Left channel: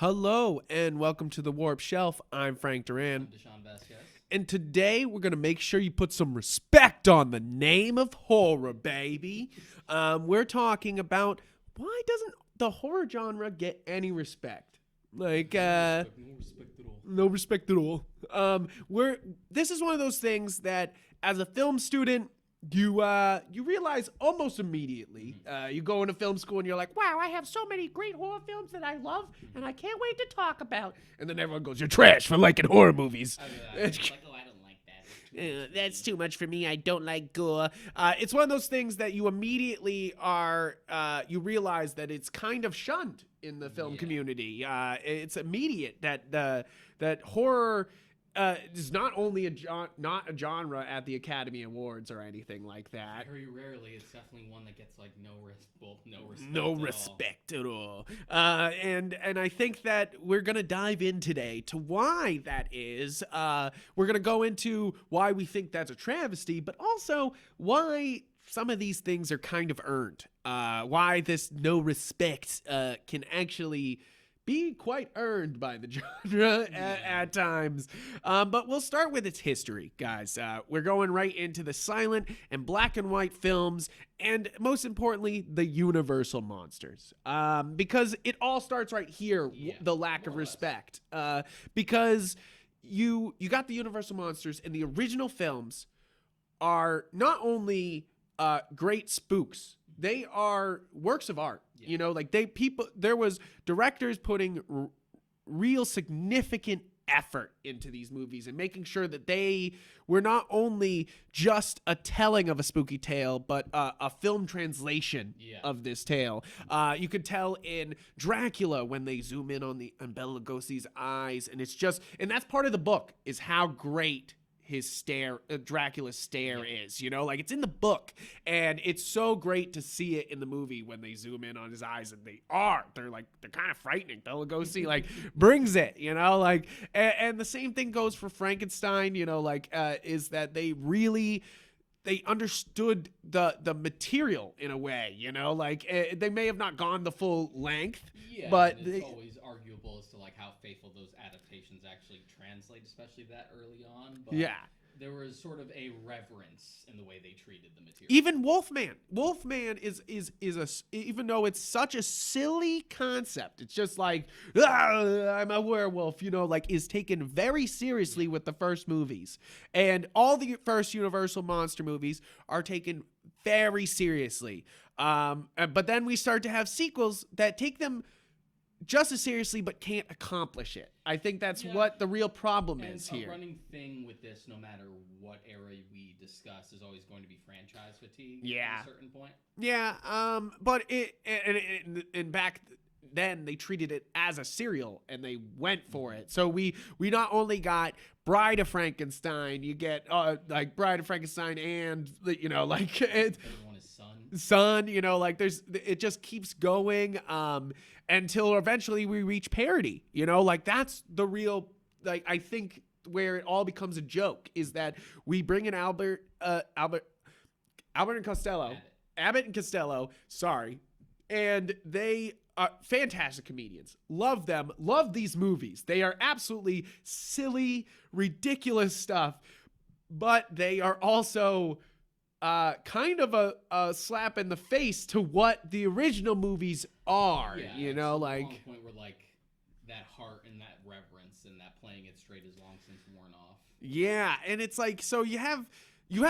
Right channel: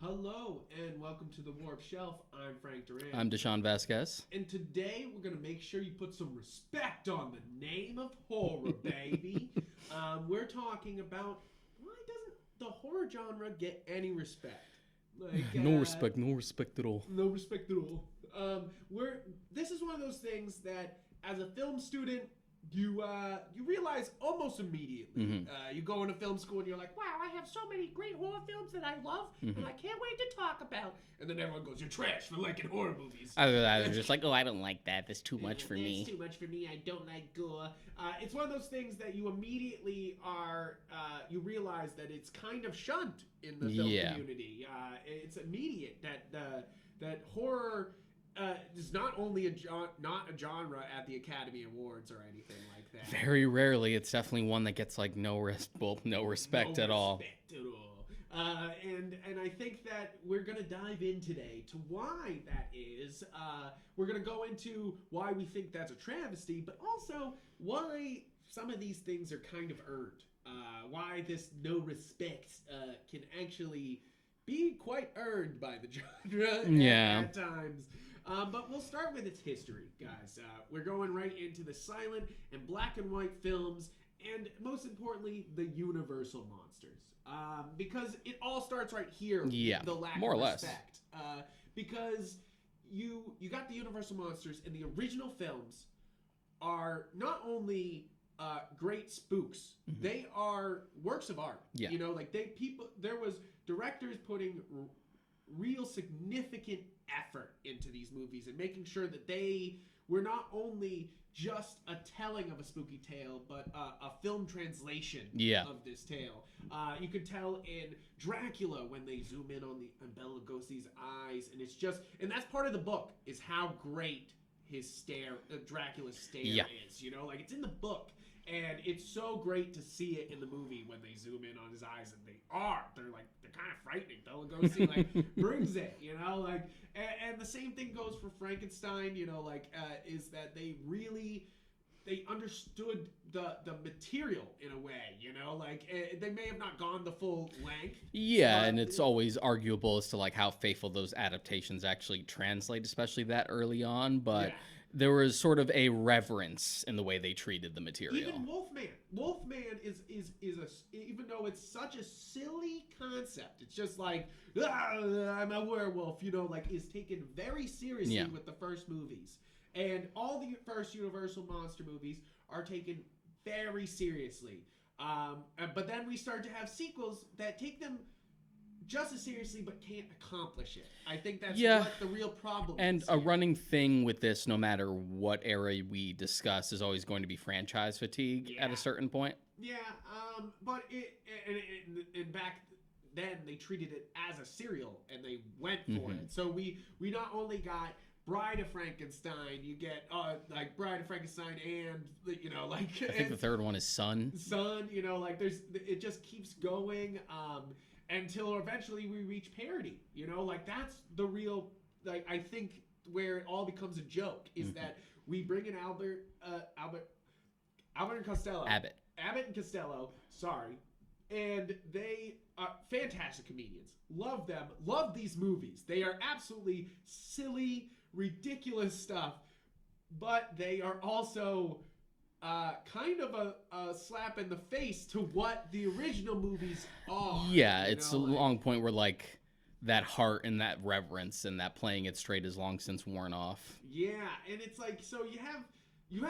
Hello and welcome to the Warp Shelf. I'm Frank Duran. I'm Deshaun Vasquez. And today we're going to make sure you put some respect on the name of horror, baby. We're talking about why doesn't the horror genre get any respect? Like No respect at all. No respect at all. This is one of those things that as a film student, you realize almost immediately. Mm-hmm. You go into film school and you're like, wow, I have so many great horror films that I love and I can't wait to talk about. And then everyone goes, you're trash for liking horror movies. I was just like, I don't like that. That's too much for me. That's too much for me. I don't like gore. It's one of those things that you immediately you realize that it's kind of shunned in the film community. It's immediate that horror is not only not a genre at the Academy Awards or anything like that. Very rarely. It's definitely one that gets like no respect at all. No respect at all. And I think that we're gonna dive in today to why that is. We're gonna go into why we think that's a travesty, but also why some of these things are kind of earned. Why this no respect can actually be quite earned by the genre at times. But we'll start with its history, guys. We're going right into the silent and black and white films, and most importantly, the Universal monsters. Because it all starts right here, the lack of respect. Because you got the Universal monsters, and the original films are not only great spooks. They are works of art. Yeah. You know, like there was directors putting real significant effort into these movies and making sure that they were not only just a telling of a spooky tale, but a film translation of this tale. You could tell in Dracula when they zoom in on Bela Lugosi's eyes, and and that's part of the book, is how great his stare, Dracula's stare is, you know, like it's in the book, and it's so great to see it in the movie when they zoom in on his eyes, and they're kind of frightening. Bela Lugosi like brings it, you know, like, and the same thing goes for Frankenstein, you know, like, is that they understood the material in a way, you know, like they may have not gone the full length. Yeah, but and it's always arguable as to like how faithful those adaptations actually translate, especially that early on. But there was sort of a reverence in the way they treated the material. Even Wolfman is even though it's such a silly concept, it's just like, I'm a werewolf, you know, like is taken very seriously with the first movies. And all the first Universal monster movies are taken very seriously. But then we start to have sequels that take them just as seriously but can't accomplish it. I think that's what the real problem is. And a running thing with this, no matter what era we discuss, is always going to be franchise fatigue at a certain point. Yeah, but and back then they treated it as a serial and they went for it. So we not only got Bride of Frankenstein, you get like Bride of Frankenstein, and you know, like I think the third one is Son, you know, like it just keeps going until eventually we reach parody, you know, like that's the real, like, I think where it all becomes a joke is that we bring in Abbott and Costello, sorry, and they are fantastic comedians. Love them. Love these movies. They are absolutely silly, ridiculous stuff, but they are also kind of a slap in the face to what the original movies are. Yeah, you it's know, a like, long point where like that heart and that reverence and that playing it straight is long since worn off. Yeah, and it's like, so you have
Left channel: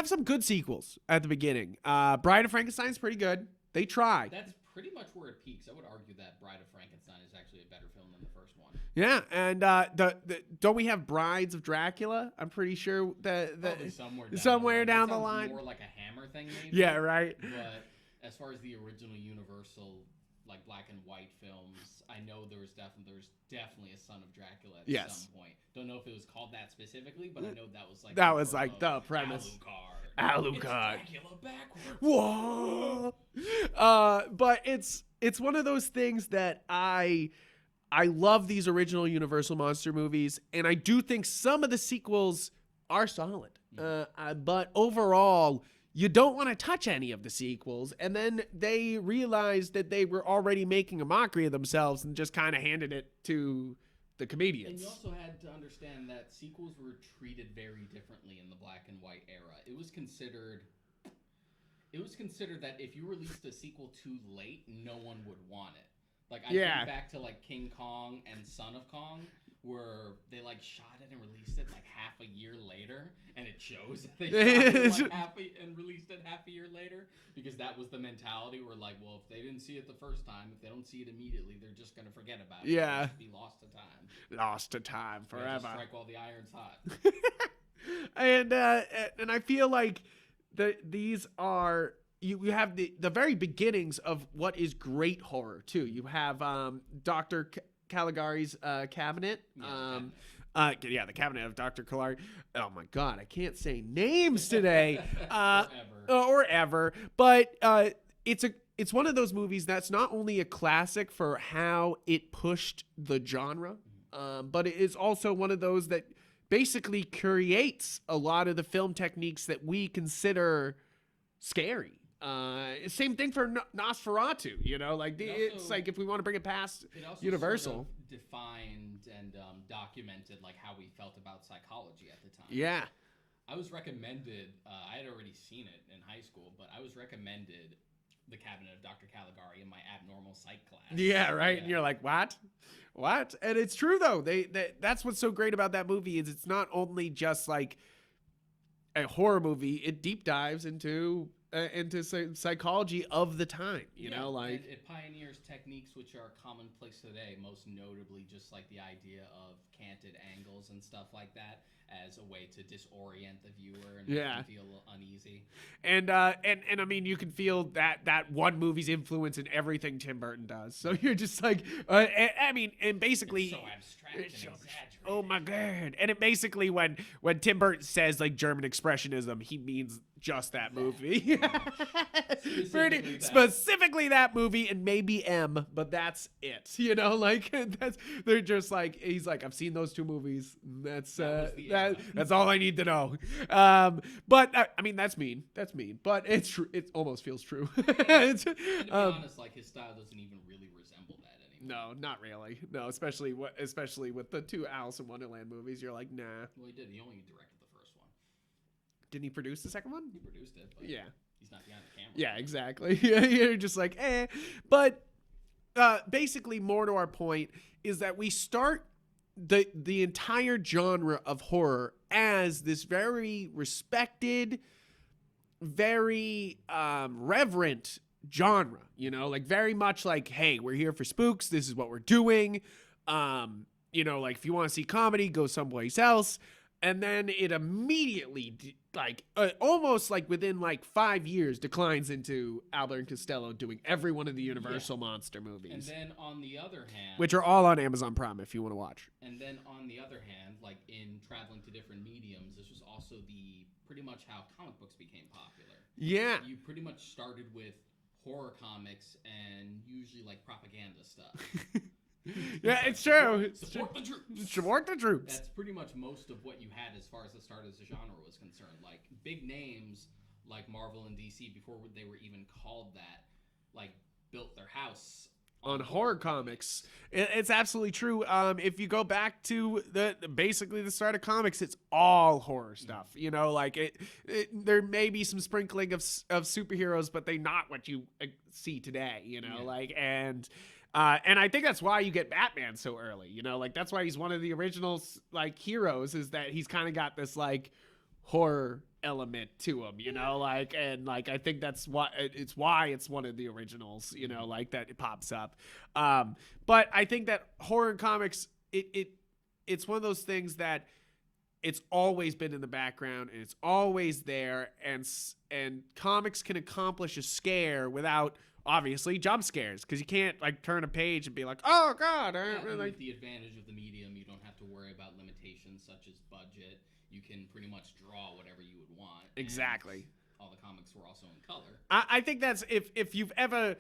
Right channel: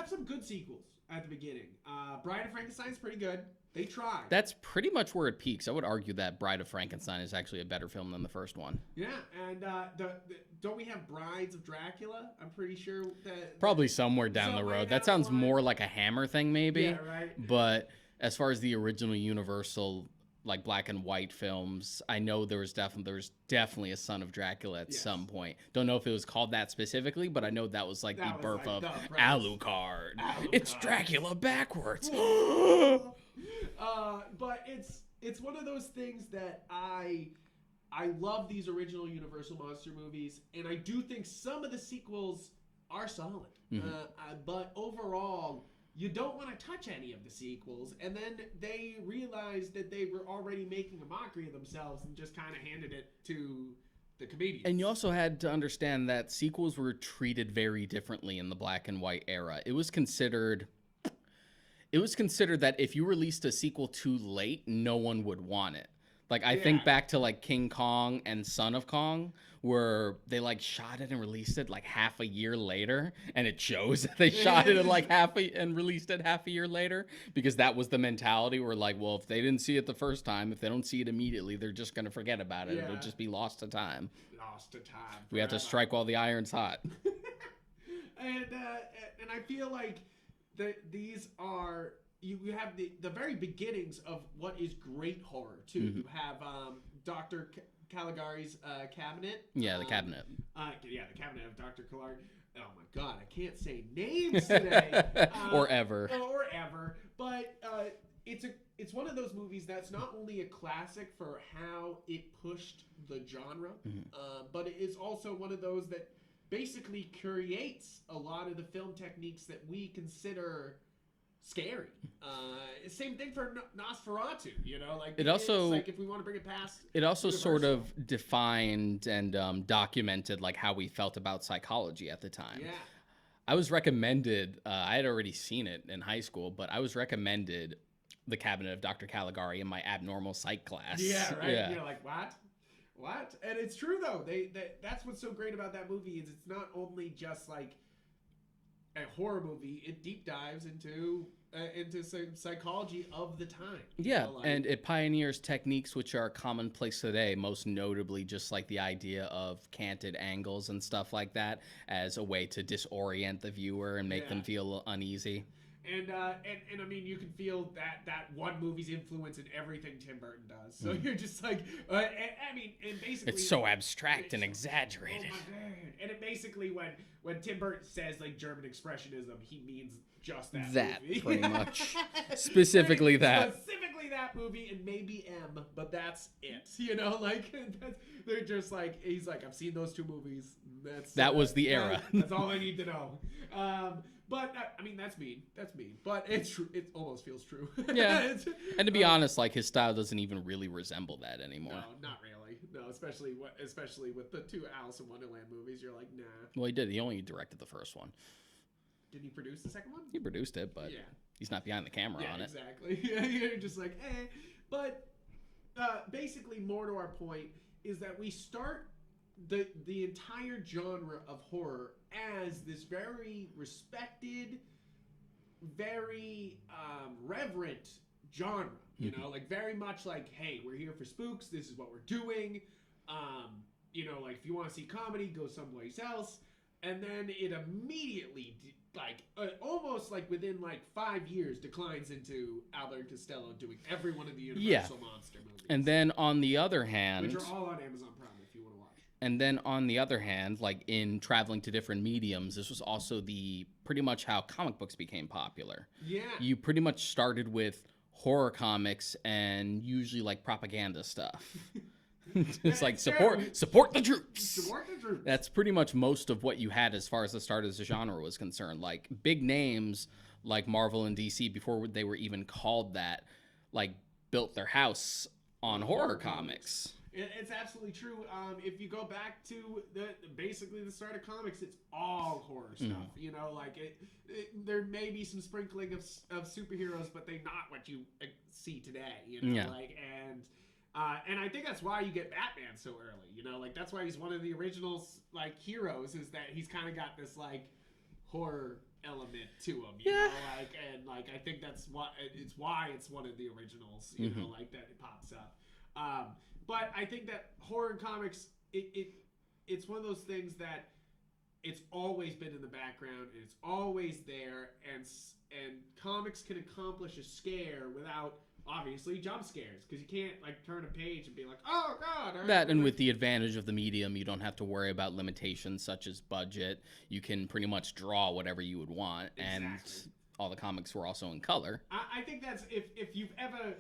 some good sequels at the beginning. Bride of Frankenstein is pretty good. They tried. That's pretty much where it peaks. I would argue that Bride of Frankenstein is actually a better film than the first one. Yeah, and don't we have Brides of Dracula? I'm pretty sure that probably somewhere down the road. That sounds more like a Hammer thing, maybe. Yeah, right. But as far as the original Universal, like black and white films, I know there was definitely a Son of Dracula at some point. Don't know if it was called that specifically, but I know that was like the birth of Alucard. It's Dracula backwards. Whoa. But it's one of those things that I love these original Universal monster movies, and I do think some of the sequels are solid. But overall, you don't want to touch any of the sequels. And then they realized that they were already making a mockery of themselves and just kind of handed it to the comedians. And you also had to understand that sequels were treated very differently in the black and white era. It was considered that if you released a sequel too late, no one would want it. Like, I think back to like King Kong and Son of Kong, where they like shot it and released it like half a year later, and it shows that they shot it in like and released it half a year later, because that was the mentality where like, well, if they didn't see it the first time, if they don't see it immediately, they're just gonna forget about it. Yeah. It'll just be lost to time. Lost to time. Forever. We have to strike while the iron's hot. And I feel like these are. You have the very beginnings of what is great horror too. Mm-hmm. You have Dr. Caligari's cabinet. Yeah, the cabinet. The Cabinet of Dr. Caligari. Oh my God, I can't say names today. Or ever. But it's one of those movies that's not only a classic for how it pushed the genre, but it is also one of those that basically creates a lot of the film techniques that we consider scary. Same thing for Nosferatu, like it also, it's like if we want to bring it past, it also Universal. Sort of defined and documented like how we felt about psychology at the time. Yeah, I was recommended. I had already seen it in high school, but I was recommended the Cabinet of Dr. Caligari in my abnormal psych class. Yeah, right. Yeah. And you're like, what? And it's true though. That's what's so great about that movie is it's not only just like a horror movie, it deep dives into psychology of the time. And it pioneers techniques which are commonplace today, most notably just like the idea of canted angles and stuff like that as a way to disorient the viewer and make them feel uneasy. And I mean, you can feel that one movie's influence in everything Tim Burton does. So you're just like, and basically it's so abstract and exaggerated. Oh my God! And it basically when Tim Burton says like German expressionism, he means just that movie. Pretty much. Specifically that movie, and maybe M, but that's it. They're just like, he's like, I've seen those two movies. That was the era. That's all I need to know. But I mean, that's mean, but it's true. It almost feels true. Yeah. And to be honest, like his style doesn't even really resemble that anymore. No, not really. No, especially with the two Alice in Wonderland movies, you're like, nah. Well, he did. He only directed the first one. Didn't he produce the second one? He produced it, but he's not behind the camera. Yeah, exactly. You're just like, eh. But basically, more to our point is that we start the entire genre of horror as this very respected, very reverent genre. Like very much like, hey, we're here for spooks. This is what we're doing. Like if you want to see comedy, go someplace else. And then it immediately, almost like within 5 years, declines into Albert and Costello doing every one of the Universal monster movies. And then on the other hand, which are all on Amazon Prime if you want to watch. And then on the other hand, like in traveling to different mediums, this was also pretty much how comic books became popular. Yeah. You pretty much started with horror comics and usually like propaganda stuff. It's like support the troops. Support the troops. That's pretty much most of what you had as far as the start of the genre was concerned. Like big names like Marvel and DC, before they were even called that, like built their house on horror comics. It's absolutely true. If you go back to basically the start of comics, it's all horror stuff. There may be some sprinkling of superheroes, but they're not what you see today. And I think that's why you get Batman so early, that's why he's one of the original heroes, is that he's kind of got this horror element to him, I think that's why it's one of the originals, that it pops up. But I think that horror in comics, it's one of those things that it's always been in the background and it's always there, and comics can accomplish a scare without obviously jump scares, because you can't turn a page and be like, oh God. And with the advantage of the medium, you don't have to worry about limitations such as budget. You can pretty much draw whatever you would want. Exactly. And all the comics were also in color. I think that's if you've ever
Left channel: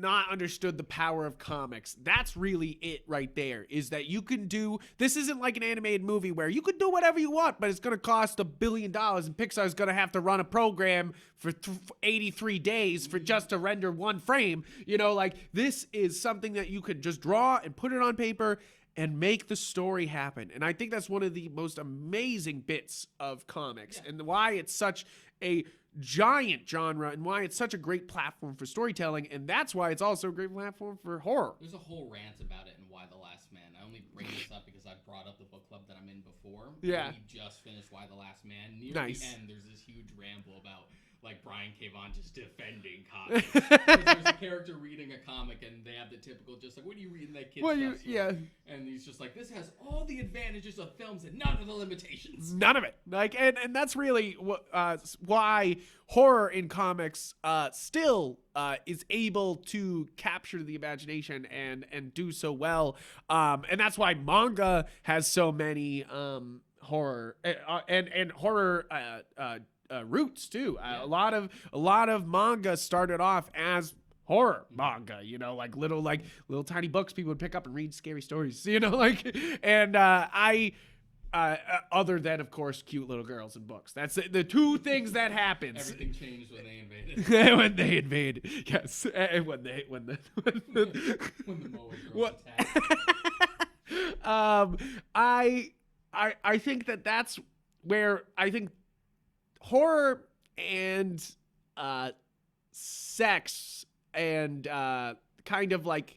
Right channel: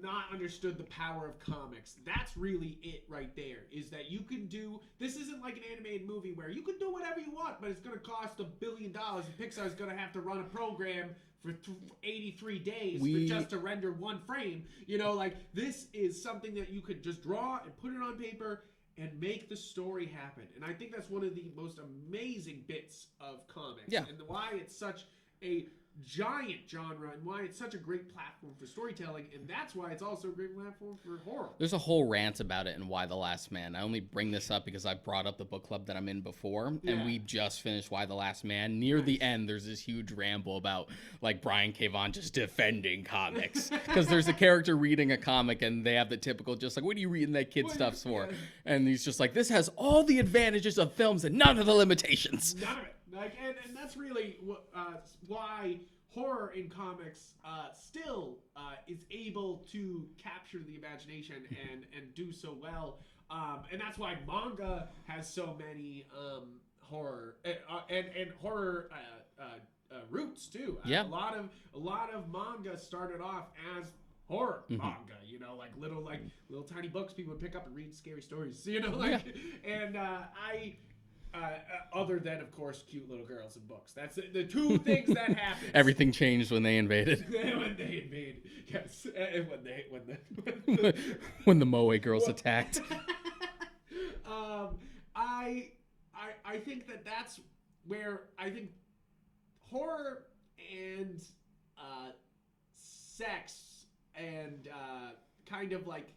not understood the power of comics. That's really it right there, is that you can do, this isn't like an animated movie where you can do whatever you want, but it's going to cost $1 billion and Pixar's going to have to run a program for 83 days for just to render one frame. You know, like, this is something that you could just draw and put it on paper and make the story happen. And I think that's one of the most amazing bits of comics, and why it's such a giant genre and why it's such a great platform for storytelling, and that's why it's also a great platform for horror. There's a whole rant about it in Y the Last Man. I only bring this up because I brought up the book club that I'm in before, and we just finished Y the Last Man. Near the end, there's this huge ramble about like Brian K. Vaughan just defending comics, because there's a character reading a comic and they have the typical just like, what are you reading that kid stuff for? And he's just like, this has all the advantages of films and none of the limitations. None of it. Like, and that's really why horror in comics still is able to capture the imagination and do so well, and that's why manga has so many horror and horror roots too. A lot of manga started off as horror manga, you know, like little tiny books people would pick up and read scary stories, you know, like, and other than, of course, cute little girls and books. That's the two things that happened. Everything changed when they invaded. When they invaded, yes. And when the Moe girls attacked. I think that's where I think horror and sex and kind of like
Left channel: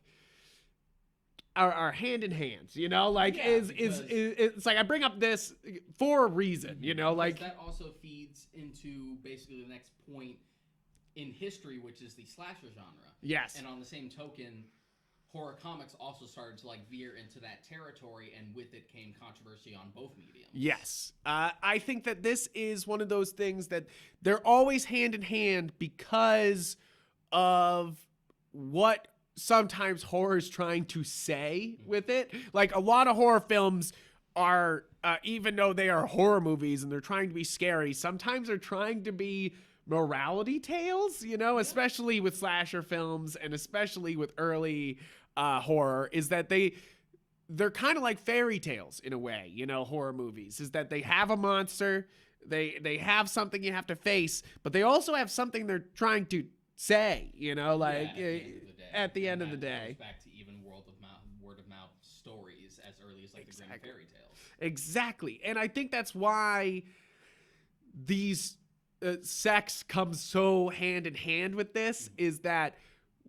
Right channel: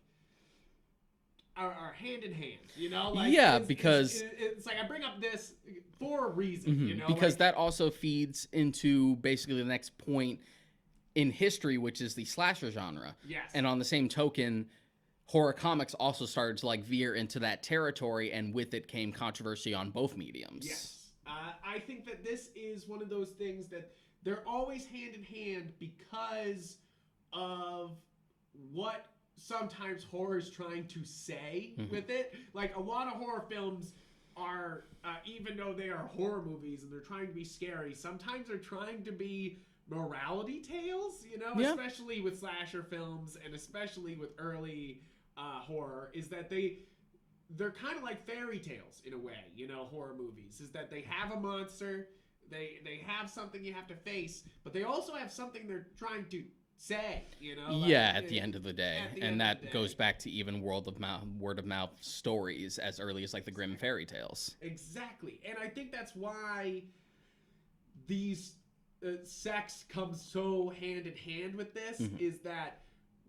are hand in hand, you know, like, because it's like I bring up this for a reason, you know, because like, that also feeds into basically the next point in history, which is the slasher genre. Yes. And on the same token, horror comics also started to like veer into that territory, and with it came controversy on both mediums. Yes. I think that this is one of those things that they're always hand in hand because of what sometimes horror is trying to say with it. Like, a lot of horror films are, even though they are horror movies and they're trying to be scary, sometimes they're trying to be morality tales, you know, especially with slasher films and especially with early horror, is that they're kind of like fairy tales in a way, you know, horror movies, is that they have a monster, they have something you have to face, but they also have something they're trying to say, you know, like, at the end of the day. At the end of the day. And that goes back to even word of mouth stories as early as like the Grimm fairy tales. Exactly. And I think that's why these sex comes so hand in hand with this, is that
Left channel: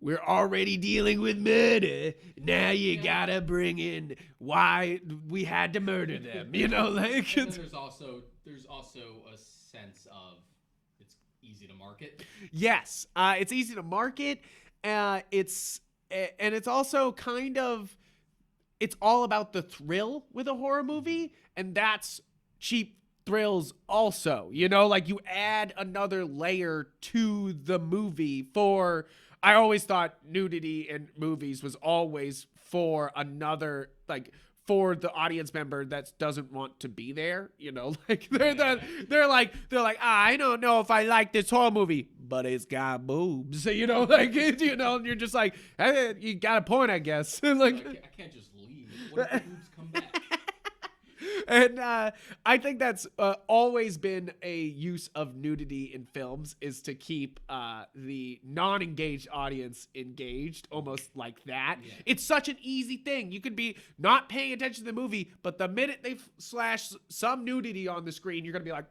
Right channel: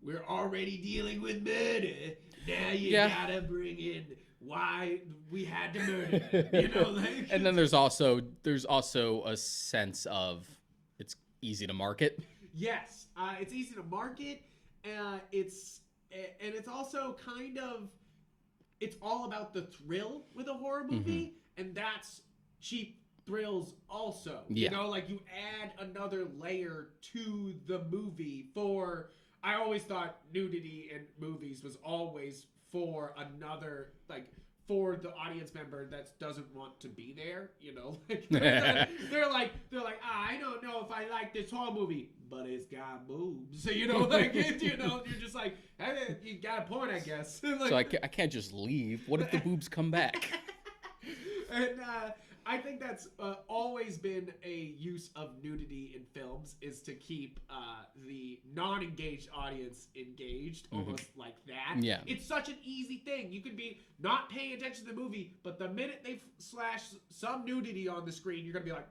we're already dealing with murder. Now you gotta bring in why we had to murder them, you know, like. And then there's also a sense of it's easy to market. Yes, it's easy to market. It's also kind of, it's all about the thrill with a horror movie, and that's cheap thrills also. You know, like, you add another layer to the movie for. I always thought nudity in movies was always for another, like, for the audience member that doesn't want to be there, you know, like they're like, I don't know if I like this horror movie, but it's got boobs, you know, like, you know, and you're just like, hey, you got a point, I guess. Like, so I can't just leave. What if the boobs come back? And I think that's always been a use of nudity in films, is to keep the non-engaged audience engaged, almost like that. Yeah. It's such an easy thing. You could be not paying attention to the movie, but the minute they slash some nudity on the screen, you're going to be like,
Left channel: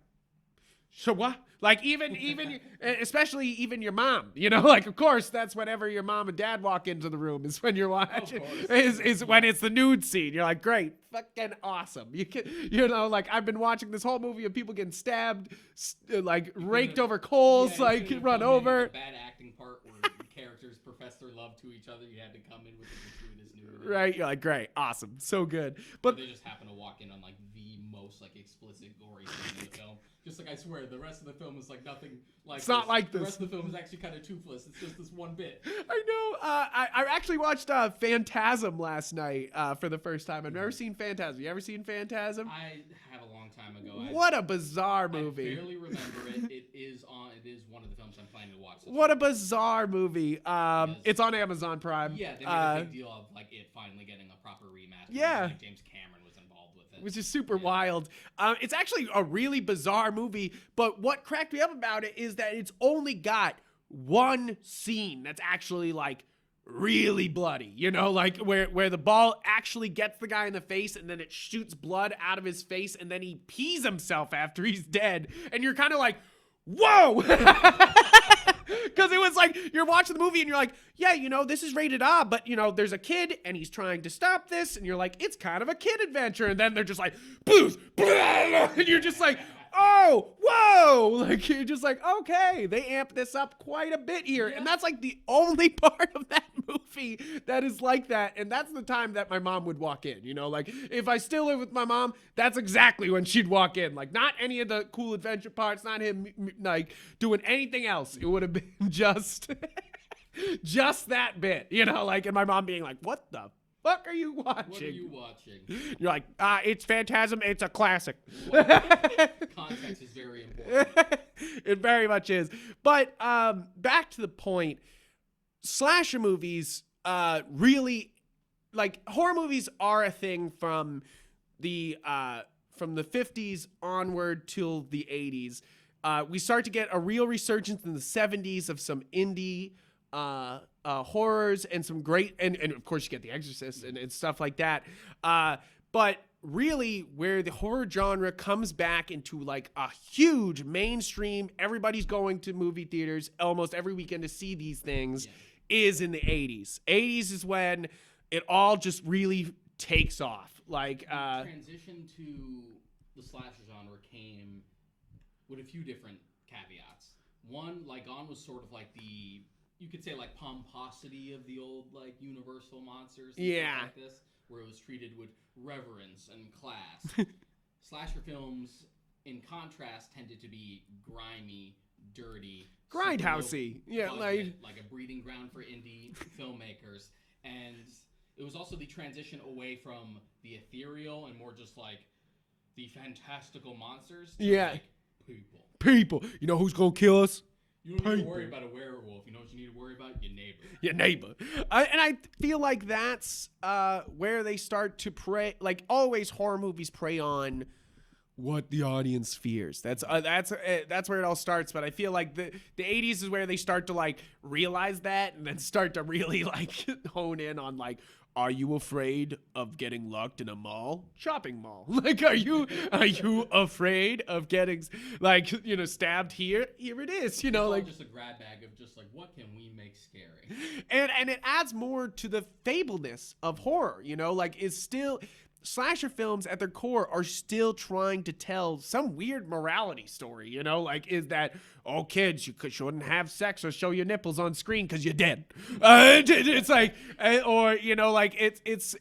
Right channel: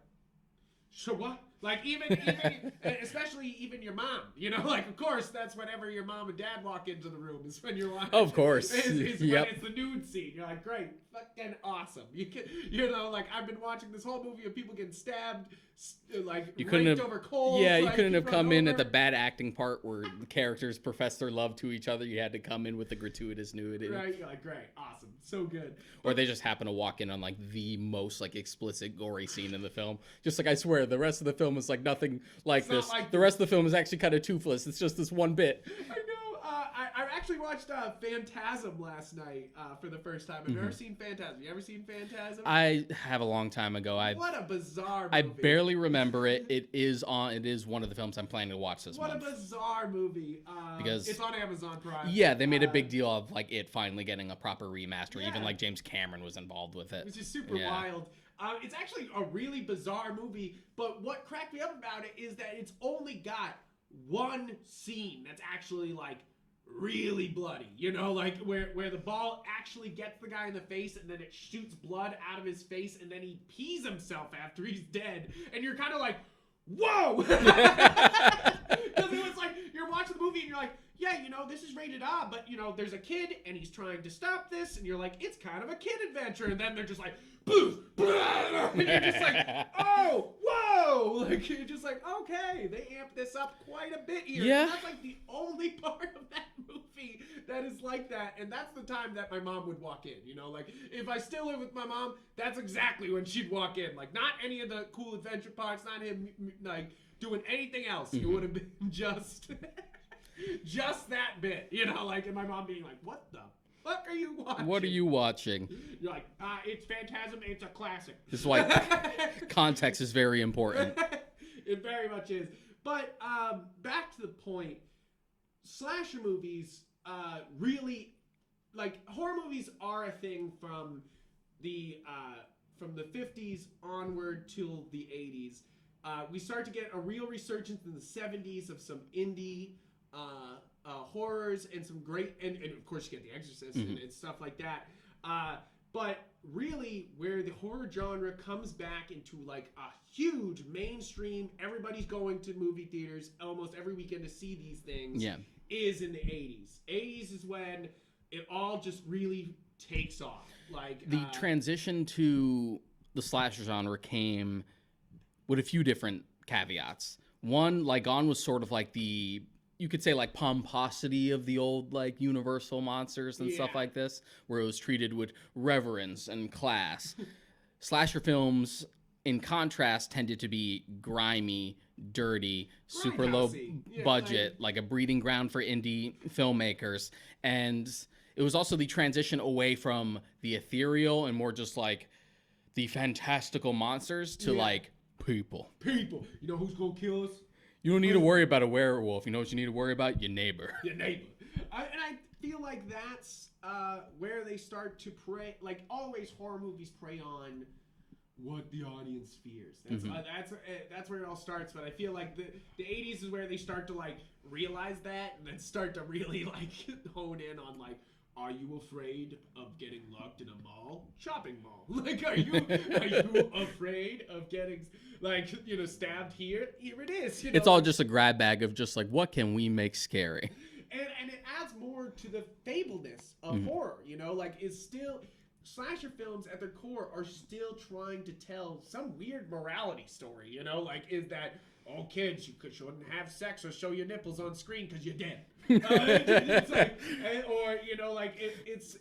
so what? Like, even especially even your mom, you know, like, of course, that's whenever your mom and dad walk into the room is when you're watching. Of course. Is when it's the nude scene. You're like, great, fucking awesome. You know, like, I've been watching this whole movie of people getting stabbed, like, raked over coals. Yeah, like, you couldn't have come in at the bad acting part where the characters profess their love to each other. You had to come in with the gratuitous nudity. Right, you're like, great, awesome, so good. But or they just happen to walk in on, like, the most, like, explicit, gory scene in the film. Just like, I swear, the rest of the film is like nothing like this. Not like the rest of the film is actually kind of toothless. It's just this one bit. I know. I actually watched Phantasm last night for the first time. I've never seen Phantasm. You ever seen Phantasm? I have a long time ago. What a bizarre movie. I barely remember it. It is one of the films I'm planning to watch this What week. A bizarre movie. It's on Amazon Prime. Yeah, they made a big deal of like it finally getting a proper remaster. Yeah. Even like James Cameron was involved with it. Which is super wild. It's actually a really bizarre movie, but what cracked me up about it is that it's only got one scene that's actually like really bloody, you know, like where the ball actually gets the guy in the face and then it shoots blood out of his face and then he pees himself after he's dead, and you're kind of like, whoa. Because it was like you're watching the movie and you're like, yeah, you know, this is rated R, but you know, there's a kid and he's trying to stop this, and you're like, it's kind of a kid adventure, and then they're just like, blues, and you're just like, oh, whoa, like you're just like, okay, they amped this up quite a bit here, and that's like the only part of that movie that is like that, and that's the time that my mom would walk in, you know, like if I still live with my mom, that's exactly when she'd walk in, like not any of the cool adventure parts, not him like doing anything else. It would have been just that bit, you know, like, and my mom being like, what the fuck are you watching? What are you watching? You're like, it's Phantasm, it's a classic. This is why context is very important. It very much is. But back to the point, slasher movies really, like, horror movies are a thing from the 50s onward till the 80s. We start to get a real resurgence in the 70s of some indie horrors and some great, and of course you get The Exorcist and stuff like that. But really where the horror genre comes back into like a huge mainstream, everybody's going to movie theaters almost every weekend to see these things, is in the 80s. 80s is when it all just really takes off. Like the transition to the slasher genre came with a few different caveats. One, like, Gone was sort of like the, you could say, like, pomposity of the old, like, Universal monsters and stuff like this, where it was treated with reverence and class. Slasher films, in contrast, tended to be grimy, dirty, super low budget, like a breeding ground for indie filmmakers. And it was also the transition away from the ethereal and more just, like, the fantastical monsters to, like, people. You know who's gonna kill us? You don't need to worry about a werewolf. You know what you need to worry about? Your neighbor. And I feel like that's where they start to prey. Like, always horror movies prey on what the audience fears. That's where it all starts. But I feel like the 80s is where they start to like realize that, and then start to really like hone in on like, are you afraid of getting locked in a mall? Shopping mall. Like, are you afraid of getting, like, you know, stabbed here? Here it is. You know, it's all just a grab bag of just like, what can we make scary? And it adds more to the fableness of horror, you know, like, is still, slasher films at their core are still trying to tell some weird morality story, you know, like, is that, oh, kids, you shouldn't have sex or show your nipples on screen because you're dead. It's like, or, you know, like, it's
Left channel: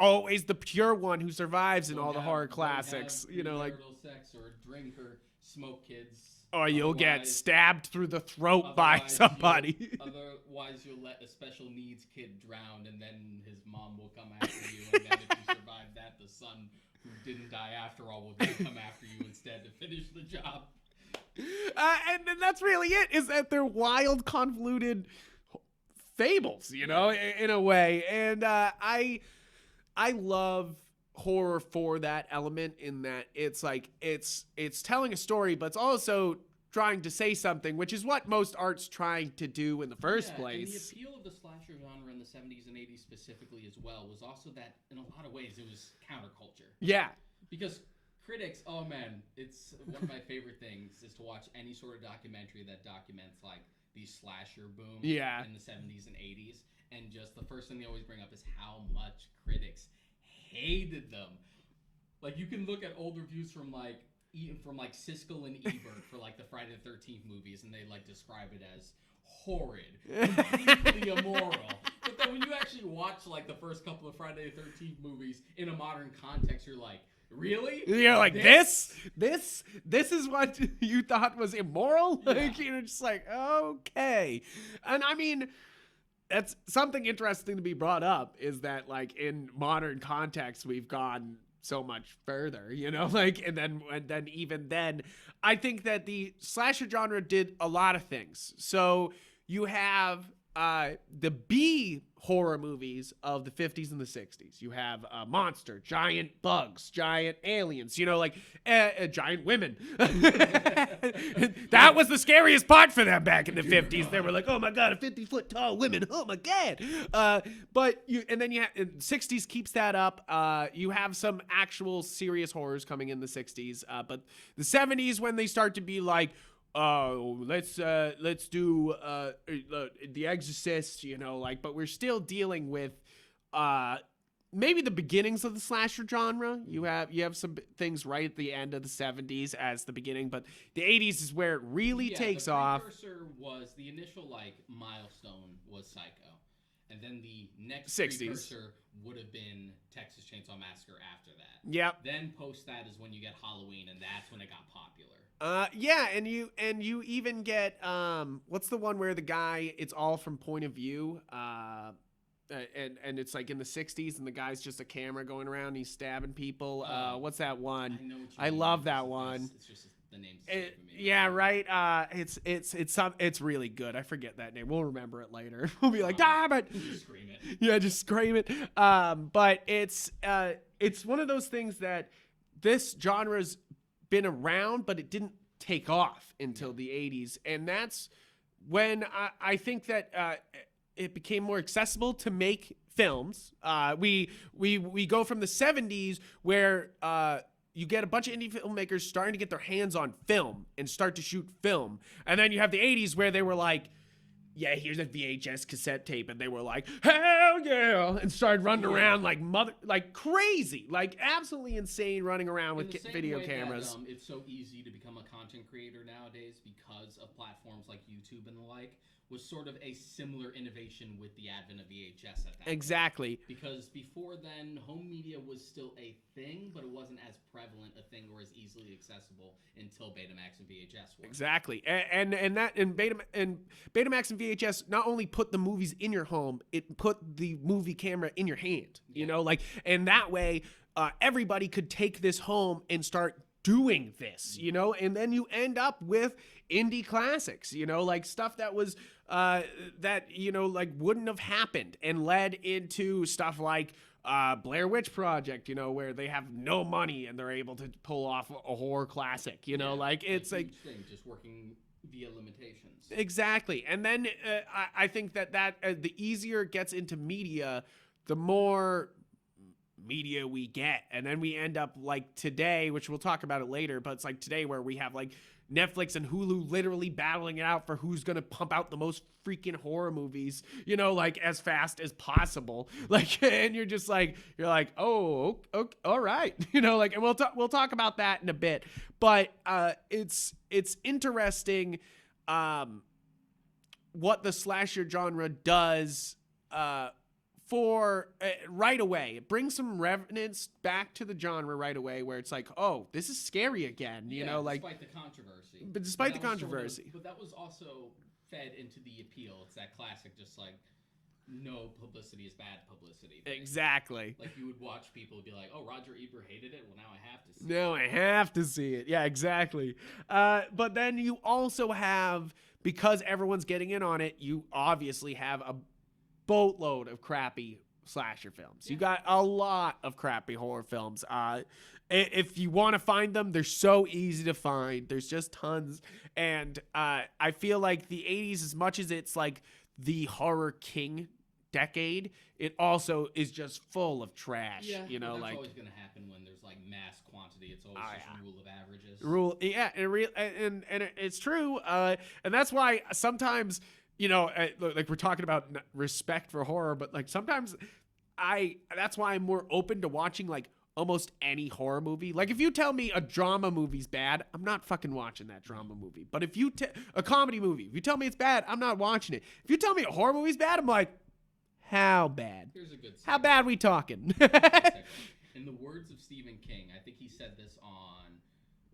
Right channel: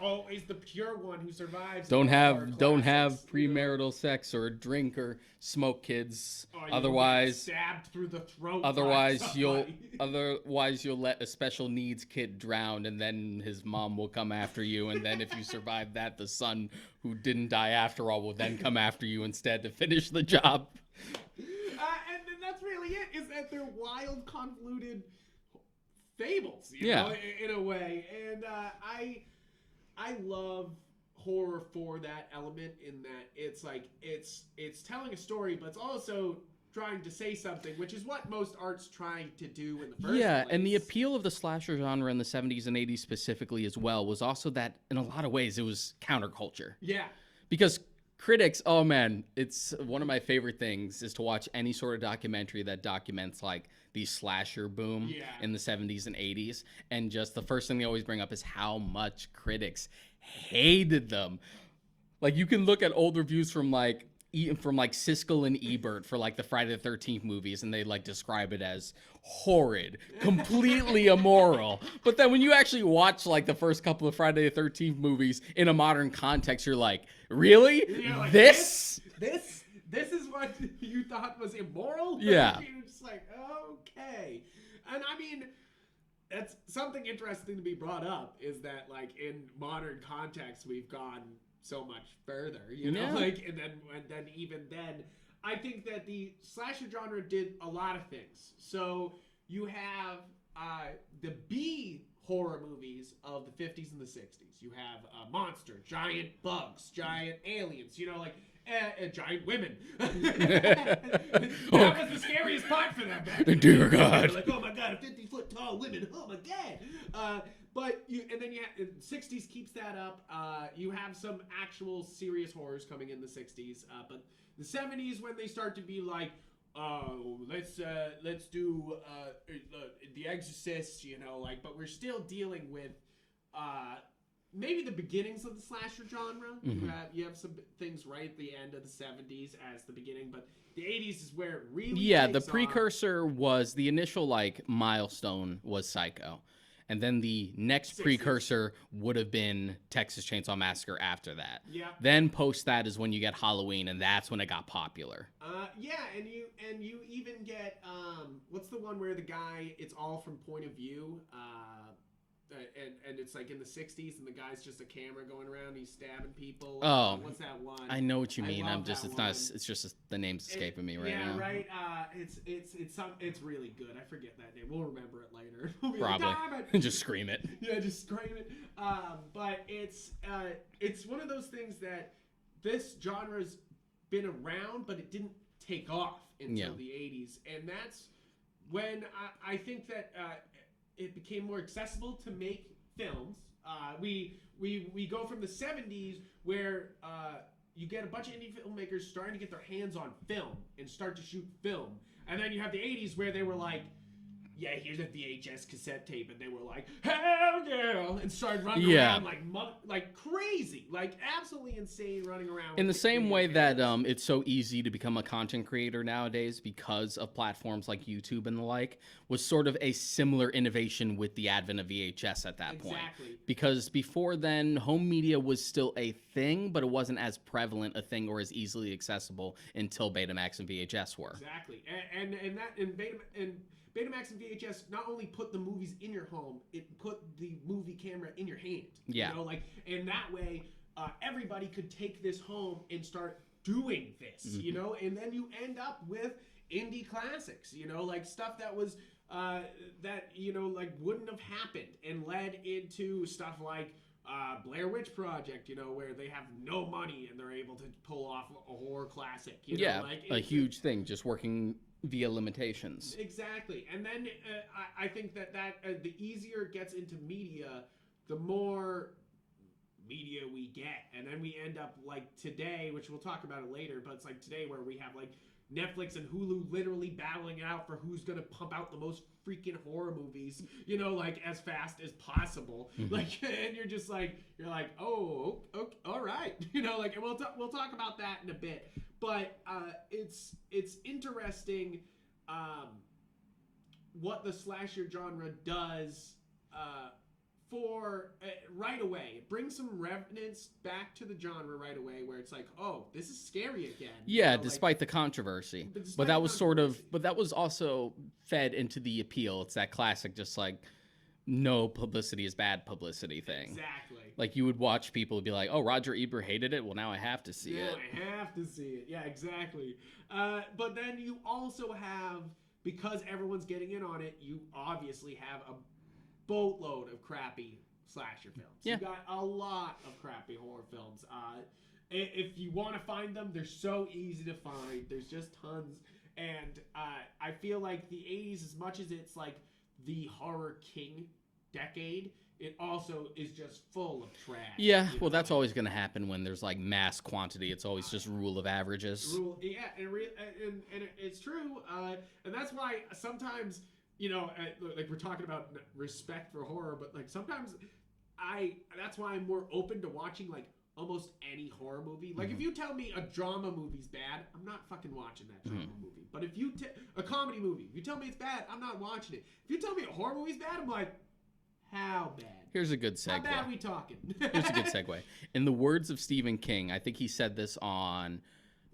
always the pure one who survives. Don't have premarital sex or drink or smoke, kids. Or you'll get stabbed through the throat by somebody. Otherwise, you'll let a special needs kid drown, and then his mom will come after you. And then if you survive that, the son who didn't die after all will then come after you instead to finish the job. And that's really it, is that they're wild, convoluted fables, you know, in a way. And I love horror for that element, in that it's like, it's telling a story, but it's also trying to say something, which is what most art's trying to do in the first place. Yeah, and the appeal of the slasher genre in the 70s and 80s specifically as well was also that, in a lot of ways, it was counterculture. Yeah. Because critics, oh man, it's one of my favorite things is to watch any sort of documentary that documents like the slasher boom in the 70s and 80s. And just the first thing they always bring up is how much critics hated them. Like, you can look at old reviews from like Siskel and Ebert for like the Friday the 13th movies, and they like describe it as horrid, completely immoral. But then when you actually watch like the first couple of Friday the 13th movies in a modern context, you're like, really? You're like, this is what you thought was immoral? Yeah. You're just like, okay. And I mean, that's something interesting to be brought up, is that like in modern context we've gone so much further, you know, like and then even then I think that the slasher genre did a lot of things. So you have the B horror movies of the 50s and the 60s. You have monster, giant bugs, giant aliens, you know, like giant women. That was the scariest part for them back in the 50s. They were like, oh my God, a 50-foot tall women. Oh my God. But then you have 60s keeps that up. You have some actual serious horrors coming in the 60s. But the 70s, when they start to be like, let's do the Exorcist, you know, like, but we're still dealing with maybe the beginnings of the slasher genre. Mm-hmm. You have some things right at the end of the 70s as the beginning, but the 80s is where it really takes off. The precursor was the initial like milestone was Psycho. And then the next 60s. Precursor would have been Texas Chainsaw Massacre after that. Yep. Then post that is when you get Halloween, and that's when it got popular. Yeah, and you even get what's the one where the guy, it's all from point of view, and it's like in the 60s, and the guy's just a camera going around, and he's stabbing people. What's that one? I know what you mean. I love that one. It's just the name's escaping me right now. Yeah, right. It's really good. I forget that name. We'll remember it later. We'll be like, damn it! Just scream it. Yeah, just scream it. But it's one of those things that this genre's been around, but it didn't take off until the 80s, and that's when I think that it became more accessible to make films. We go from the 70s where you get a bunch of indie filmmakers starting to get their hands on film and start to shoot film. And then you have the 80s where they were like, yeah, here's a VHS cassette tape, and they were like, hell yeah, and started running around like crazy, like absolutely insane, running around. In the same way cameras. That it's so easy to become a content creator nowadays because of platforms like YouTube and the like, was sort of a similar innovation with the advent of VHS at that point. Exactly. Because before then, home media was still a thing, but it wasn't as prevalent a thing or as easily accessible until Betamax and VHS were. Exactly. And Betamax and VHS not only put the movies in your home, it put the movie camera in your hand. You know, like, and that way everybody could take this home and start doing this, you know, and then you end up with indie classics, you know, like stuff that was that, you know, like wouldn't have happened, and led into stuff like Blair Witch Project, you know, where they have no money and they're able to pull off a horror classic, you know, like it's a huge thing, just working via limitations. Exactly. And then I think that the easier it gets into media, the more media we get. And then we end up like today, which we'll talk about it later, but it's like today where we have like Netflix and Hulu literally battling it out for who's going to pump out the most freaking horror movies, you know, like as fast as possible. Like, and you're like, oh, okay, all right. You know, like, and we'll talk about that in a bit, but it's interesting what the slasher genre does for right away. It brings some revenants back to the genre right away, where it's like, oh, this is scary again. Yeah, despite the controversy. But that was also fed into the appeal. It's that classic, just like, no publicity is bad publicity thing. Exactly. Like, you would watch people be like, oh, Roger Ebert hated it. Well, now I have to see it. Now I have to see it. Yeah, exactly. But then you also have, because everyone's getting in on it, you obviously have a boatload of crappy slasher films. You got a lot of crappy horror films. If you want to find them, they're so easy to find. There's just tons. And I feel like the 80s, as much as it's like the horror king decade, it also is just full of trash. Yeah, you know, well, that's like, always going to happen when there's like mass quantity. It's always just rule of averages. And it's true. And that's why sometimes, you know, like we're talking about respect for horror, but like sometimes that's why I'm more open to watching like almost any horror movie. Like if you tell me a drama movie's bad, I'm not fucking watching that drama movie. But if you a comedy movie, if you tell me it's bad, I'm not watching it. If you tell me a horror movie's bad, I'm like, how bad? Here's a good segue. How bad we talking? Here's a good segue. In the words of Stephen King, I think he said this on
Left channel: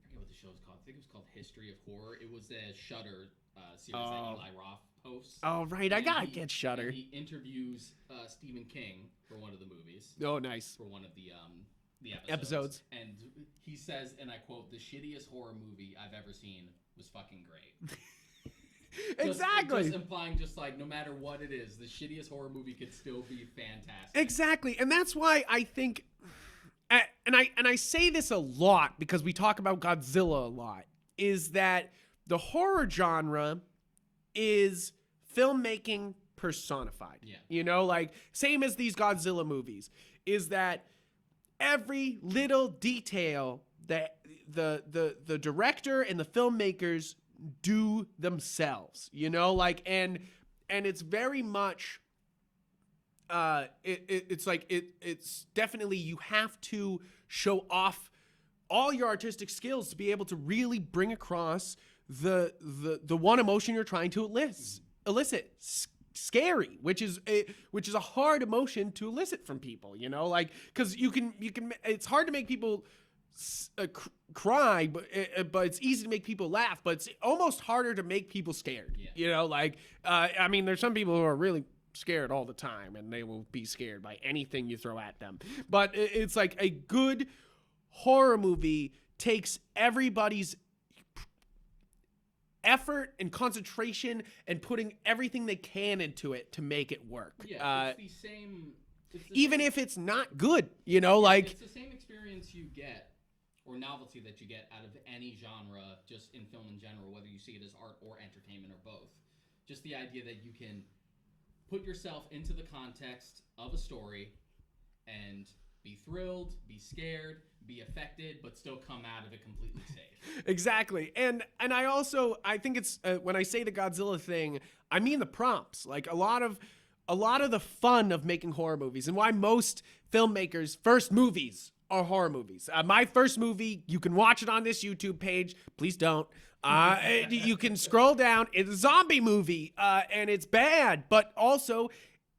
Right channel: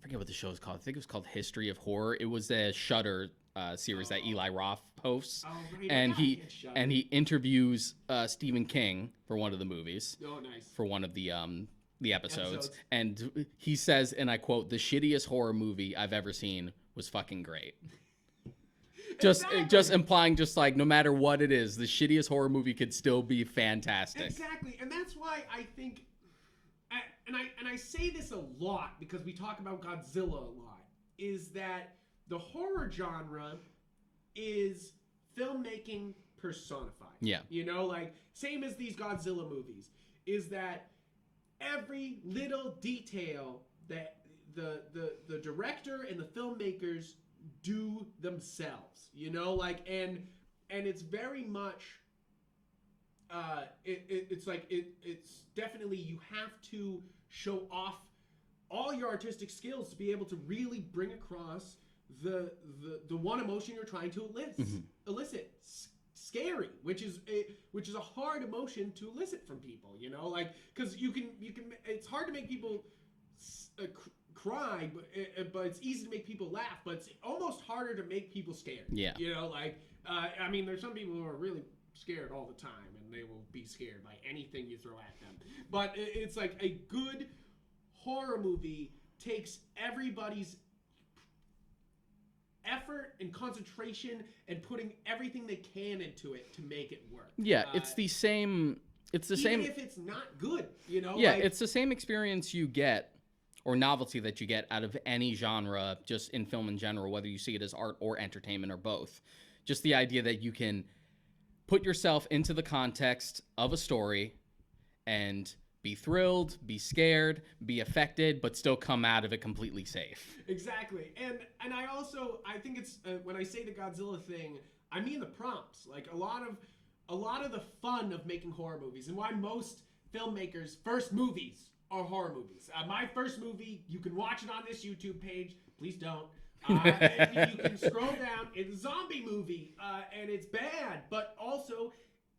forget what the show is called. I think it was called History of Horror. It was a Shudder series that Eli Roth hosts. Oh, right. I gotta get Shudder. And he interviews Stephen King for one of the movies. Oh, nice. For one of the episodes. And he says, and I quote, "The shittiest horror movie I've ever seen was fucking great." Just implying, just like, no matter what it is, the shittiest horror movie could still be fantastic. Exactly. And that's why I think, and I say this a lot because we talk about Godzilla a lot, is that the horror genre is filmmaking personified. Yeah. You know, like, same as these Godzilla movies, is that every little detail that the director and the filmmakers do themselves, you know, like, and it's very much it's definitely, you have to show off all your artistic skills to be able to really bring across the one emotion you're trying to elicit. Scary, which is a hard emotion to elicit from people, you know, like, because you can it's hard to make people cry, but it's easy to make people laugh, but it's almost harder to make people scared. Yeah. You know, like, I mean, there's some people who are really scared all the time, and they will be scared by anything you throw at them. But it's like, a good horror movie takes everybody's effort and concentration and putting everything they can into it to make it work. Yeah, it's the same. Even if it's not good, you know, yeah, like, it's the same experience you get, or novelty that you get out of any genre, just in film in general, whether you see it as art or entertainment or both. Just the idea that you can put yourself into the context of a story and be thrilled, be scared, be affected, but still come out of it completely safe. Exactly. And I think it's, when I say the Godzilla thing, I mean the prompts. Like, a lot of the fun of making horror movies, and why most filmmakers' first movies are horror movies. My first movie, you can watch it on this YouTube page. Please don't. You can scroll down. It's a zombie movie, and it's bad, but also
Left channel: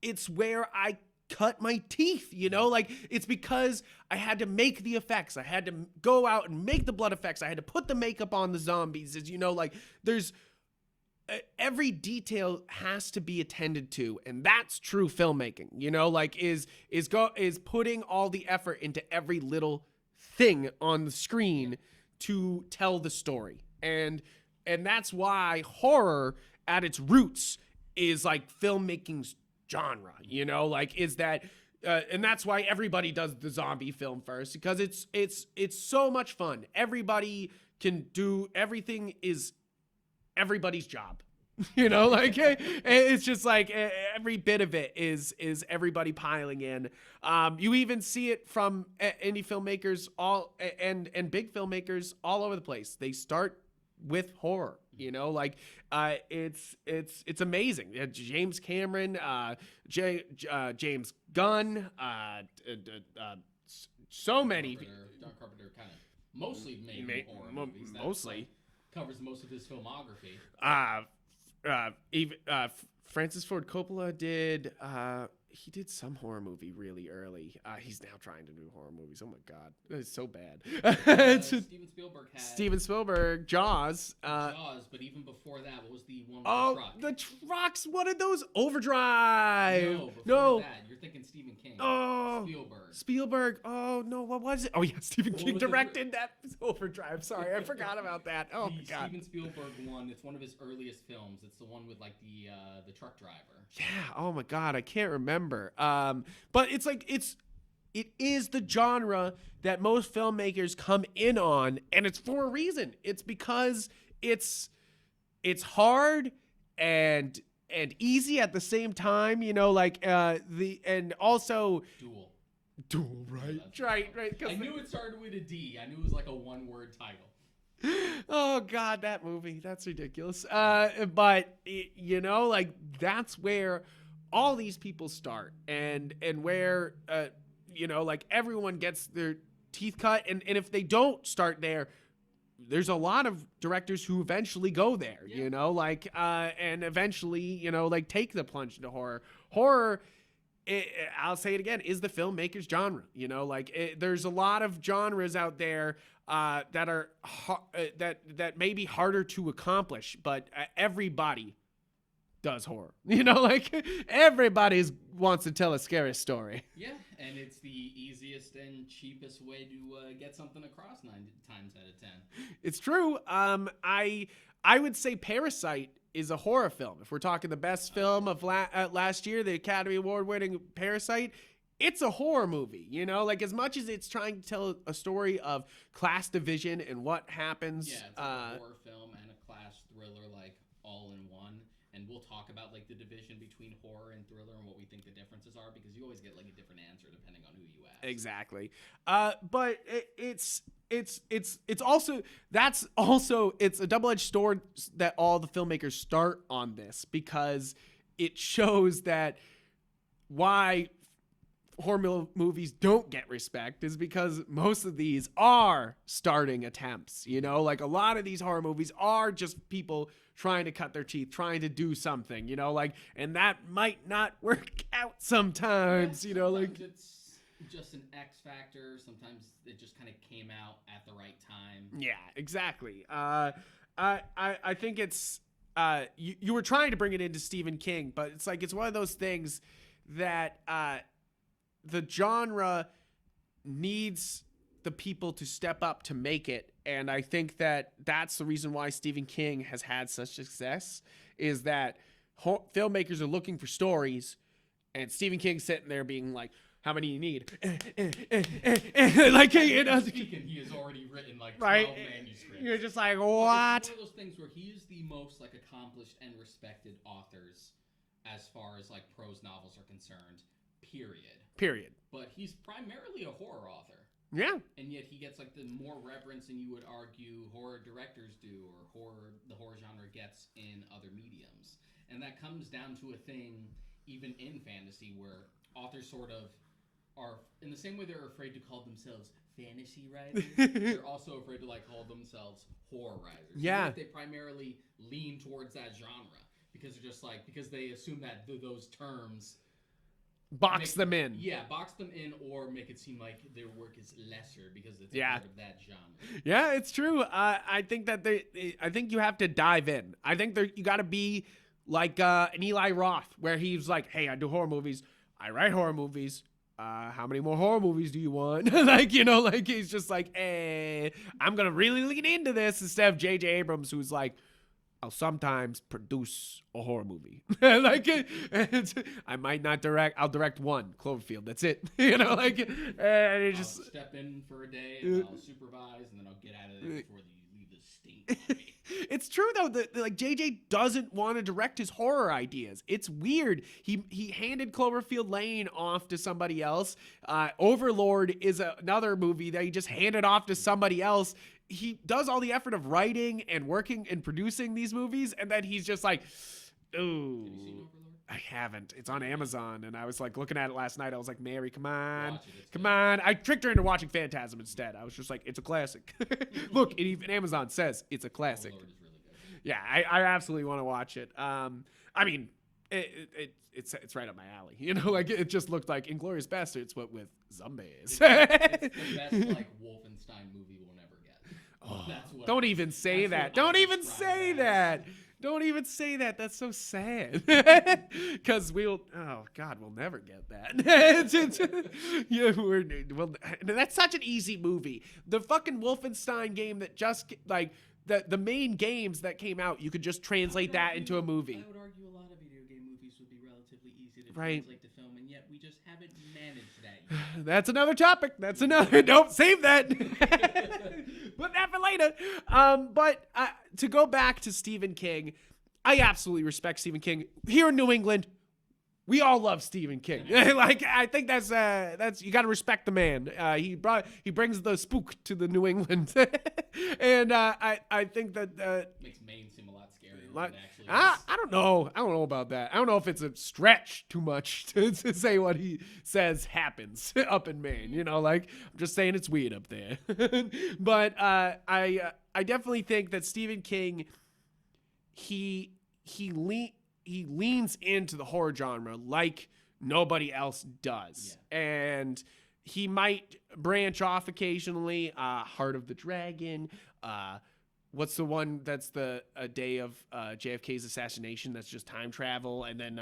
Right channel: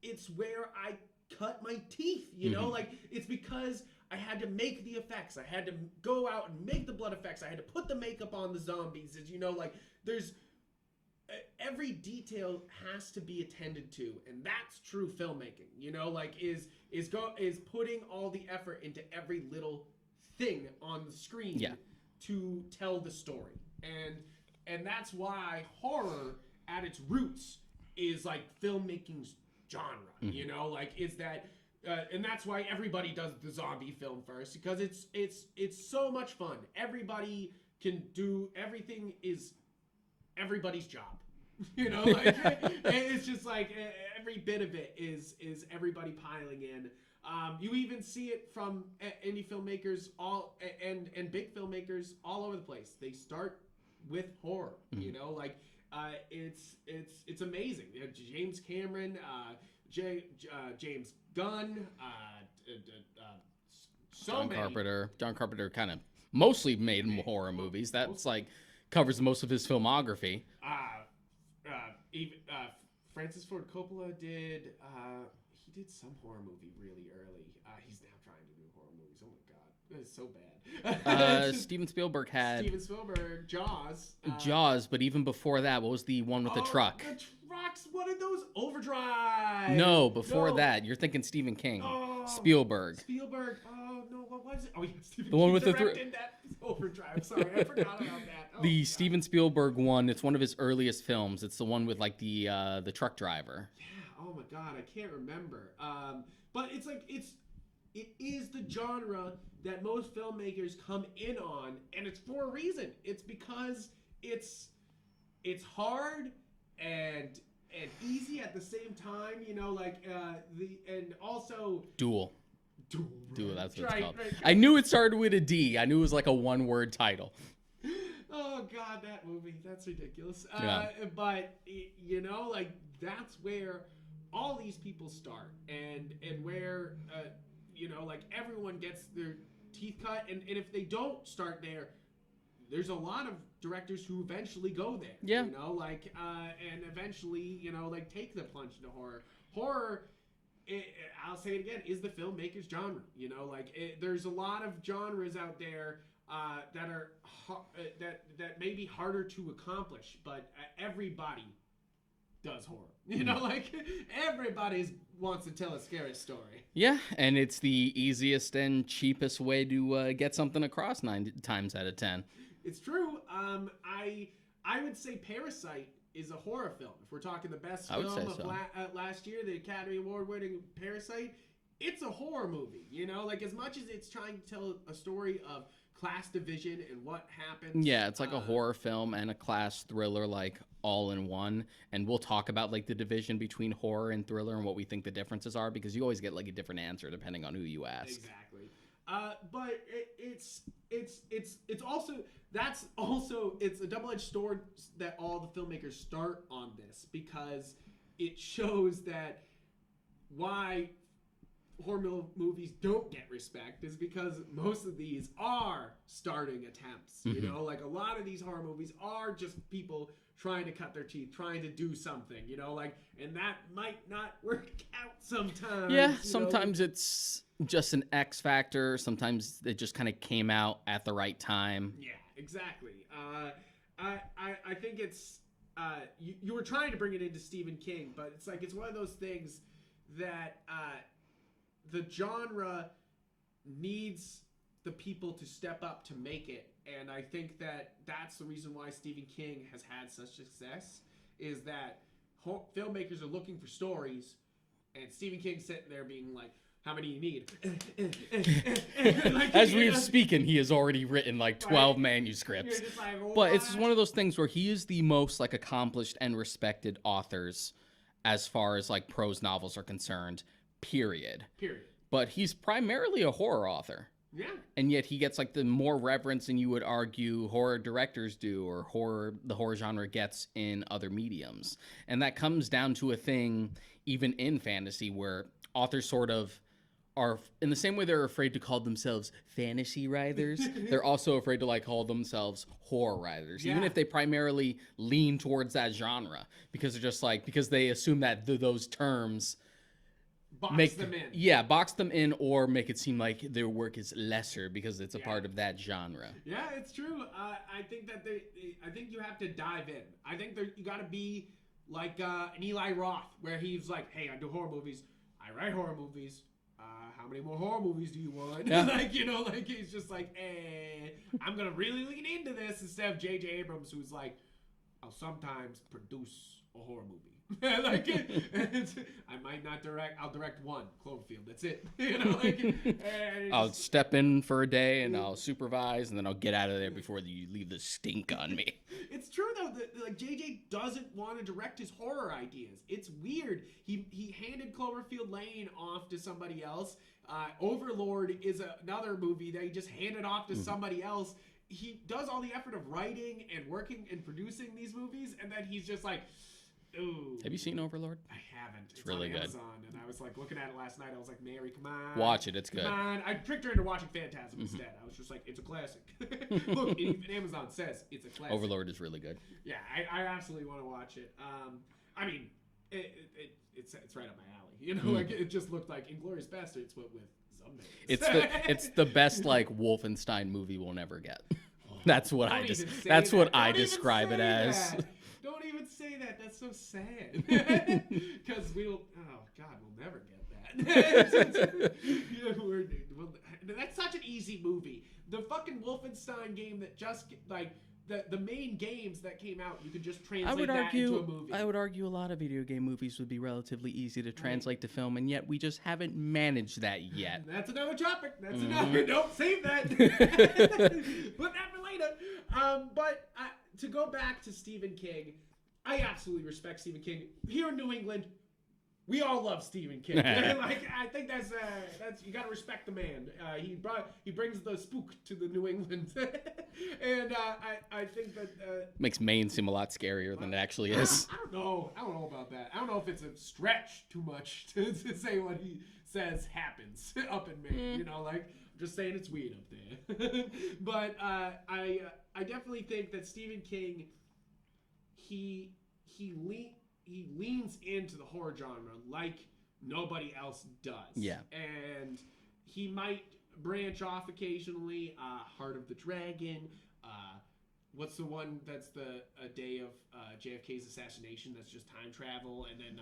it's where I cut my teeth, you know, like, it's because I had to make the effects. I had to go out and make the blood effects. I had to put the makeup on the zombies. As you know, like, there's every detail has to be attended to, and that's true filmmaking, you know, like, is putting all the effort into every little thing on the screen to tell the story. And that's why horror at its roots is like filmmaking's genre, you know, like, is that and that's why everybody does the zombie film first, because it's so much fun. Everybody can do everything, is everybody's job. You know, like, it's just like every bit of it is everybody piling in. You even see it from indie filmmakers and big filmmakers all over the place. They start with horror, you know, like, it's amazing. James Cameron, James Gunn, so many. John Carpenter kind of mostly made horror movies. That's like covers most of his filmography. Even Francis Ford Coppola did. He did some horror movie really early. He's now trying to do horror movies. Oh my God, it's so bad. Steven Spielberg had Jaws. Jaws, but even before that, what was the one with the truck? The trucks. What are those? Overdrive. No, before that, you're thinking Stephen King. Spielberg. Oh no, what was it? Oh yeah, Stephen King directed that Overdrive. Sorry, I forgot about that. Oh, the God. Steven Spielberg one. It's one of his earliest films. It's the one with like the truck driver. Yeah. Oh my God, I can't remember. But it's like it is the genre that most filmmakers come in on, and it's for a reason. It's because it's hard and easy at the same time, you know, like and also Duel, right? That's what it's called. Right. I knew it started with a D. I knew it was like a one-word title. Oh God, that movie, that's ridiculous. But you know, like, that's where all these people start, and where you know, like, everyone gets their teeth cut, and if they don't start there, there's a lot of directors who eventually go there, you know, like, and eventually, you know, like, take the plunge into horror. I'll say it again, is the filmmaker's genre, you know, like, there's a lot of genres out there that are that may be harder to accomplish, but everybody does horror. You know, like everybody wants to tell a scary story. Yeah, and it's the easiest and cheapest way to get something across 9 times out of 10. It's true. I would say Parasite is a horror film. If we're talking the best film of last year, the Academy Award winning Parasite, it's a horror movie. You know, like as much as it's trying to tell a story of class division and what happens. Yeah, it's like a horror film and a class thriller, like all in one. And we'll talk about like the division between horror and thriller and what we think the differences are, because you always get like a different answer depending on who you ask. Exactly. But it's also it's a double-edged sword that all the filmmakers start on this, because it shows that why horror movies don't get respect is because most of these are starting attempts. You know, like a lot of these horror movies are just people trying to cut their teeth, trying to do something, you know, like, and that might not work out sometimes. Yeah, sometimes it's just an X factor. Sometimes it just kind of came out at the right time. Yeah, exactly. I think it's you were trying to bring it into Stephen King, but it's like it's one of those things that the genre needs the people to step up to make it. And I think that that's the reason why Stephen King has had such success, is that filmmakers are looking for stories, and Stephen King's sitting there being like, how many you need? Like, as we're speaking, he has already written like 12 manuscripts. You're just like, what? But it's one of those things where he is the most like accomplished and respected authors as far as like prose novels are concerned, period. But he's primarily a horror author. Yeah. And yet he gets like the more reverence than you would argue horror directors do, or the horror genre gets in other mediums. And that comes down to a thing even in fantasy where authors sort of are, in the same way they're afraid to call themselves fantasy writers, they're also afraid to like call themselves horror writers. Yeah. Even if they primarily lean towards that genre, because they're just like, because they assume that those terms box them in. Yeah, box them in, or make it seem like their work is lesser because it's a part of that genre. Yeah, it's true. I think that I think you have to dive in. I think you got to be like an Eli Roth, where he's like, hey, I do horror movies. I write horror movies. How many more horror movies do you want? Like, you know, like he's just like, hey, I'm going to really lean into this, instead of J.J. Abrams, who's like, I'll sometimes produce a horror movie. Like, I might not direct. I'll direct one, Cloverfield. That's it. You know, like, I'll step in for a day and I'll supervise, and then I'll get out of there before you leave the stink on me. It's true though that like JJ doesn't want to direct his horror ideas. It's weird. He handed Cloverfield Lane off to somebody else. Overlord is another movie that he just handed off to somebody else. He does all the effort of writing and working and producing these movies, and then he's just like, ooh. Have you seen Overlord? I haven't. It's really on Amazon, and I was like looking at it last night. I was like, Mary, come on. Watch it. It's good. Come on. I tricked her into watching Phantasm instead. I was just like, it's a classic. Look, even Amazon says it's a classic. Overlord is really good. Yeah, I absolutely want to watch it. I mean, it's right up my alley. You know, like it just looked like Inglourious Basterds, but with zombies. It's the best like Wolfenstein movie we'll never get. That's what Don't I even say that's that. what Don't I even describe say it as. that. Don't even say that. That's so sad. Because we'll never get that. Yeah, that's such an easy movie. The fucking Wolfenstein game that just like the main games that came out, you could just translate that into a movie. I would argue a lot of video game movies would be relatively easy to translate to film, and yet we just haven't managed that yet. That's another topic. That's another. Don't save that. Put that for later. But to go back to Stephen King, I absolutely respect Stephen King. Here in New England, we all love Stephen King. Like, I think that's you got to respect the man. He brings the spook to the New England, and I think that makes Maine seem a lot scarier than it actually is. I don't know about that. I don't know if it's a stretch too much to say what he says happens up in Maine. You know, like I'm just saying it's weird up there. But I definitely think that Stephen King, he leans into the horror genre like nobody else does. Yeah. And he might branch off occasionally. Heart of the Dragon. What's the one that's the day of JFK's assassination? That's just time travel, and then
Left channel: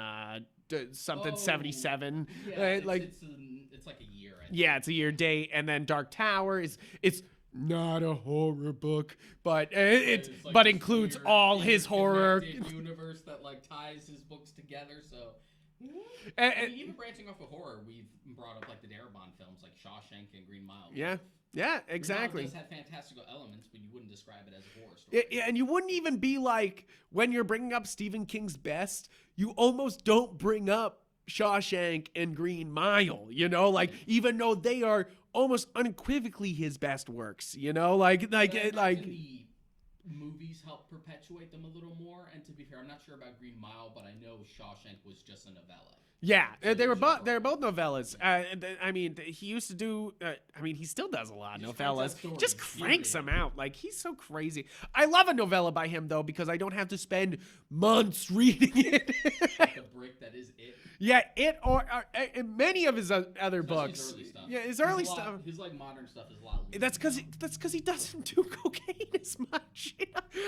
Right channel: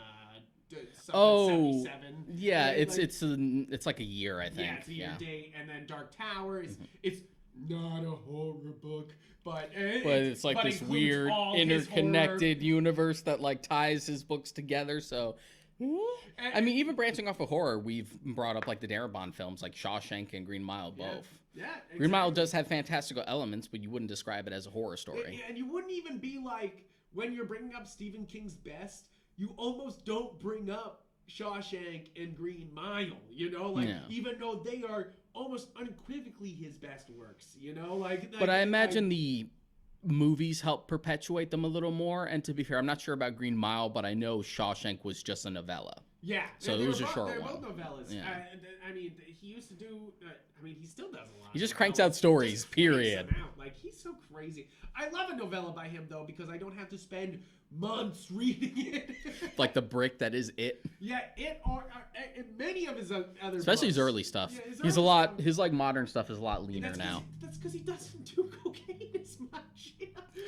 something 77. Yeah, it's like a year. I think. Yeah, it's a year date, and then Dark Tower is it's not a horror book, but it's like includes all his horror connected universe that like ties his books together. So. I mean, even branching off of horror, we've brought up like the Darabont films, like Shawshank and Green Mile. Yeah, both. Yeah, exactly. Green Mile does have fantastical elements, but you wouldn't describe it as a horror story. And you wouldn't even be like, when you're bringing up Stephen King's best, you almost don't bring up Shawshank and Green Mile, even though they are almost unequivocally his best works, But I imagine the movies help perpetuate them a little more. And to be fair, I'm not sure about Green Mile, but I know Shawshank was just a novella. Yeah, so they were both novellas. Yeah. I mean, he used to do. He still does a lot. He just cranks out stories. Just cranks them out. Like, he's so crazy. I love a novella by him though, because I don't have to spend months reading it. Like The Brick that is it. Yeah, it or many of his other especially books. his early stuff. Yeah, he's a lot. Stuff. His like modern stuff is a lot leaner. That's because he doesn't do cocaine as much.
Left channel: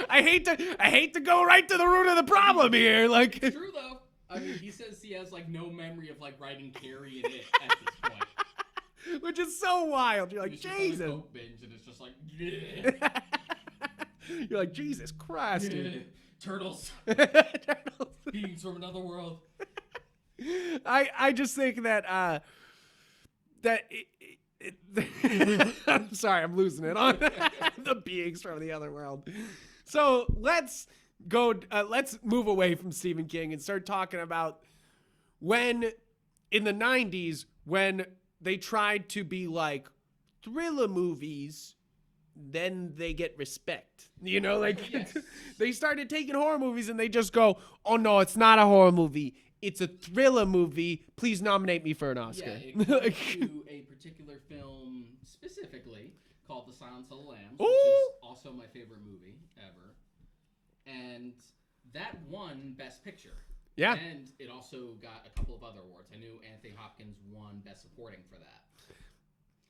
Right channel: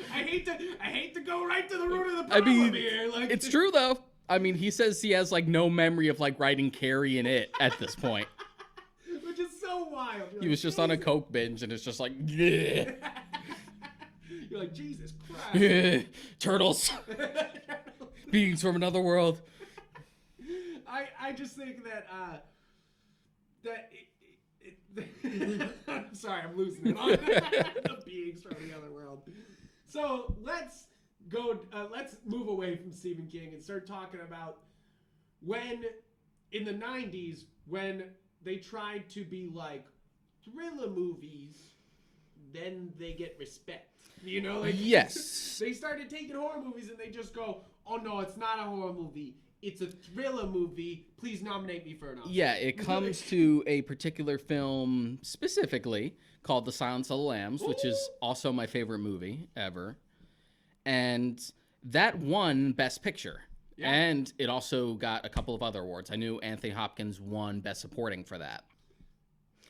I hate to go right to the root of the problem here. Like, it's true though. I mean, he says he has like no memory of like writing Carrie in it at this point. Which is so wild. He was just on a coke binge and it's just like, yeah. You're like, Jesus Christ. Turtles. Beings from another world. I just think that I'm sorry, I'm losing it on the beings from the other world. So let's move away from Stephen King and start talking about when in the 90s, when they tried to be like thriller movies, then they get respect. Yes. They started taking horror movies and they just go, oh no, it's not a horror movie. It's a thriller movie. Please nominate me for an Oscar. Yeah, it comes to a particular film specifically called The Silence of the Lambs, which is also my favorite movie ever. And that won Best Picture. Yeah. And it also got a couple of other awards. I knew Anthony Hopkins won Best Supporting for that.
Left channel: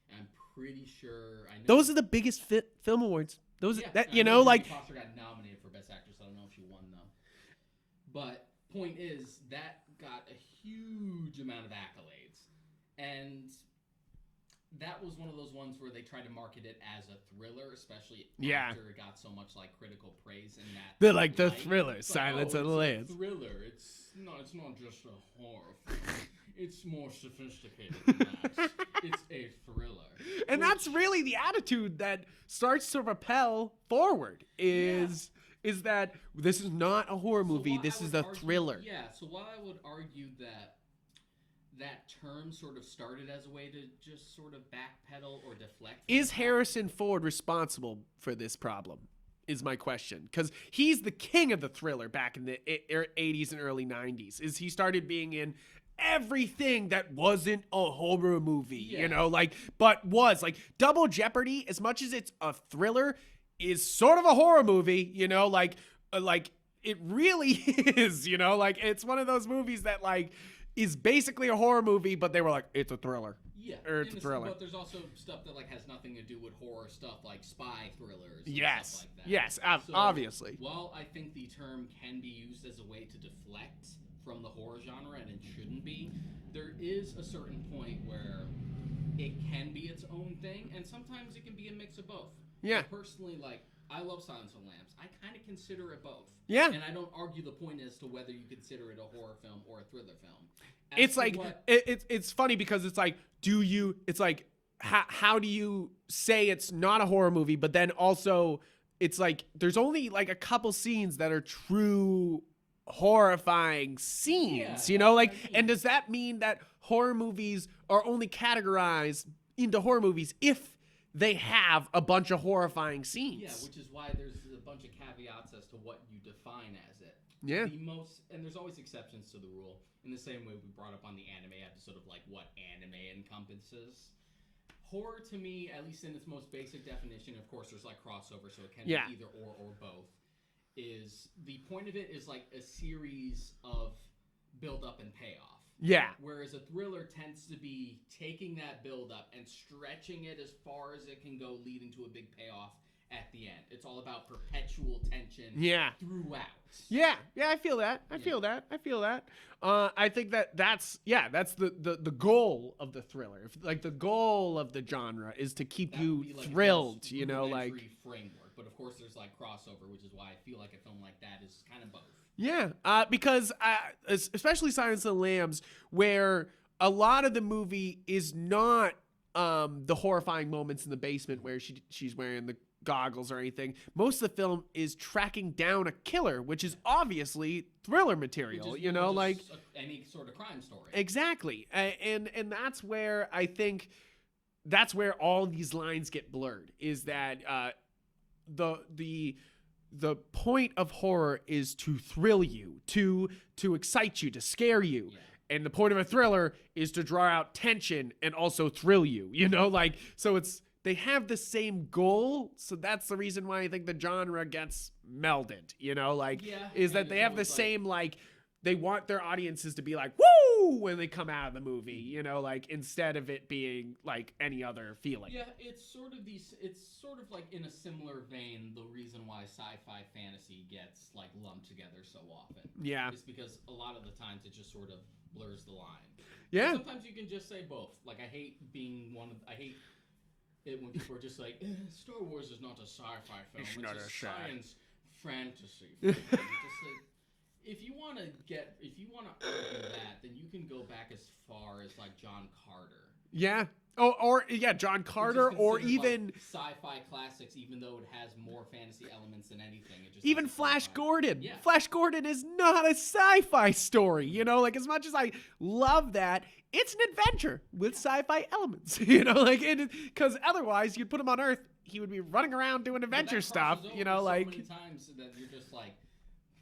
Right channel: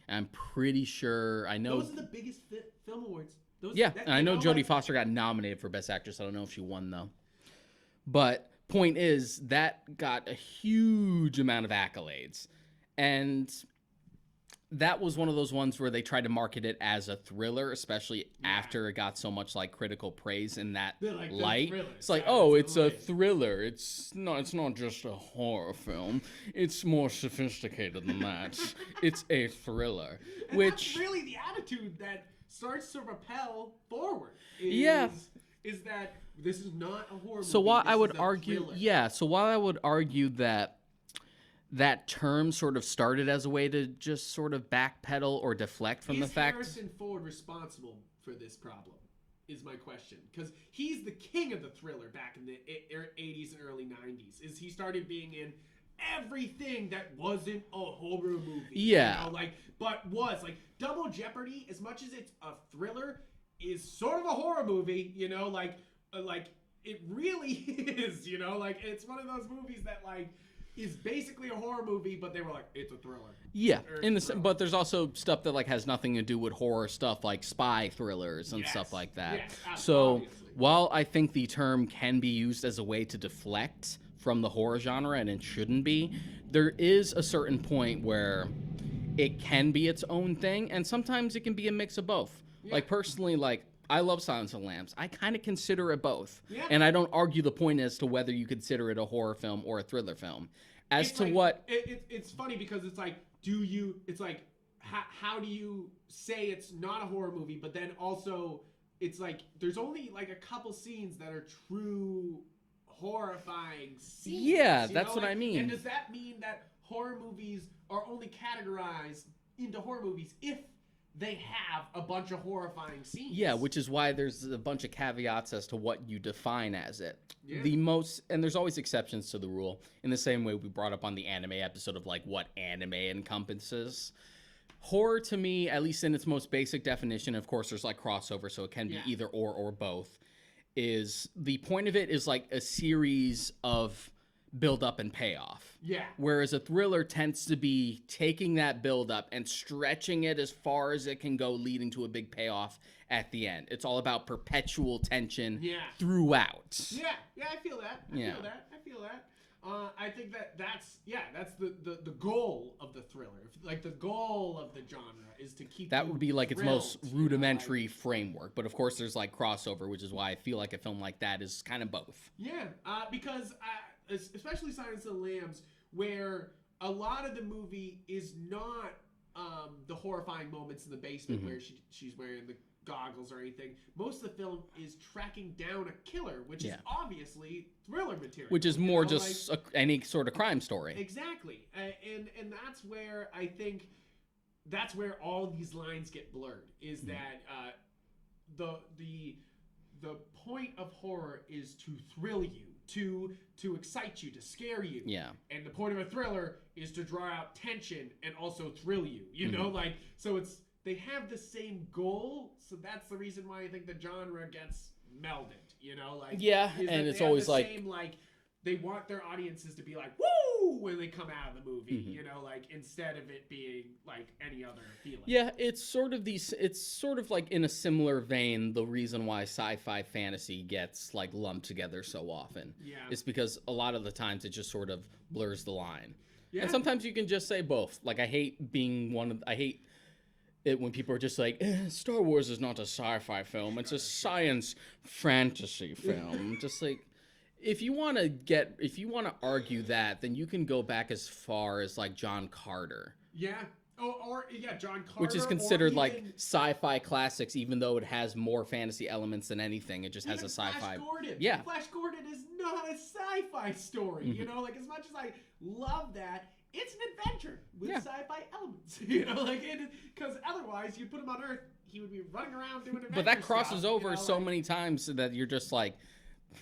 I'm pretty sure I know. Those are the biggest film awards. I know Jodie Foster got nominated for Best Actress. I don't know if she won, though. But point is, that got a huge amount of accolades. And that was one of those ones where they tried to market it as a thriller, especially after it got so much like critical praise in that like light. The thriller. It's like, it's a thriller. It's not just a horror film. It's more sophisticated than that. It's a thriller. And that's really the attitude that starts to propel forward. Is that this is not a horror movie. So while this I would is a argue, thriller. So while I would argue that term sort of started as a way to just sort of backpedal or deflect from the fact. Is Harrison Ford responsible for this problem? Is my question. Because he's the king of the thriller back in the 80s and early 90s. He started being in everything that wasn't a horror movie. Yeah. But was. Like, Double Jeopardy, as much as it's a thriller, is sort of a horror movie, it really is, it's one of those movies that, is basically a horror movie, but they were like, it's a thriller. Yeah, but there's also stuff that has nothing to do with horror stuff, like spy thrillers and stuff like that. Yes, so obviously. While I think the term can be used as a way to deflect from the horror genre, and it shouldn't be, there is a certain point where it can be its own thing, and sometimes it can be a mix of both. Yeah. Personally, I love Silence of the Lambs. I kind of consider it both. Yeah. And I don't argue the point as to whether you consider it a horror film or a thriller film. It's funny because it's like, how do you say it's not a horror movie, but then also it's like, there's only a couple scenes that are true horrifying scenes. Yeah, that's what I mean. And does that mean that horror movies are only categorized into horror movies if they have a bunch of horrifying scenes? Yeah, which is why there's a bunch of caveats as to what you define as it. Yeah. And there's always exceptions to the rule, in the same way we brought up on the anime episode of what anime encompasses. Horror, to me, at least in its most basic definition, of course there's crossover, so it can be either or both, is the point of it is a series of build up and payoff. Yeah. Whereas a thriller tends to be taking that build up and stretching it as far as it can go, leading to a big payoff at the end. It's all about perpetual tension throughout. Yeah, I feel that. I feel that. I think that's the goal of the thriller. Like the goal of the genre is to keep that you would be like thrilled, its most rudimentary framework. But of course, there's like crossover, which is why I feel like a film like that is kind of both. Yeah, because especially Silence of the Lambs, where a lot of the movie is not the horrifying moments in the basement where she's wearing the goggles or anything. Most of the film is tracking down a killer, which is obviously thriller material, which is more just any sort of crime story. Exactly. And that's where I think that's where all these lines get blurred, is that the point of horror is to thrill you, to excite you, to scare you. Yeah. And the point of a thriller is to draw out tension and also thrill you, you know, like, so they have the same goal, so that's the reason why I think the genre gets melded, you know, like, is that they have the same, like, they want their audiences to be like, woo, when they come out of the movie, you know, like, instead of it being like any other feeling. Yeah, it's sort of like in a similar vein, the reason why sci-fi fantasy gets like lumped together so often. Yeah. It's because a lot of the times it just sort of blurs the line. Yeah. And sometimes you can just say both. Like, I hate it when people are just like, Star Wars is not a sci-fi film, it's a science fantasy film. Just like, if you want to argue that, then you can go back as far as like John Carter. Yeah. Or John Carter, which is considered or even, like sci-fi classics, even though it has more fantasy elements than anything. It just even has a sci-fi. Flash Gordon. Yeah, Flash Gordon is not a sci-fi story. You know, like, as much as I love that, it's an adventure with sci-fi elements. You know, like, because otherwise you'd put him on Earth, he would be running around doing adventure stuff. But that crosses over you know, so many times that you're just like.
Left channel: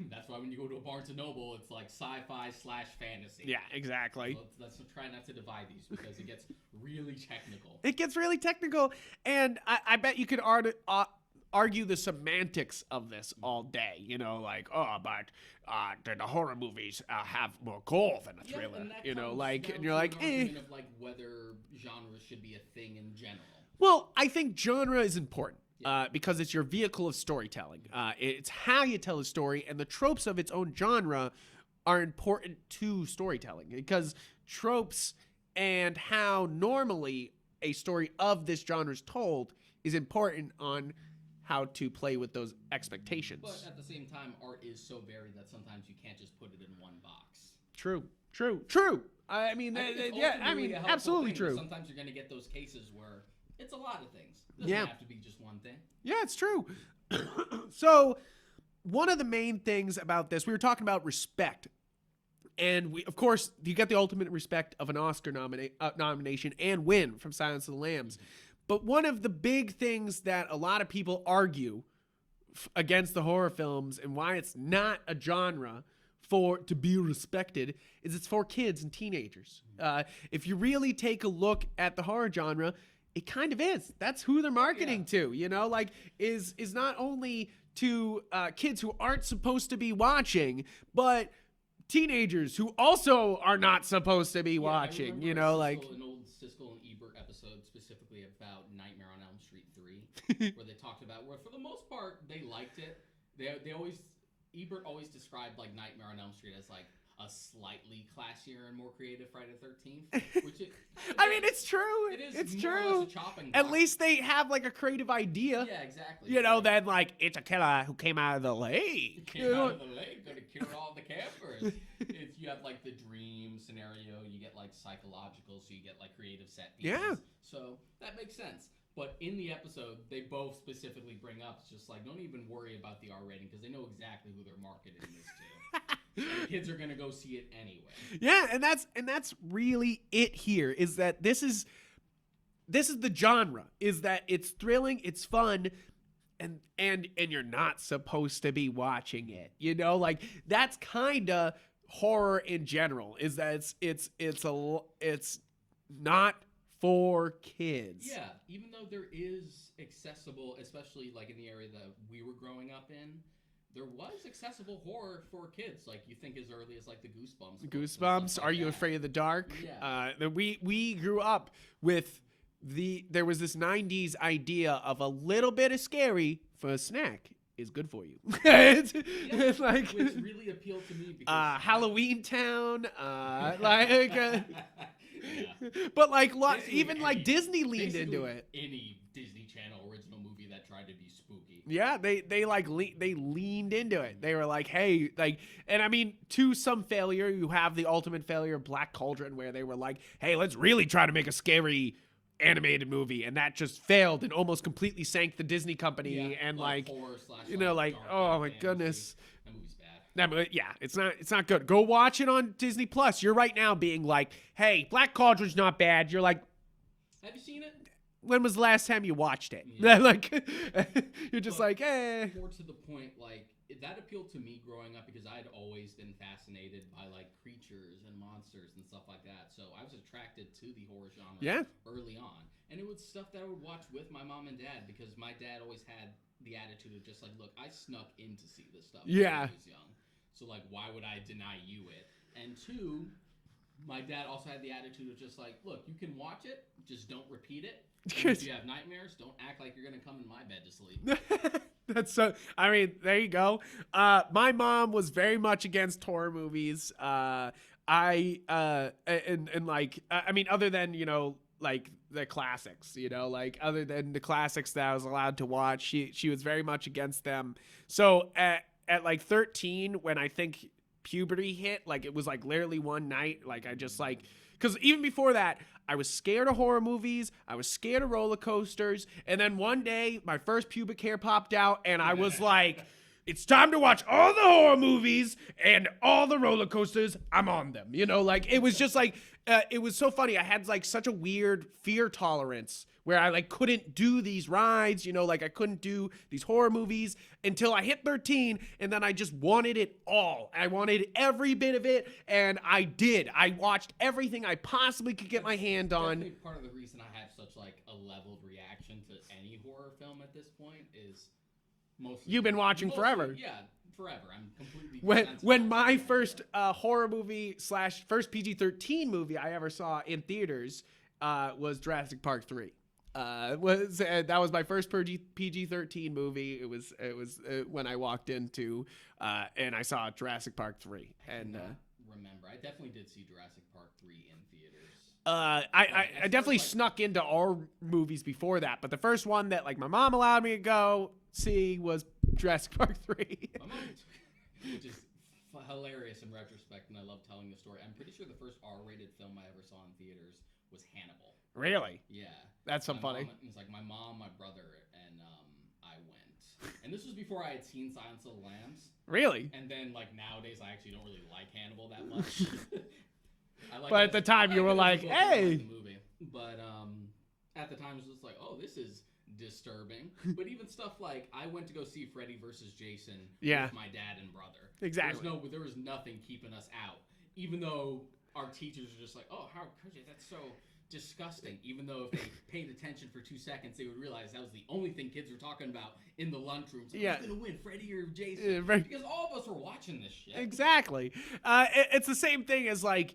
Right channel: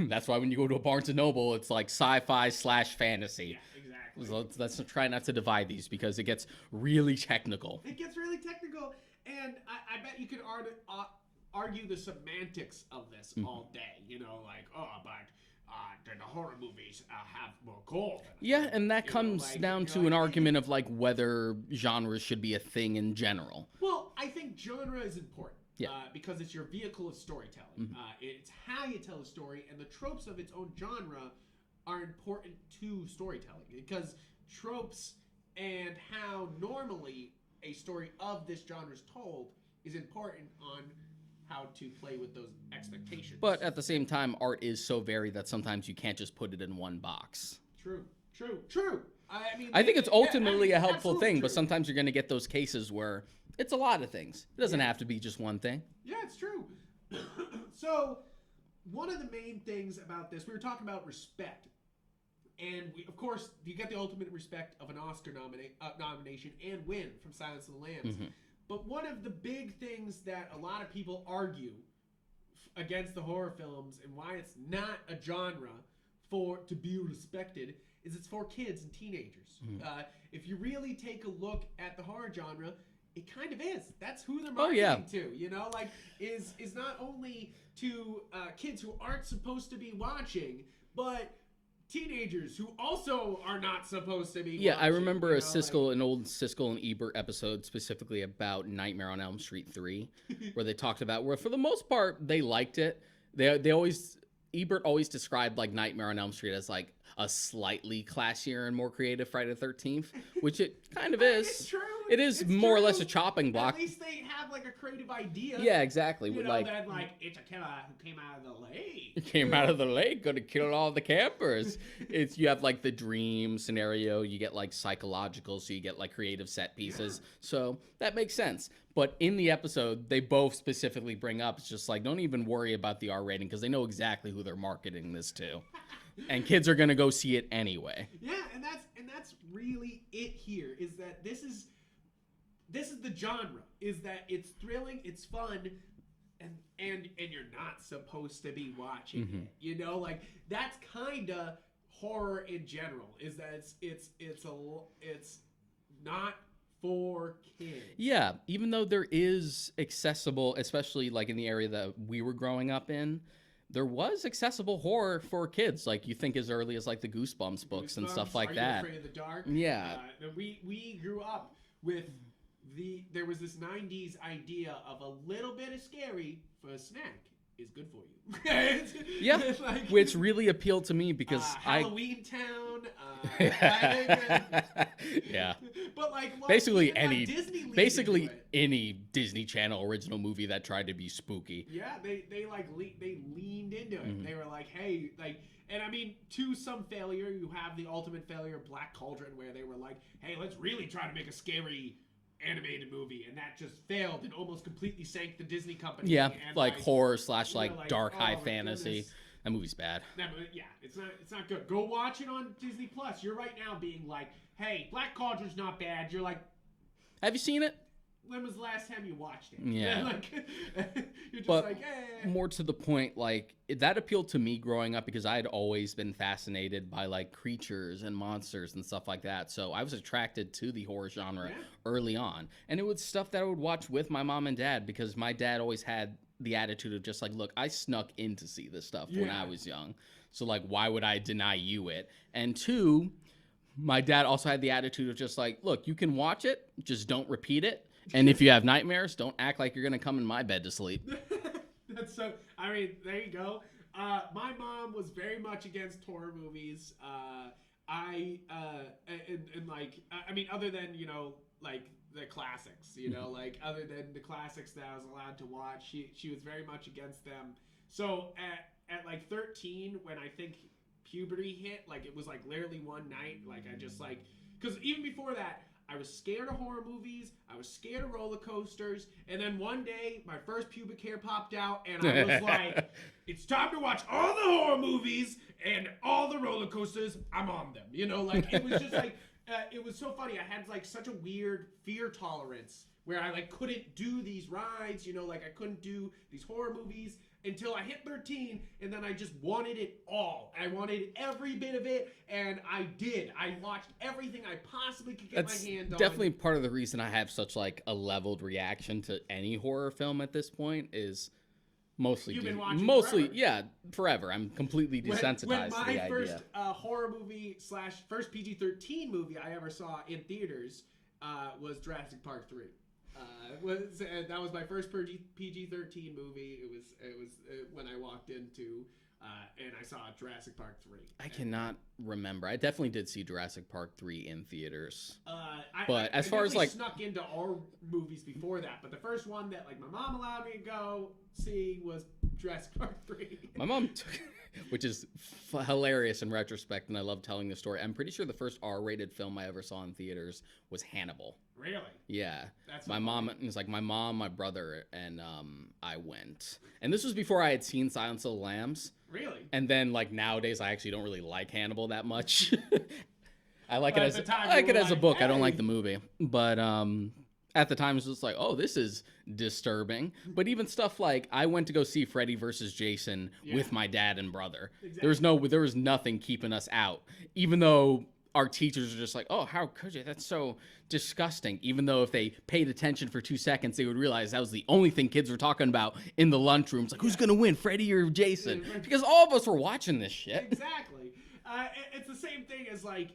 That's why when you go to a Barnes & Noble, it's like sci-fi / fantasy. Yeah, exactly. So let's try not to divide these because it gets really technical. It gets really technical, and I bet you could argue the semantics of this all day. You know, like, but the horror movies have more goal than a thriller, and that comes down to an argument of like whether genres should be a thing in general. Well, I think genre is important. Because it's your vehicle of storytelling. It's how you tell a story, and the tropes of its own genre are important to storytelling, because tropes and how normally a story of this genre is told is important on how to play with those expectations. But at the same time, art is so varied that sometimes you can't just put it in one box. True. I mean, I think it's ultimately a helpful thing, but sometimes you're going to get those cases where it's a lot of things. It doesn't have to be just one thing. Yeah, it's true. So, one of the main things about this, we were talking about respect. And of course, you get the ultimate respect of an Oscar nomination and win from Silence of the Lambs. But one of the big things that a lot of people argue against the horror films and why it's not a genre to be respected is it's for kids and teenagers. If you really take a look at the horror genre, it kind of is. That's who they're marketing to, you know, like is not only to kids who aren't supposed to be watching, but teenagers who also are not supposed to be watching. I remember an old Siskel and Ebert episode specifically about Nightmare on Elm Street 3, where they talked about where for the most part they liked it. Ebert always described like Nightmare on Elm Street as like a slightly classier and more creative Friday the 13th, which it kind of is. I mean, it's true. It is more or less a chopping block. At least they have like a creative idea. Yeah, exactly. You know, then like it's a killer who came out of the lake. Out of the lake, gonna kill all the campers. You have like the dream scenario. You get like psychological, so you get like creative set pieces. Yeah. So that makes sense. But in the episode, they both specifically bring up, it's just like, don't even worry about the R rating because they know exactly who they're marketing this to. And kids are going to go see it anyway. Yeah, and that's really it here, is that this is the genre, is that it's thrilling, it's fun, and you're not supposed to be watching it. You know, like that's kind of horror in general, is that it's not for kids. Yeah, even though there is accessible, especially like in the area that we were growing up in, there was accessible horror for kids. Like you think as early as like the Goosebumps books and stuff like Are that. You Afraid of the Dark? Yeah. We grew up with there was this 90s idea of a little bit of scary for a snack is good for you. Yeah, like, which really appealed to me because Halloween Town. Yeah, but basically even any, Disney leaned basically into it. Any Disney Channel original movie that tried to be spooky. Yeah, they leaned into it. They were like, hey, and I mean, to some failure, you have the ultimate failure of Black Cauldron, where they were like, hey, let's really try to make a scary animated movie, and that just failed and almost completely sank the Disney company. Yeah, and like horror slash dark high fantasy. Goodness. That movie's bad. Yeah, it's not good. Go watch it on Disney Plus. You're right now being like, hey, Black Cauldron's not bad. You're like, have you seen it? When was the last time you watched it? Yeah. You're just like, eh. More to the point, like, that appealed to me growing up because I had always been fascinated by, like, creatures and monsters and stuff like that. So I was attracted to the horror genre early on. And it was stuff that I would watch with my mom and dad because my dad always had the attitude of just like, look, I snuck in to see this stuff when I was young. So, like, why would I deny you it? And two, my dad also had the attitude of just like, look, you can watch it, just don't repeat it. And if you have nightmares, don't act like you're going to come in my bed to sleep. That's so, I mean, there you go. My mom was very much against horror movies. I mean, other than, like the classics, like other than the classics that I was allowed to watch, she was very much against them. So at like 13, when I think puberty hit, like it was like literally one night, like I just like, because even before that, I was scared of horror movies. I was scared of roller coasters. And then one day, my first pubic hair popped out, and I was like, it's time to watch all the horror movies and all the roller coasters. I'm on them. Like, it was just like, it was so funny. I had like such a weird fear tolerance where I like couldn't do these rides, like I couldn't do these horror movies until I hit 13, and then I just wanted it all. I wanted every bit of it, and I did. I watched everything I possibly could get my hand on. Definitely part of the reason I have such like a leveled reaction to any horror film at this point is mostly you've been watching forever. Yeah, forever. I'm completely desensitized. When my first horror movie / first PG-13 movie I ever saw in theaters was Jurassic Park 3. That was my first PG-13 movie. It was when I walked into and I saw Jurassic Park 3. I cannot remember. I definitely did see Jurassic Park 3 in theaters. I definitely snuck into all movies before that, but the first one that like my mom allowed me to go see was Jurassic Park 3. My mom took, which is hilarious in retrospect, and I love telling the story. I'm pretty sure the first R-rated film I ever saw in theaters was Hannibal. Really? Yeah. That's so my funny. mom. It was like my mom, my brother, and I went. And this was before I had seen Silence of the Lambs. Really? And then like nowadays, I actually don't really like Hannibal that much. I like but it at as, the time, I like you were it as like, a book. hey. I don't like the movie, but at the time, it was just like, oh, this is disturbing. But even stuff like I went to go see Freddy versus Jason with my dad and brother. Exactly. There was nothing keeping us out, even though our teachers are just like, oh, how could you? That's so disgusting. Even though if they paid attention for 2 seconds, they would realize that was the only thing kids were talking about in the lunchroom. It's like, who's gonna win, Freddy or Jason? Yeah, right. Because all of us were watching this shit. Exactly. It's the same thing as like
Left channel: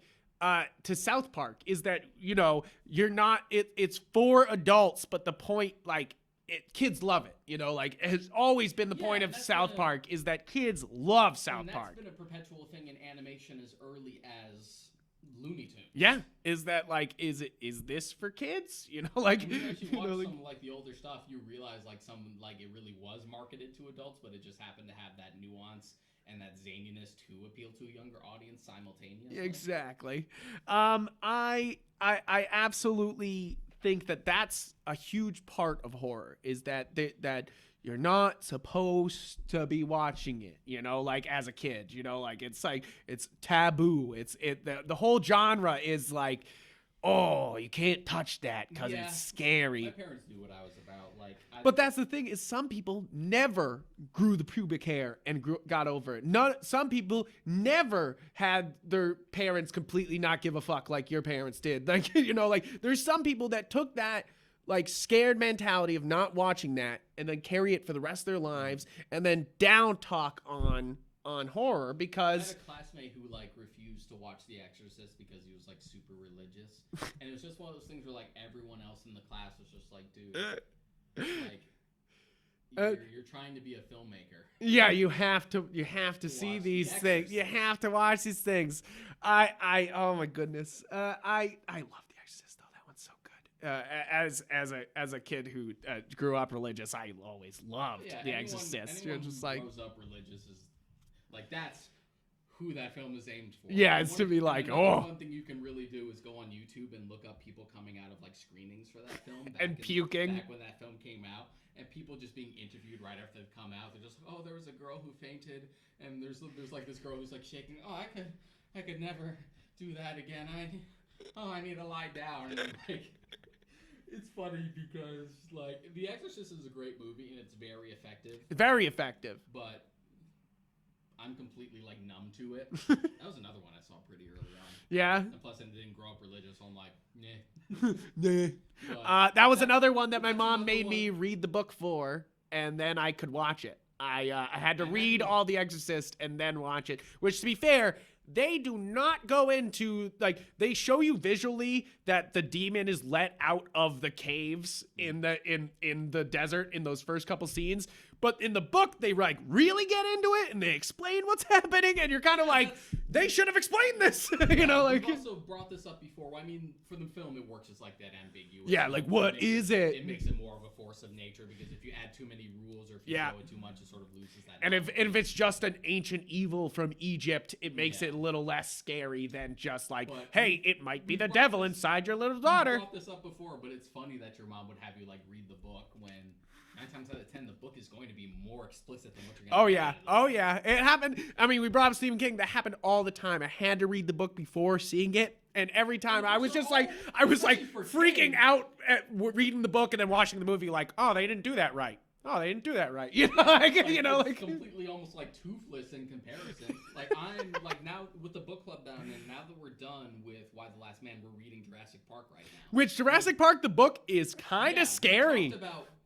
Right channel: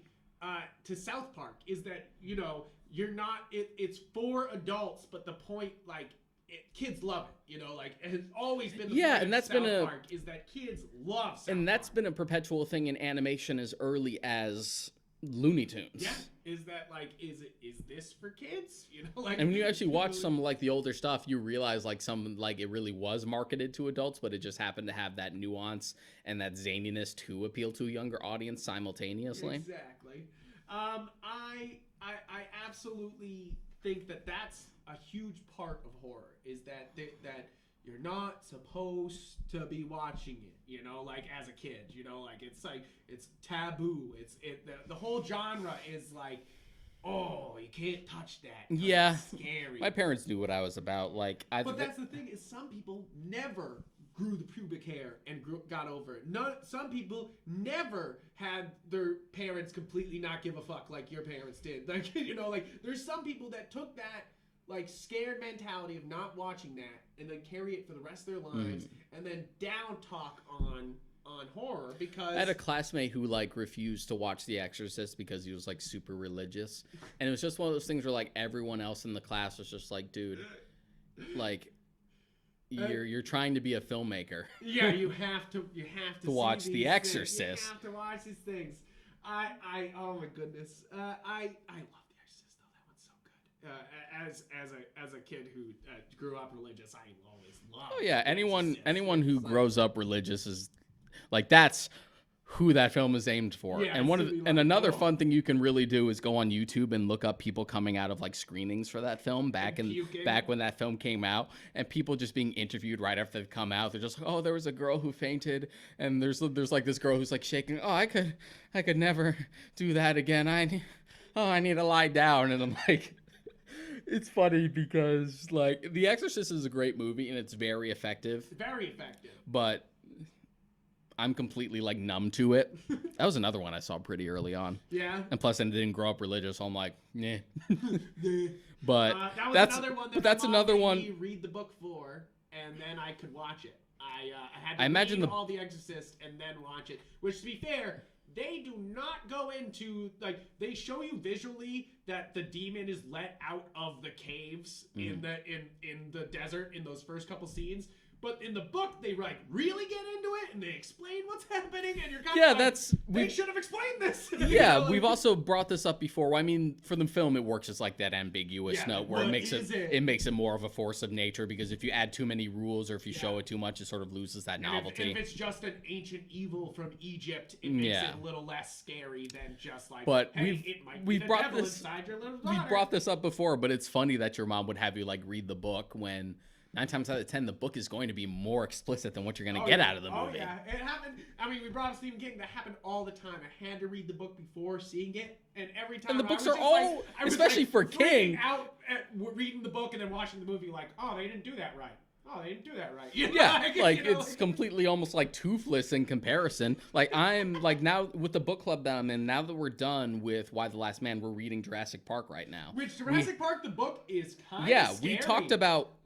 to South Park is that you're not it's for adults, but the point like kids love it, like it has always been the point of South Park is that kids love South Park. And that's been a perpetual thing in animation as early as Looney Tunes. Yeah, is that like is this for kids? Like, and when you actually watch some like the older stuff, you realize like some like it really was marketed to adults, but it just happened to have that nuance and that zaniness to appeal to a younger audience simultaneously. Exactly. I absolutely think that that's a huge part of horror is that that you're not supposed to be watching it, like as a kid, like it's taboo. The whole genre is like, oh, you can't touch that because it's scary. My parents knew what I was about. But that's the thing is some people never grew the pubic hair and got over it. Some people never had their parents completely not give a fuck like your parents did. Like, like there's some people that took that like scared mentality of not watching that and then carry it for the rest of their lives and then down talk on horror because I had a classmate who like refused to watch The Exorcist because he was like super religious. And it was just one of those things where like everyone else in the class was just like, dude, like you're trying to be a filmmaker. Yeah, you have to see watch these The Exorcist. things. You have to watch these things. I oh my goodness. I love The Exorcist though. That one's so good. As a kid who grew up religious, I always loved. Oh yeah, The anyone Exorcist. who grows up religious is like that's who that film is aimed for. Yeah, and another fun thing you can really do is go on YouTube and look up people coming out of like screenings for that film back when that film came out, and people just being interviewed right after they've come out. They're just like, oh, there was a girl who fainted, and there's like this girl who's like shaking. Oh, I could never do that again. I need to lie down, and I'm like. It's funny because like The Exorcist is a great movie and it's very effective. Very effective. But I'm completely like numb to it. That was another one I saw pretty early on. Yeah. And plus I didn't grow up religious, so I'm like, nah. Nah. But that was another one that my mom made one... me read the book for, and then I could watch it. I had to read all The Exorcist and then watch it, which to be fair, they do not go into, like, they show you visually that the demon is let out of the caves in the desert in those first couple scenes. But in the book, they like really get into it and they explain what's happening, and you're kind of like, they should have explained this. Yeah, we've also brought this up before. Well, I mean, for the film, it works as like that ambiguous note like where what is it? It makes it more of a force of nature because if you add too many rules or if you show it too much, it sort of loses that novelty. And if it's just an ancient evil from Egypt, it makes it a little less scary than just like, hey, it might be the devil inside your little daughter. We brought this up before, but it's funny that your mom would have you like read the book when 9 times out of 10, the book is going to be more explicit than what you're going to get out of the movie. Oh, yeah. It happened. I mean, we brought up Stephen King. That happened all the time. I had to read the book before seeing it. And every time I was just freaking out at reading the book and then watching the movie like, oh, they didn't do that right. Oh, they didn't do that right. You know, it's completely almost like toothless in comparison. Like I'm like now with the book club that I'm in, now that we're done with Why the Last Man, we're reading Jurassic Park right now. Which Jurassic Park, the book is kind of scary.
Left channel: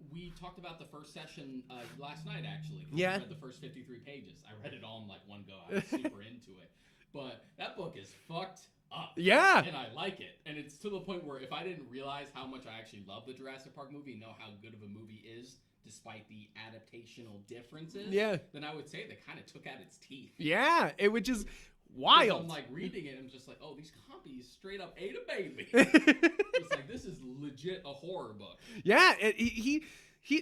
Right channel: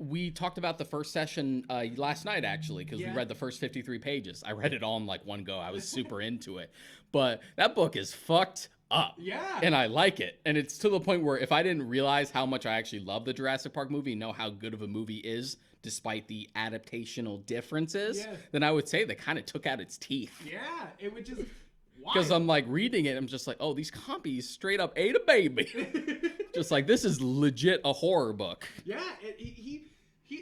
We talked about the first session last night actually because we read the first 53 pages. I read it all in like one go. I was super into it. But that book is fucked up. Yeah. And I like it. And it's to the point where if I didn't realize how much I actually love the Jurassic Park movie, know how good of a movie is, despite the adaptational differences, then I would say they kind of took out its teeth. Yeah, it would just wild. Because I'm like reading it, I'm just like, oh, these compies straight up ate a baby. Just like this is legit a horror book. Yeah,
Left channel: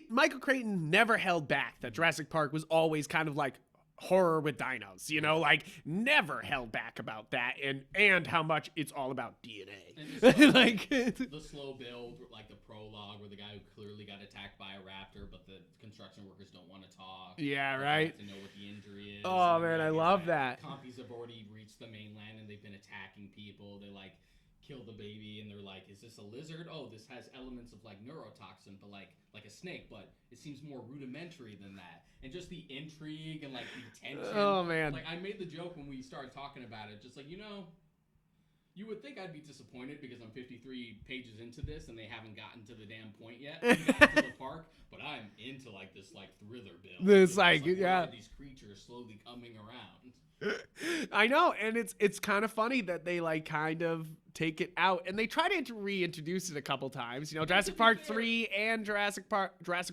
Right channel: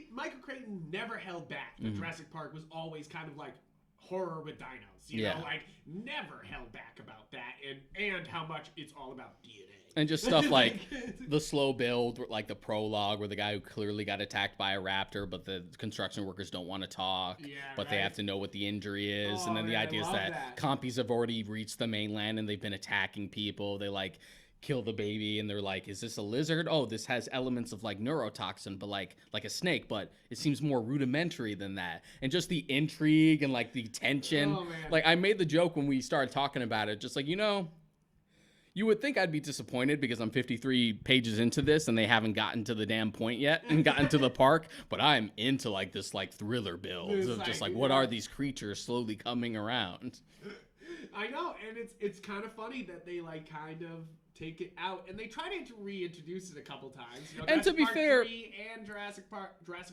Michael Crichton never held back that Jurassic Park was always kind of like horror with dinos, you know, like never held back about that, and how much it's all about DNA. And just stuff like the slow build, like the prologue where the guy who clearly got attacked by a raptor, but the construction workers don't want to talk. Yeah, but they have to know what the injury is. Oh, and then man, the idea I love is that compies have already reached the mainland and they've been attacking people. They like kill the baby and they're like, is this a lizard? Oh, this has elements of like neurotoxin, but like a snake, but it seems more rudimentary than that. And just the intrigue and like the tension. Oh, man. Like I made the joke when we started talking about it, just like, you know, you would think I'd be disappointed because I'm 53 pages into this and they haven't gotten to the damn point yet and gotten to the park, but I'm into like this like thriller build. It's like what are these creatures slowly coming around? I know, and it's kind of funny that they like kind of take it out and they try to reintroduce it a couple times. You know, Jurassic Park 3 and Jurassic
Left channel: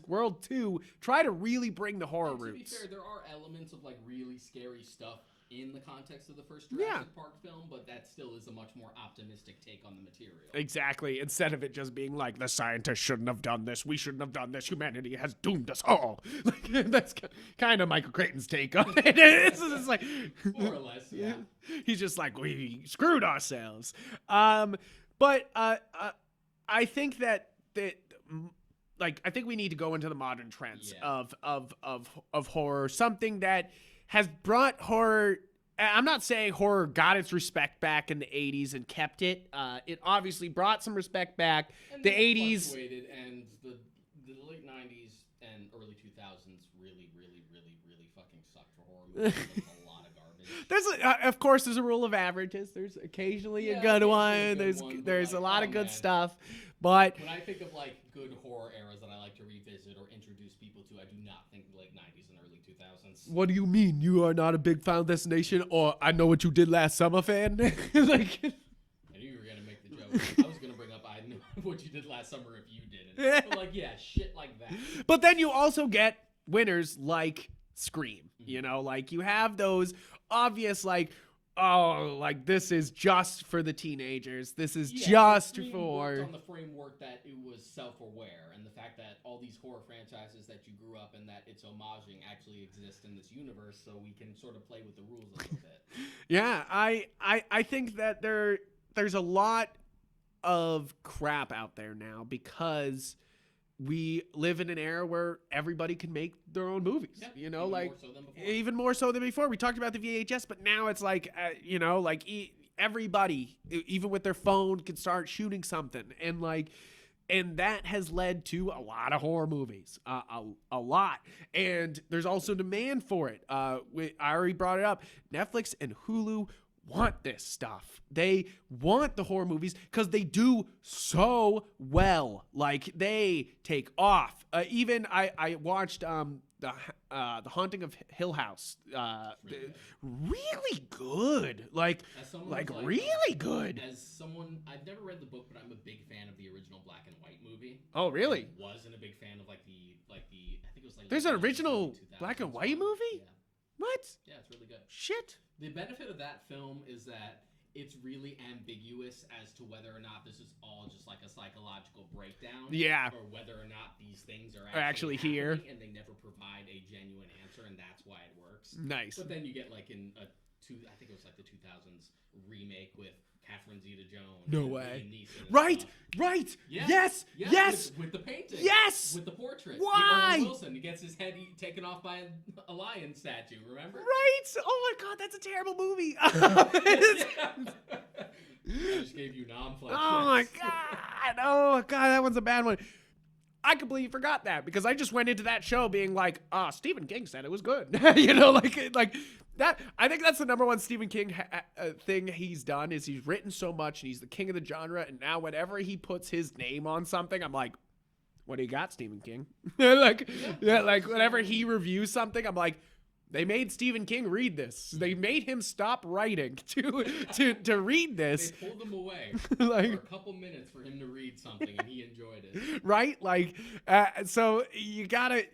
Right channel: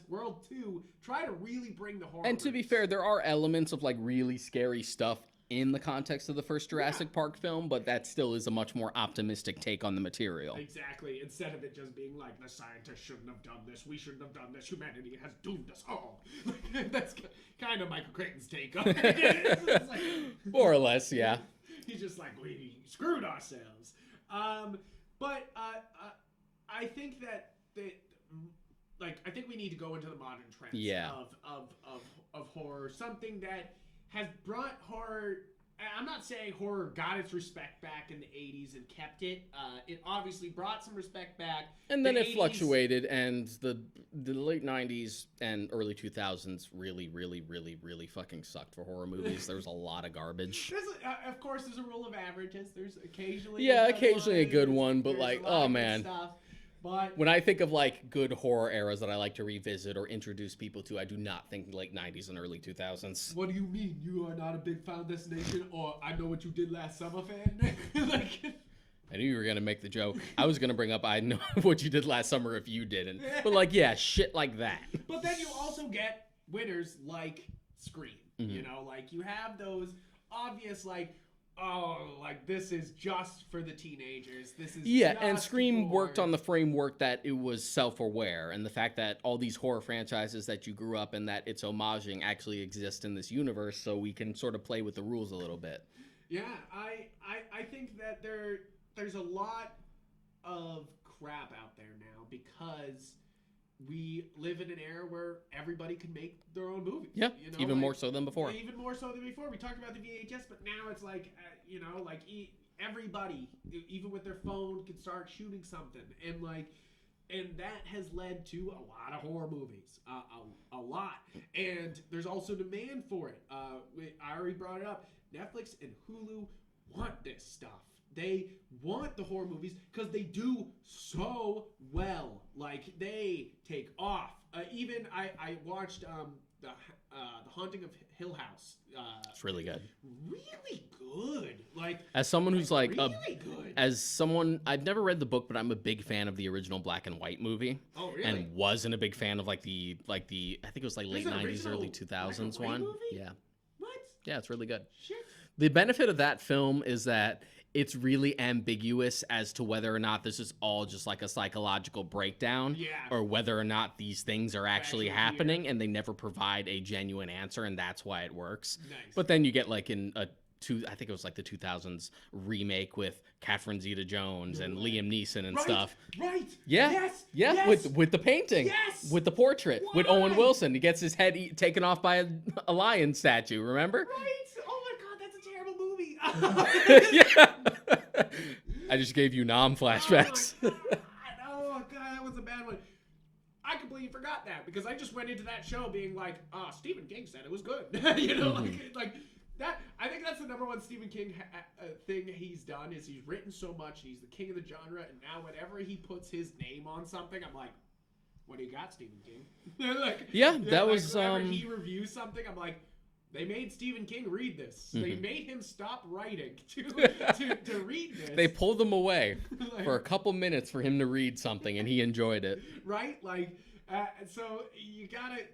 World 2 try to really bring the horror. And to be fair, there are elements of like really scary stuff in the context of the first Jurassic Park film, but that still is a much more optimistic take on the material. Exactly. Instead of it just being like, the scientists shouldn't have done this, we shouldn't have done this, humanity has doomed us all. Like, that's kind of Michael Crichton's take on it. It's like, more or less, yeah. He's just like, we screwed ourselves. But I think that like, I think we need to go into the modern trends of horror, something that has brought horror. I'm not saying horror got its respect back in the 80s and kept it. It obviously brought some respect back. And then it fluctuated, and the late 90s and early 2000s really, really, really, really fucking sucked for horror movies. There was a lot of garbage. Of course, there's a rule of averages. There's occasionally a good one. But there's like, a lot of good stuff. But when I think of like good horror eras that I like to revisit or introduce people to, I do not think late 90s and early 2000s. What do you mean? You are not a big Final Destination or I Know What You Did Last Summer fan? Like, I knew you were going to make the joke. I was going to bring up I Know What You Did Last Summer if you didn't. But like, yeah, shit like that. But then you also get winners like Scream. You know, like you have those obvious like, oh, like this is just for the teenagers. This is just Scream for... worked on the framework that it was self-aware, and the fact that all these horror franchises that you grew up in that it's homaging actually exist in this universe, so we can sort of play with the rules a little bit. Yeah, I think that there's a lot of crap out there now because we live in an era where everybody can make their own movies. Yeah, you know, even like, more so than before. Even more so than before. We talked about the VHS, but now it's like, you know, like everybody, even with their phone, can start shooting something. And that has led to a lot of horror movies, a lot. And there's also demand for it. I already brought it up. Netflix and Hulu want this stuff. They want the horror movies because they do so well. Like, they take off. Even I watched the Haunting of Hill House. It's really good. Really good. Like, as someone who's like really good. As someone, I've never read the book, but I'm a big fan of the original black and white movie. Oh, really? And wasn't a big fan of like the I think it was like there's late an 90s, original early 2000s black and white one. movie? Yeah. What? Yeah, it's really good. Shit. The benefit of that film is that it's really ambiguous as to whether or not this is all just like a psychological breakdown. Yeah. Or whether or not these things are actually happening, and they never provide a genuine answer, and that's why it works. Nice. But then you get like I think it was like the 2000s remake with Catherine Zeta-Jones and Liam Neeson and stuff. Right. Yeah. Yes. Yeah. Yes. With the painting. Yes. With the portrait. Why? With Owen Wilson. He gets his head taken off by a lion statue, remember? Right. Oh my God, that's a terrible movie. Yeah. I just gave you flashbacks. Oh my God. Oh God, that one's a bad one. I completely forgot that because I just went into that show being like, Stephen King said it was good. You know, like that. I think that's the number one Stephen King thing he's done is he's written so much and he's the king of the genre. And now whenever he puts his name on something, I'm like, what do you got, Stephen King? Like, whenever he reviews something, I'm like, they made Stephen King read this. Mm-hmm. They made him stop writing to read this. They pulled him away for a couple minutes for him to read something, and he enjoyed it. Right? Like, so you gotta,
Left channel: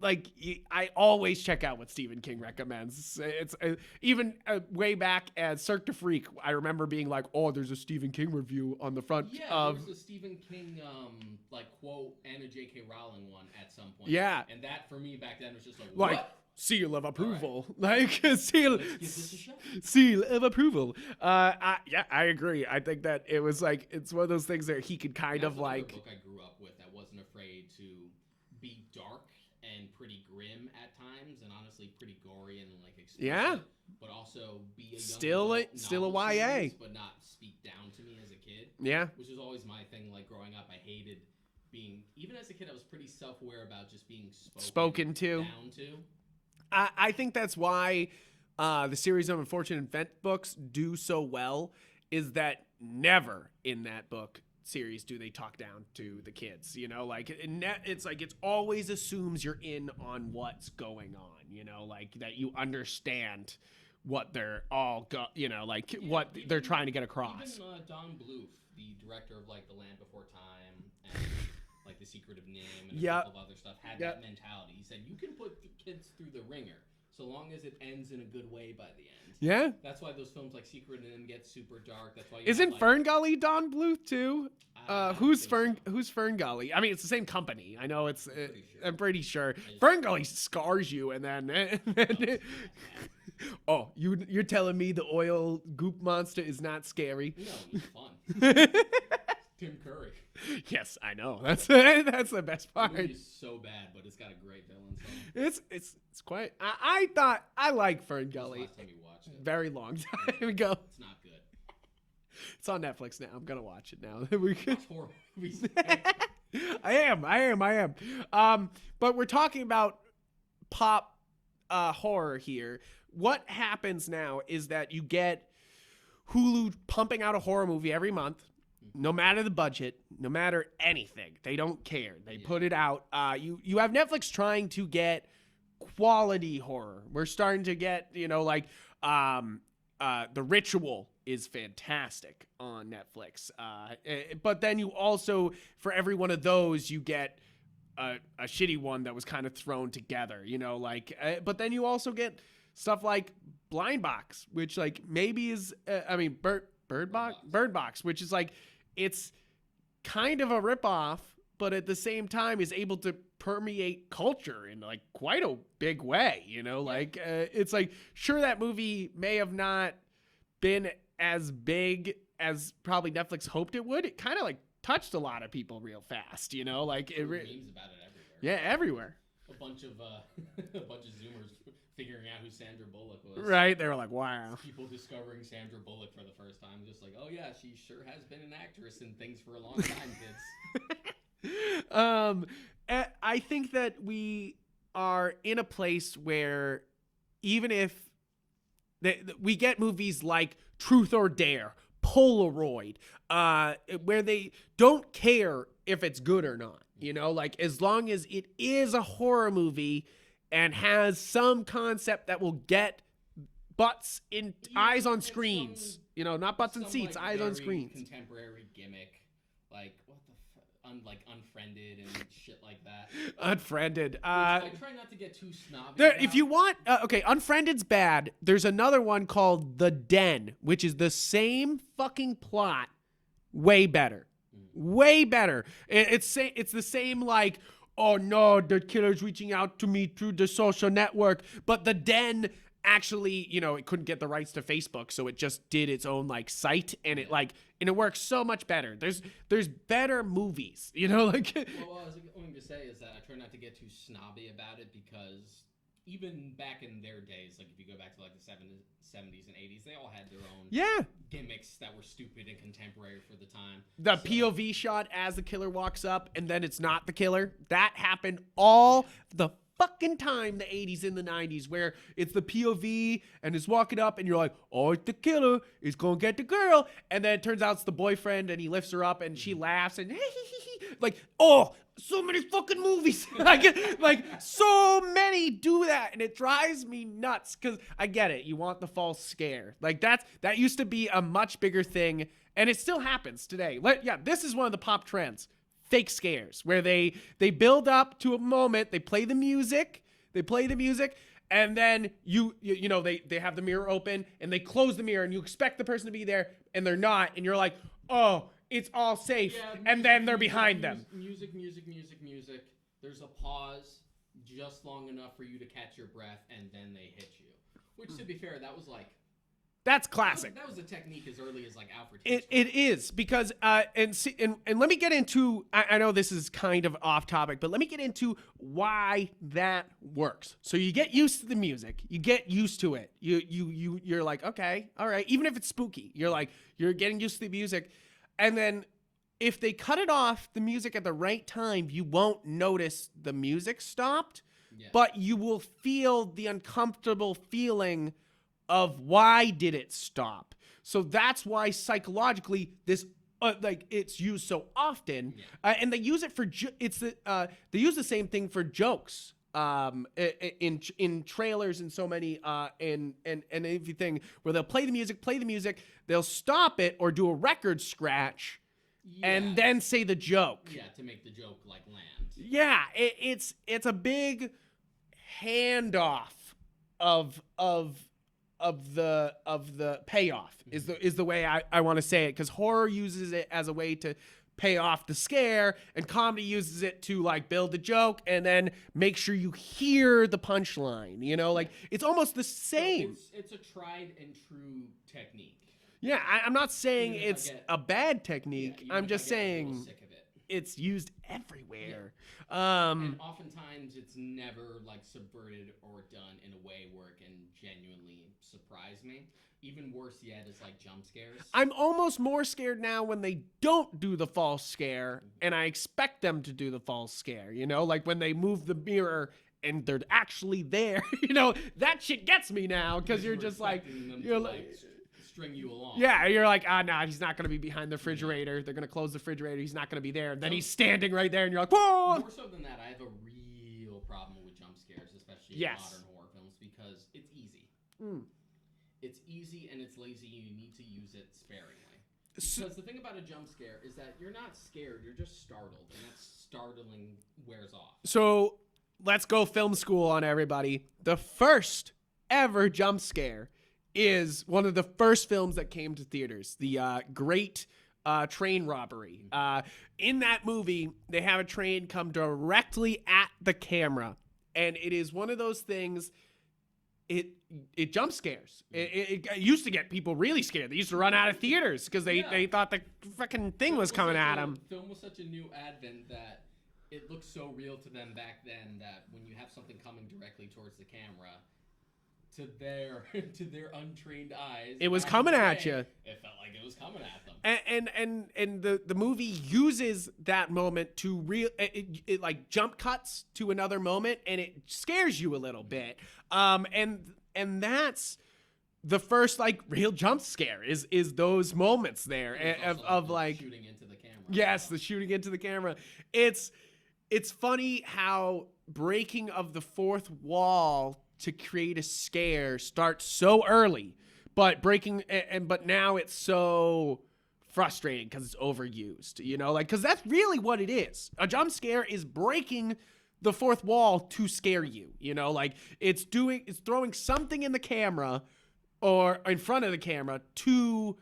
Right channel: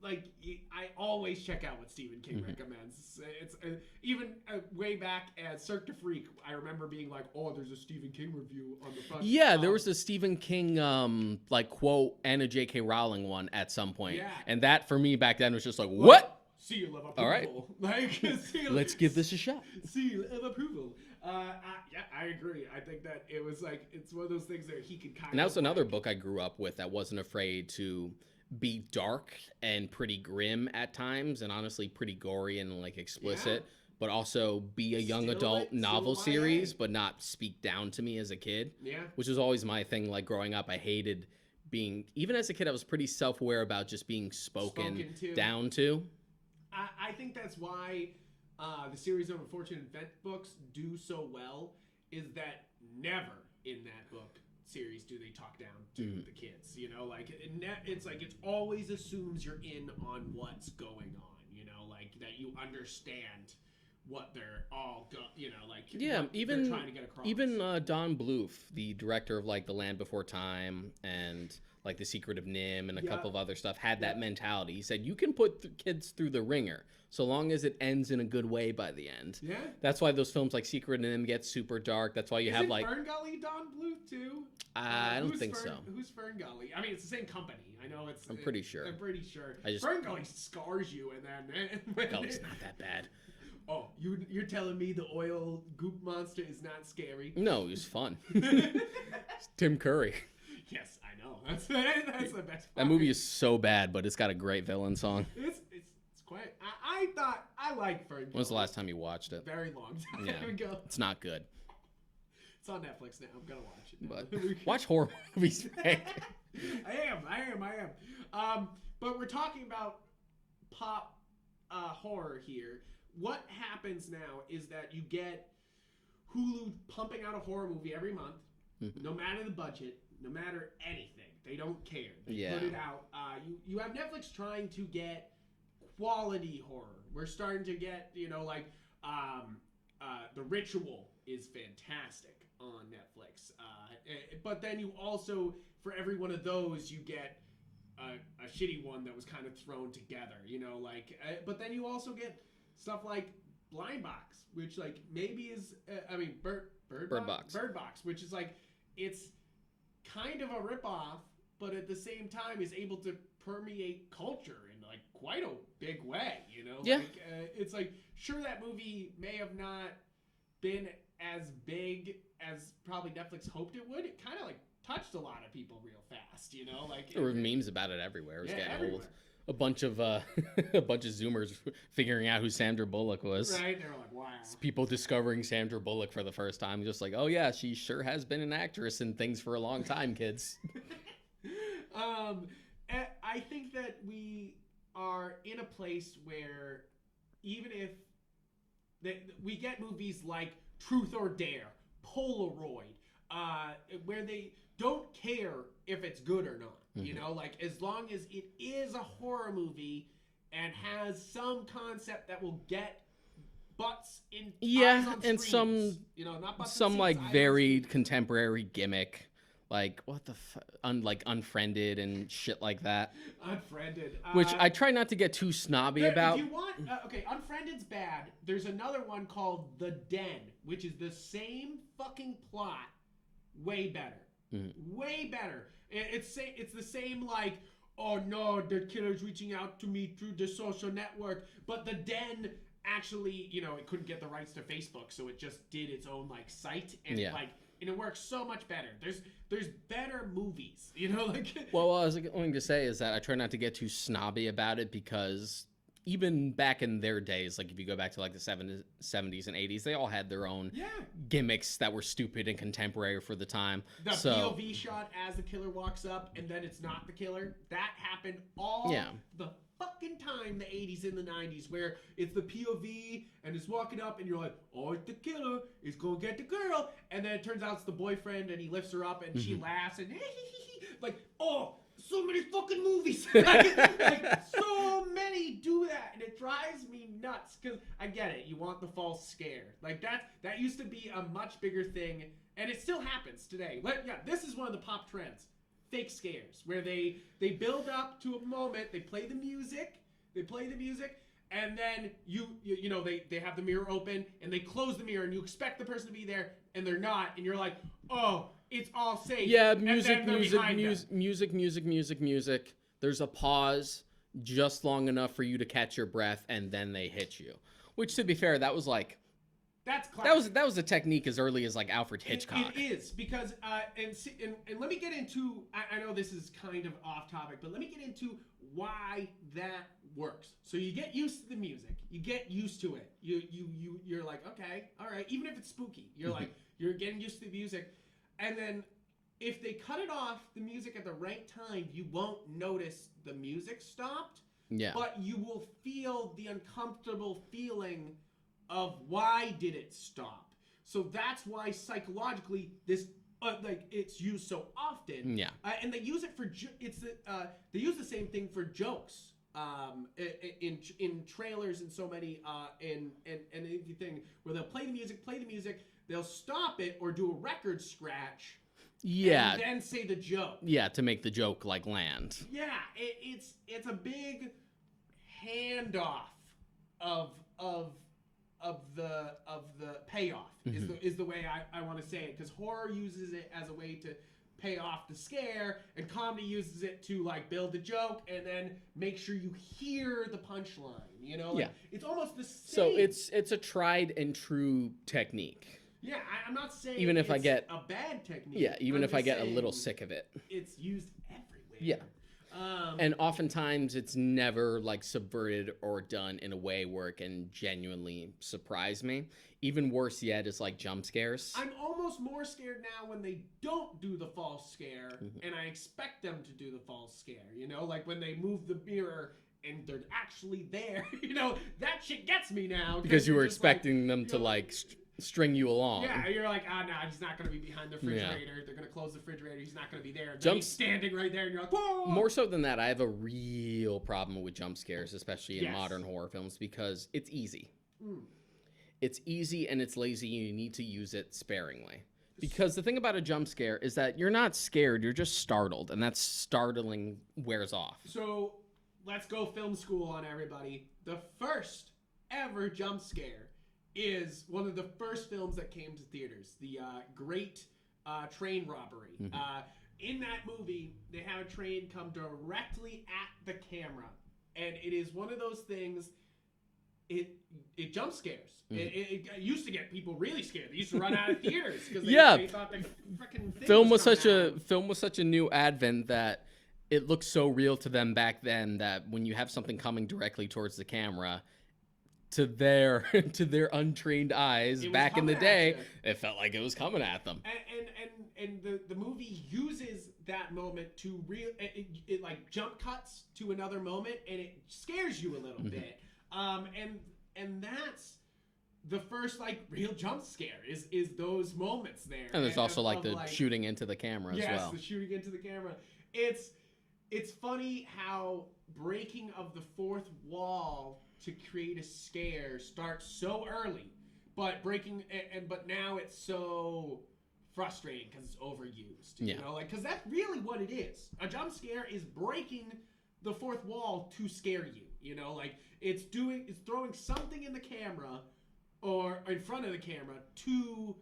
like, I always check out what Stephen King recommends. It's even way back at Cirque du Freak, I remember being like, oh, there's a Stephen King review on the front. Yeah, there was a Stephen King, like, quote, and a J.K. Rowling one at some point. Yeah. And that, for me, back then was just like, what? Seal of approval. Right. Like, seal. Let's give this a shot. Seal of approval. I agree. I think that it was like, it's one of those things that he could kind of that's another book I grew up with that wasn't afraid to be dark and pretty grim at times, and honestly pretty gory and like explicit, but also be a young adult novel series, but not speak down to me as a kid. Yeah. Which was always my thing. Like growing up, I hated being, even as a kid, I was pretty self-aware about just being spoken to. Down to. I think that's why the series of Unfortunate Event books do so well, is that never in that book series do they talk down to the kids, you know, like it's like it's always assumes you're in on what's going on, you know, like that you understand what they're all you know, like what they're trying to get across. Even Don Bluth, the director of like The Land Before Time and like The Secret of Nim and a couple of other stuff, had that mentality. He said you can put kids through the ringer so long as it ends in a good way by the end. Yeah. That's why those films like Secret of Nim get super dark. That's why you have like... Isn't Ferngully Don Bluth too? Who's Who's Ferngully? I mean, it's the same company. I know it's... I'm pretty sure. Ferngully scars you and then... it's not that bad. Oh, you're telling me the oil goop monster is not scary? No, it was fun. Tim Curry. Yes, I know. That's the best part. That movie is so bad, but it's got a great villain song. It's quite. I thought I like Ferngully. When was the last time you watched it? Very long time ago. It's not good. It's on Netflix now. I'm gonna watch it now. Watch horror movies. I am. But we're talking about pop horror here. What happens now is that you get Hulu pumping out a horror movie every month, no matter the budget, no matter anything. They don't care. They put it out. You have Netflix trying to get quality horror. We're starting to get, The Ritual is fantastic on Netflix. But then you also, for every one of those, you get a shitty one that was kind of thrown together, but then you also get stuff like Blind Box, which like maybe is, Bird Box, which is like, it's kind of a ripoff, but at the same time is able to permeate culture in like quite a big way, it's like, sure, that movie may have not been as big as probably Netflix hoped it would. It kind of like touched a lot of people real fast, there were memes about it everywhere. Yeah, everywhere. A bunch of Zoomers figuring out who Sandra Bullock was. Right, they were like, "Wow!" People discovering Sandra Bullock for the first time, just like, "Oh yeah, she sure has been an actress in things for a long time, kids." I think that we are in a place where even if we get movies like Truth or Dare, Polaroid, where they don't care if it's good or not, like as long as it is a horror movie and has some concept that will get butts in eyes on screens, not butts in seats, some like eyes very contemporary gimmick. Like, what the like Unfriended and shit like that. Unfriended. Which I try not to get too snobby about. If you want... okay, Unfriended's bad. There's another one called The Den, which is the same fucking plot, way better. Way better. It's the same, like, oh no, the killer's reaching out to me through the social network. But The Den... actually, it couldn't get the rights to Facebook, so it just did its own like site, and it works so much better. There's better movies, like. Well, what I was going to say is that I try not to get too snobby about it, because even back in their days, like if you go back to like the 70s and 80s, they all had their own gimmicks that were stupid and contemporary for the time. The POV shot as the killer walks up and then it's not the killer. That happened all the fucking time, the 80s and the 90s, where it's the POV and it's walking up and you're like, oh, it's the killer, it's gonna get the girl, and then it turns out it's the boyfriend and he lifts her up and she laughs and like, oh, so many fucking movies like so many do that, and it drives me nuts, because I get it, you want the false scare, like that used to be a much bigger thing, and it still happens today. This is one of the pop trends. Fake scares, where they build up to a moment, they play the music, and then they have the mirror open and they close the mirror and you expect the person to be there and they're not, and you're like, oh, it's all safe. Yeah, and then they're behind them. Music. There's a pause just long enough for you to catch your breath, and then they hit you. Which, to be fair, that was like... That's classic. That was a technique as early as like Alfred Hitchcock. It is, because and let me get into. I know this is kind of off topic, but let me get into why that works. So you get used to the music, you get used to it. You're like, okay, all right. Even if it's spooky, you're like, you're getting used to the music, and then if they cut it off the music at the right time, you won't notice the music stopped. Yeah. But you will feel the uncomfortable feeling of why did it stop. So that's why psychologically this it's used so often. Yeah. And they use it for they use the same thing for jokes in trailers and so many and everything, where they'll play the music, they'll stop it or do a record scratch. Yeah, and then say the joke. Yeah, to make the joke like land. Yeah, it's a big handoff of the payoff is the way I want to say it, because horror uses it as a way to pay off the scare, and comedy uses it to like build the joke and then make sure you hear the punchline. It's almost the same. So it's a tried and true technique. Yeah, I'm not saying even if I get a bad technique. Yeah, even if I get a little sick of it. It's used everywhere. Yeah. And oftentimes it's never like subverted or done in a way where it can genuinely surprise me. Even worse yet is like jump scares. I'm almost more scared now when they don't do the false scare, and I expect them to do the false scare, like when they move the mirror and they're actually there, that shit gets me now. Because you were expecting them to like string you along. Yeah, you're like, nah, he's not gonna be behind the refrigerator. They're gonna close the refrigerator. He's not gonna be there. And then he's standing right there, and you're like, whoa! More so than that, I have a real problem with jump scares, especially in modern horror films, because it's easy. It's easy and it's lazy, and you need to use it sparingly. Because the thing about a jump scare is that you're not scared, you're just startled, and that startling wears off. So let's go film school on everybody. The first ever jump scare is one of the first films that came to theaters, the Great Train Robbery. In that movie, they have a train come directly at the camera, and it is one of those things. It jump scares. It used to get people really scared. They used to run out of theaters because they thought the fucking thing was coming at them. Film was such a new advent that it looked so real to them back then that when you have something coming directly towards the camera, to their untrained eyes, it was coming at you. It felt like it was coming at them. And the movie uses that moment to it like jump cuts to another moment, and it scares you a little bit. And that's the first like real jump scare is those moments there. And there's also like shooting into the camera. Yes, as well. The shooting into the camera. It's funny how breaking of the fourth wall to create a scare starts so early, but now it's so frustrating because it's overused. You know, like because that's really what it is. A jump scare is breaking the fourth wall to scare you. You know, like it's throwing something in the camera or in front of the camera to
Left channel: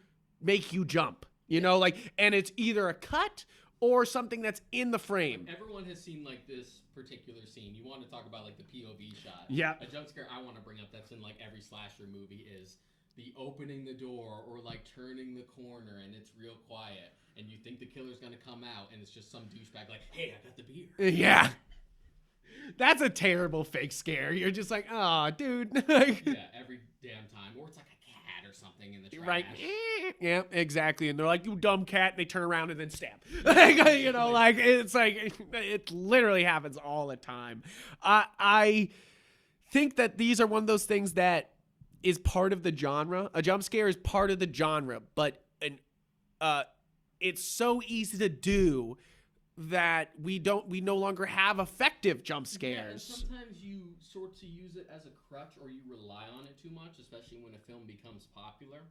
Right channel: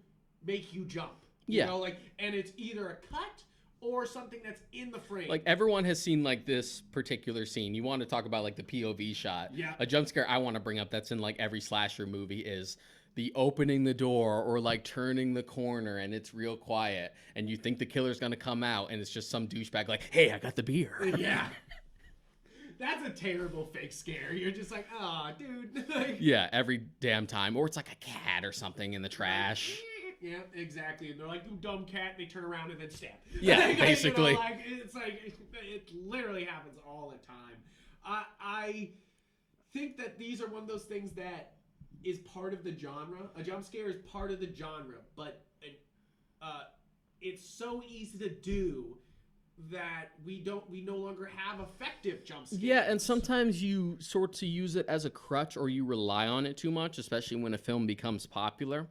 make you jump. You know, like, and it's either a cut or something that's in the frame. Like everyone has seen like this particular scene. You want to talk about like the POV shot. Yeah. A jump scare I want to bring up that's in like every slasher movie is the opening the door or like turning the corner and it's real quiet and you think the killer's going to come out and it's just some douchebag like, hey, I got the beer. Yeah. That's a terrible fake scare. You're just like, oh, dude. Yeah, every damn time. Or it's like a cat or something in the trash. Like, yeah, exactly. And they're like, you dumb cat. And they turn around and then stab. Yeah, basically. You know, like, it's like, it literally happens all the time. I think that these are one of those things that is part of the genre. A jump scare is part of the genre, but it's so easy to do that we no longer have effective jump scares. Yeah, and sometimes you sort of use it as a crutch or you rely on it too much, especially when a film becomes popular.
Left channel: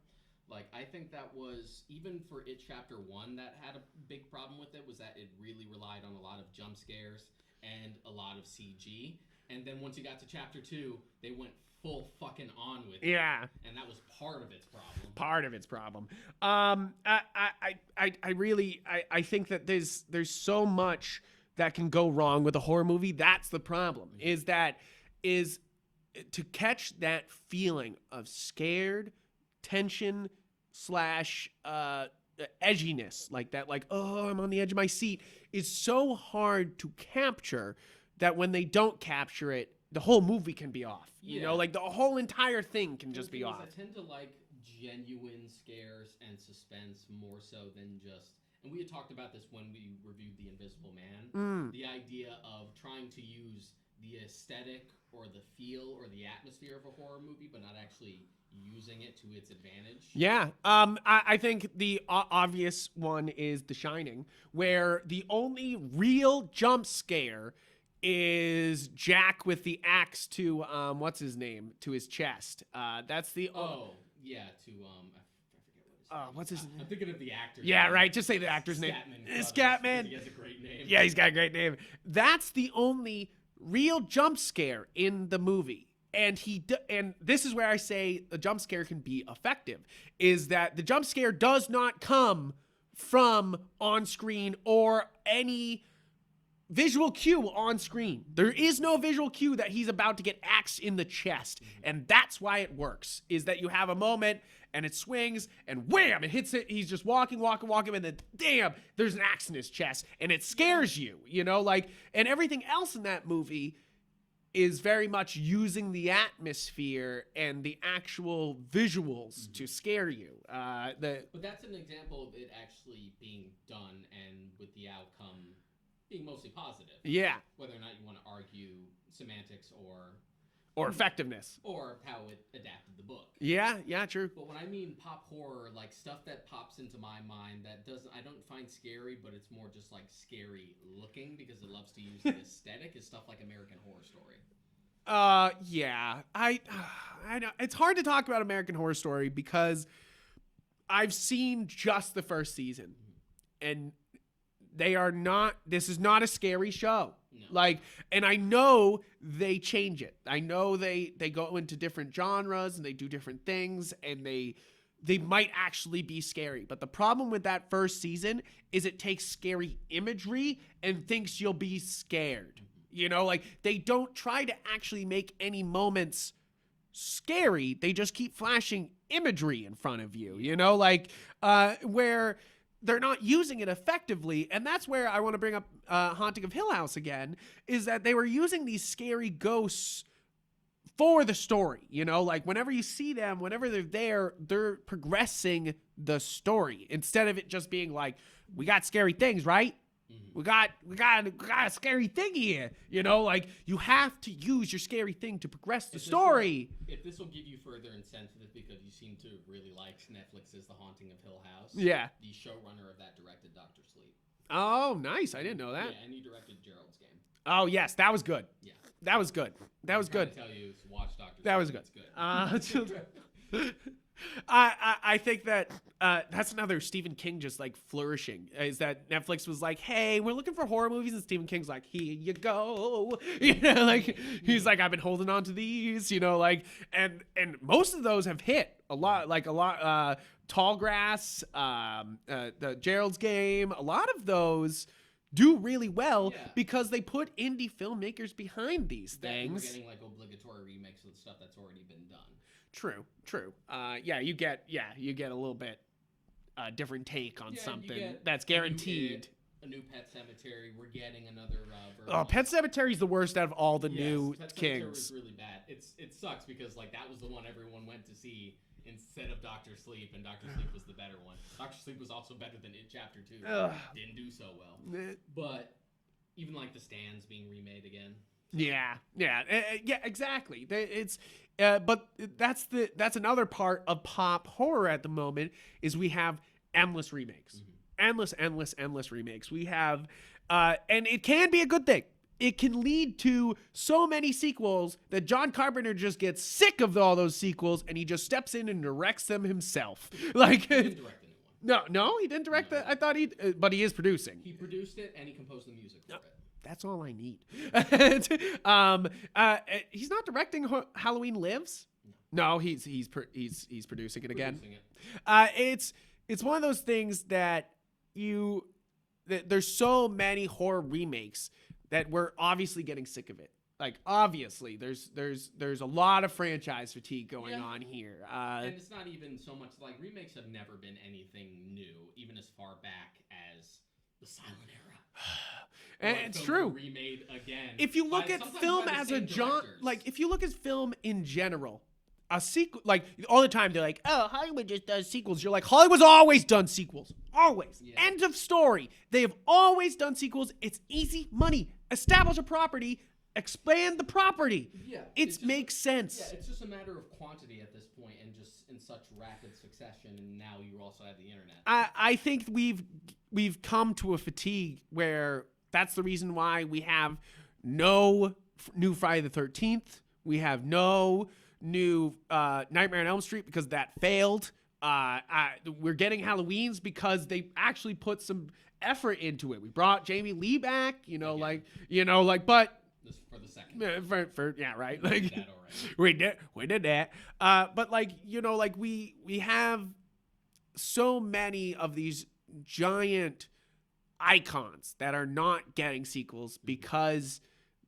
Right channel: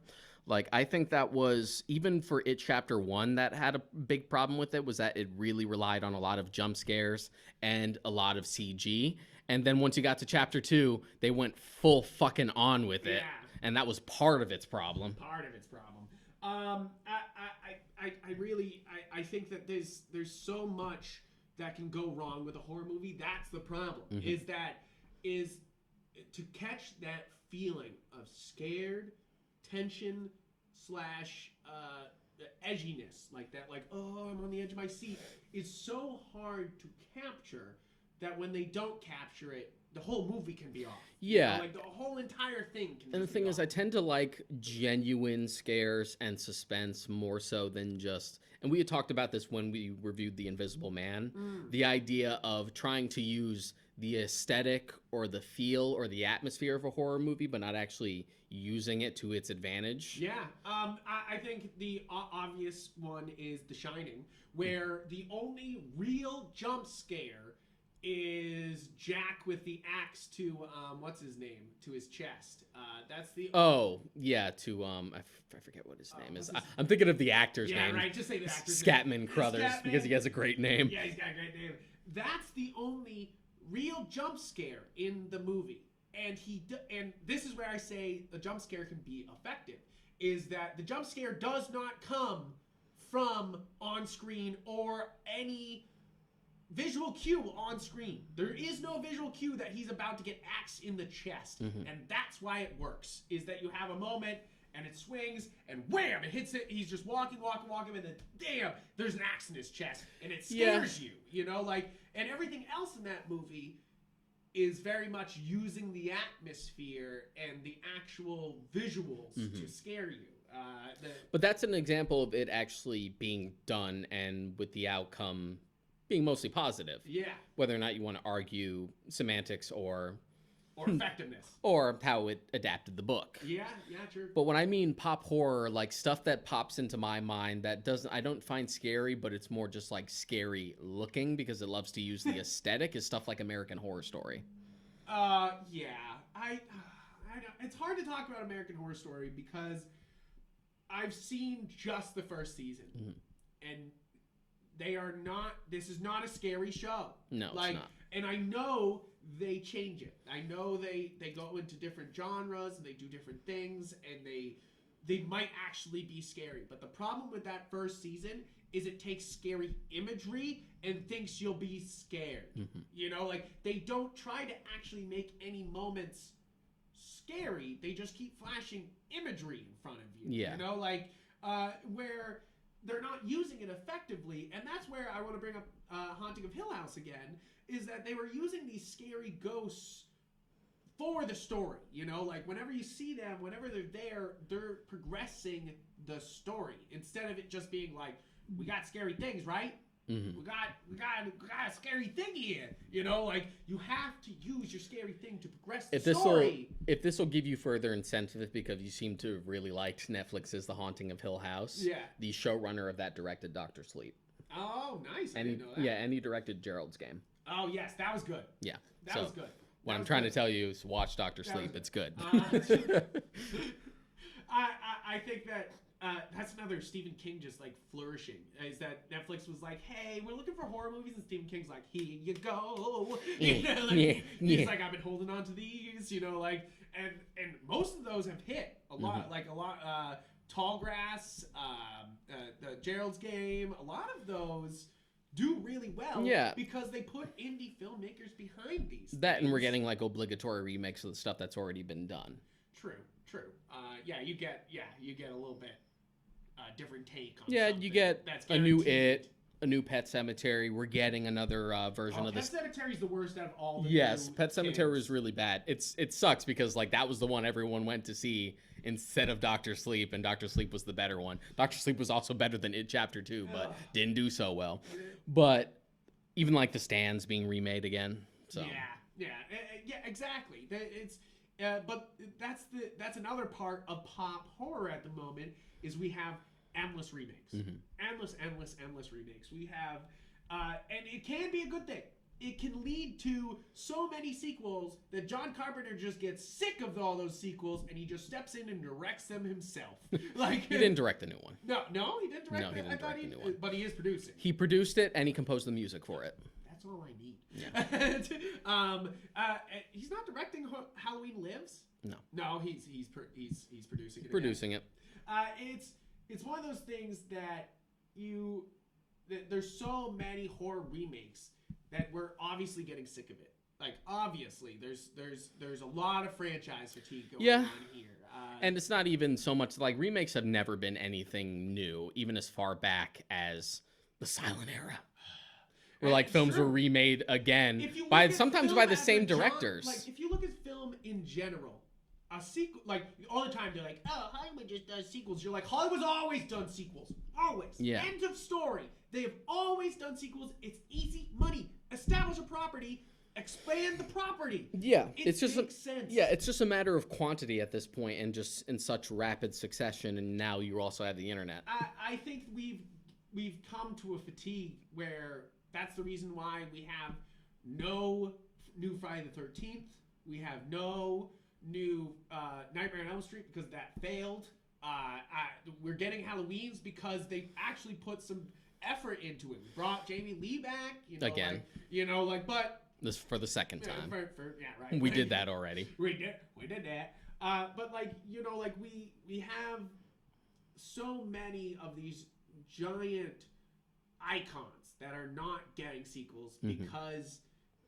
Like, I think that was, even for It Chapter 1, that had a big problem with it, was that it really relied on a lot of jump scares and a lot of CG. And then once you got to Chapter 2, they went full fucking on with it. Yeah. And that was part of its problem. I think that there's so much that can go wrong with a horror movie. That's the problem. Is to catch that feeling of scared, tension / edginess, like that, like, oh, I'm on the edge of my seat, is so hard to capture that when they don't capture it, the whole movie can be off. Yeah. You know, like the whole entire thing can just be off. And the thing is, I tend to like genuine scares and suspense more so than just, and we had talked about this when we reviewed The Invisible Man, the idea of trying to use the aesthetic or the feel or the atmosphere of a horror movie, but not actually using it to its advantage. Yeah. I think the obvious one is The Shining, where the only real jump scare is Jack with the axe to what's his name, to his chest. That's the I forget what his name is. I'm thinking of the actor's name. Yeah, right. Just say the actor's name. Scatman Crothers, because he has a great name. Yeah, he's got a great name. That's the only real jump scare in the movie. And and this is where I say the jump scare can be effective, is that the jump scare does not come from on screen or any visual cue on screen. There is no visual cue that he's about to get axed in the chest. And that's why it works, is that you have a moment and it swings and wham, it hits it. He's just walking, and then damn, there's an axe in his chest, and it scares you, you know, like, and everything else in that movie is very much using the atmosphere and the actual visuals to scare you. But that's an example of it actually being done and with the outcome being mostly positive. Yeah. Whether or not you want to argue semantics or or effectiveness, or how it adapted the book. Yeah, true. But when I mean pop horror, like stuff that pops into my mind that I don't find scary, but it's more just like scary looking because it loves to use the aesthetic, is stuff like American Horror Story. Yeah, I know it's hard to talk about American Horror Story because I've seen just the first season, and this is not a scary show. No, like, and I know they change it. I know they go into different genres and they do different things, and they might actually be scary. But the problem with that first season is it takes scary imagery and thinks you'll be scared. You know, like they don't try to actually make any moments scary. They just keep flashing imagery in front of you, you know, like where they're not using it effectively. And that's where I want to bring up Haunting of Hill House again, is that they were using these scary ghosts for the story, you know, like whenever you see them, whenever they're there, they're progressing the story instead of it just being like, we got scary things, right? We got a scary thing here, you know, like you have to use your scary thing to progress the story. If this will give you further incentive, because you seem to have really liked Netflix's The Haunting of Hill House. Yeah. The showrunner of that directed Dr. Sleep. Oh, nice. I didn't know that. Yeah, and he directed Gerald's Game. Oh, yes. That was good. Yeah. That was good. What I'm trying to tell you is watch Dr. Sleep. That was good. It's good. I think that that's another Stephen King just like flourishing, is that Netflix was like, hey, we're looking for horror movies, and Stephen King's like, here you go. You know, like he's like, I've been holding on to these, you know, like, and most of those have hit a lot, like a lot. Tallgrass, the Gerald's Game, a lot of those do really well because they put indie filmmakers behind these things. And we're getting like obligatory remakes of the stuff that's already been done. True. You get a little bit different take on something. You get that's guaranteed. A new Pet Sematary. We're getting another version. Oh, Pet Sematary is the worst out of all the new. Pet Sematary is really bad. It sucks because like that was the one everyone went to see instead of Dr. Sleep, and Dr. Sleep was the better one. Dr. Sleep was also better than It Chapter 2, but didn't do so well. But even like The Stand's being remade again. So. Yeah, exactly. It's but that's another part of pop horror at the moment, is we have endless remakes, endless remakes. We have, and it can be a good thing. It can lead to so many sequels that John Carpenter just gets sick of all those sequels, and he just steps in and directs them himself. Like he didn't direct the new one. No, he didn't direct it. I thought but he is producing. He produced it and he composed the music for it. That's all I need. He's not directing Halloween Lives. No, he's producing it again. Producing it. It's one of those things that there's so many horror remakes that we're obviously getting sick of it. Like obviously, there's a lot of franchise fatigue going on here. And it's not even so much like remakes have never been anything new, even as far back as the silent era. Where like films were remade again sometimes by the same directors. Like if you look at film in general, a sequel, like all the time they're like, oh, Hollywood just does sequels. You're like, Hollywood's always done sequels. Always. Yeah. End of story. They have always done sequels. It's easy money. Establish a property. Expand the property. Yeah. It makes sense. Yeah, it's just a matter of quantity at this point, and just in such rapid succession, and now you also have the internet. I think we've come to a fatigue where that's the reason why we have no new Friday the 13th. We have no new Nightmare on Elm Street because that failed. We're getting Halloweens because they actually put some effort into it. We brought Jamie Lee back, but this for the second time. Right. We did that already. we did that. But we have so many of these giant icons that are not getting sequels because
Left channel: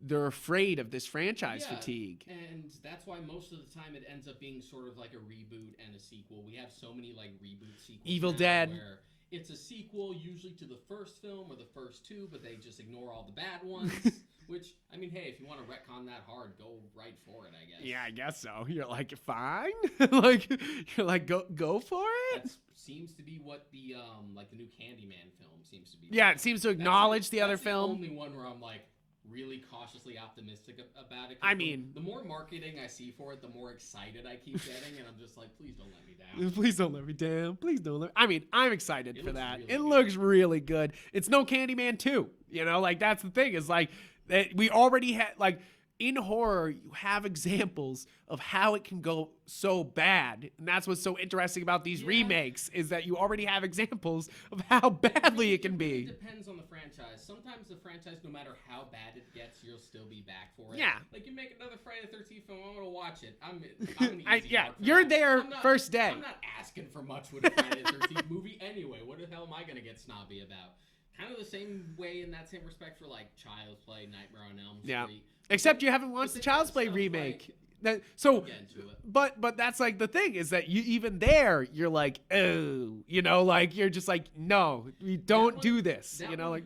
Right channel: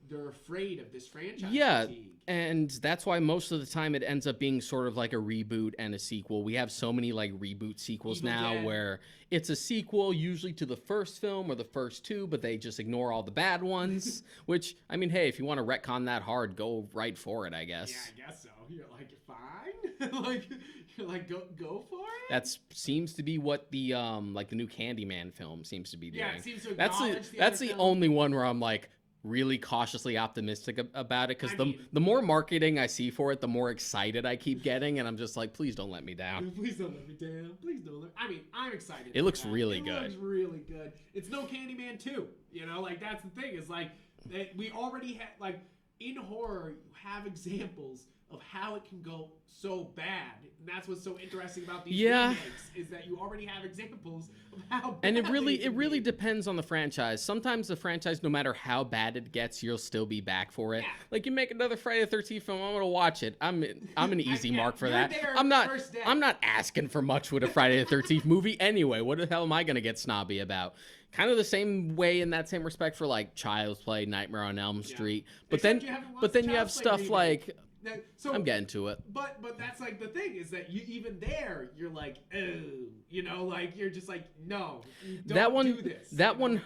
they're afraid of this franchise fatigue. And that's why most of the time it ends up being sort of like a reboot and a sequel. We have so many like reboot sequels Evil now Dead. Where it's a sequel usually to the first film or the first two, but they just ignore all the bad ones. Which, I mean, hey, if you want to retcon that hard, go right for it, I guess. Yeah, I guess so. You're like, fine. You're like, go for it. That seems to be what the like the new Candyman film seems to be doing. Yeah, it seems to acknowledge the other film. That's the only one where I'm like, really cautiously optimistic about it, because I mean, the more marketing I see for it, the more excited I keep getting, and I'm just like, please don't let me down. Please don't let me down. Please don't let. I mean, I'm excited. It looks really good. It looks really good. It's no Candyman 2. You know, like that's the thing. Is like we already had like in horror, you have examples of how it can go so bad, and that's what's so interesting about these remakes is that you already have examples of how badly it really depends on the franchise. Sometimes the franchise, no matter how bad it gets, you'll still be back for it. Yeah. Like you make another Friday the 13th film, I'm gonna watch it. I'm an easy mark for You're that. there I'm not, first day. I'm not asking for much with a Friday the 13th movie anyway. What the hell am I gonna get snobby about? Kind of the same way in that same respect for like Child's Play, Nightmare on Elm Street. But Except you haven't watched Child's Play remake. Like so I'm getting to it. But that's like the thing is that you even there you're like, oh, you know, like you're just like, no, you don't do this. That one. Like,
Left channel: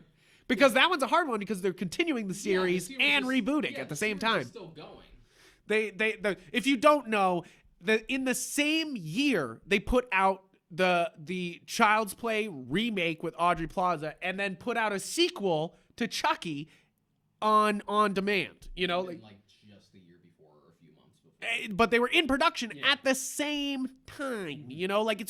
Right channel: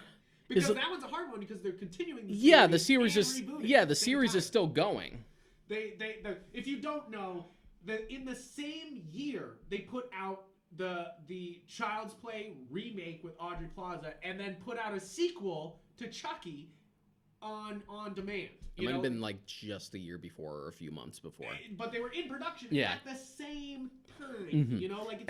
because that one's a hard one because they're continuing the series, and rebooting. Yeah, the series is still going. If you don't know, in the same year they put out the Child's Play remake with Aubrey Plaza, and then put out a sequel to Chucky on demand. You know, been like just a year before or a few months before. But they were in production at the same time. You know, like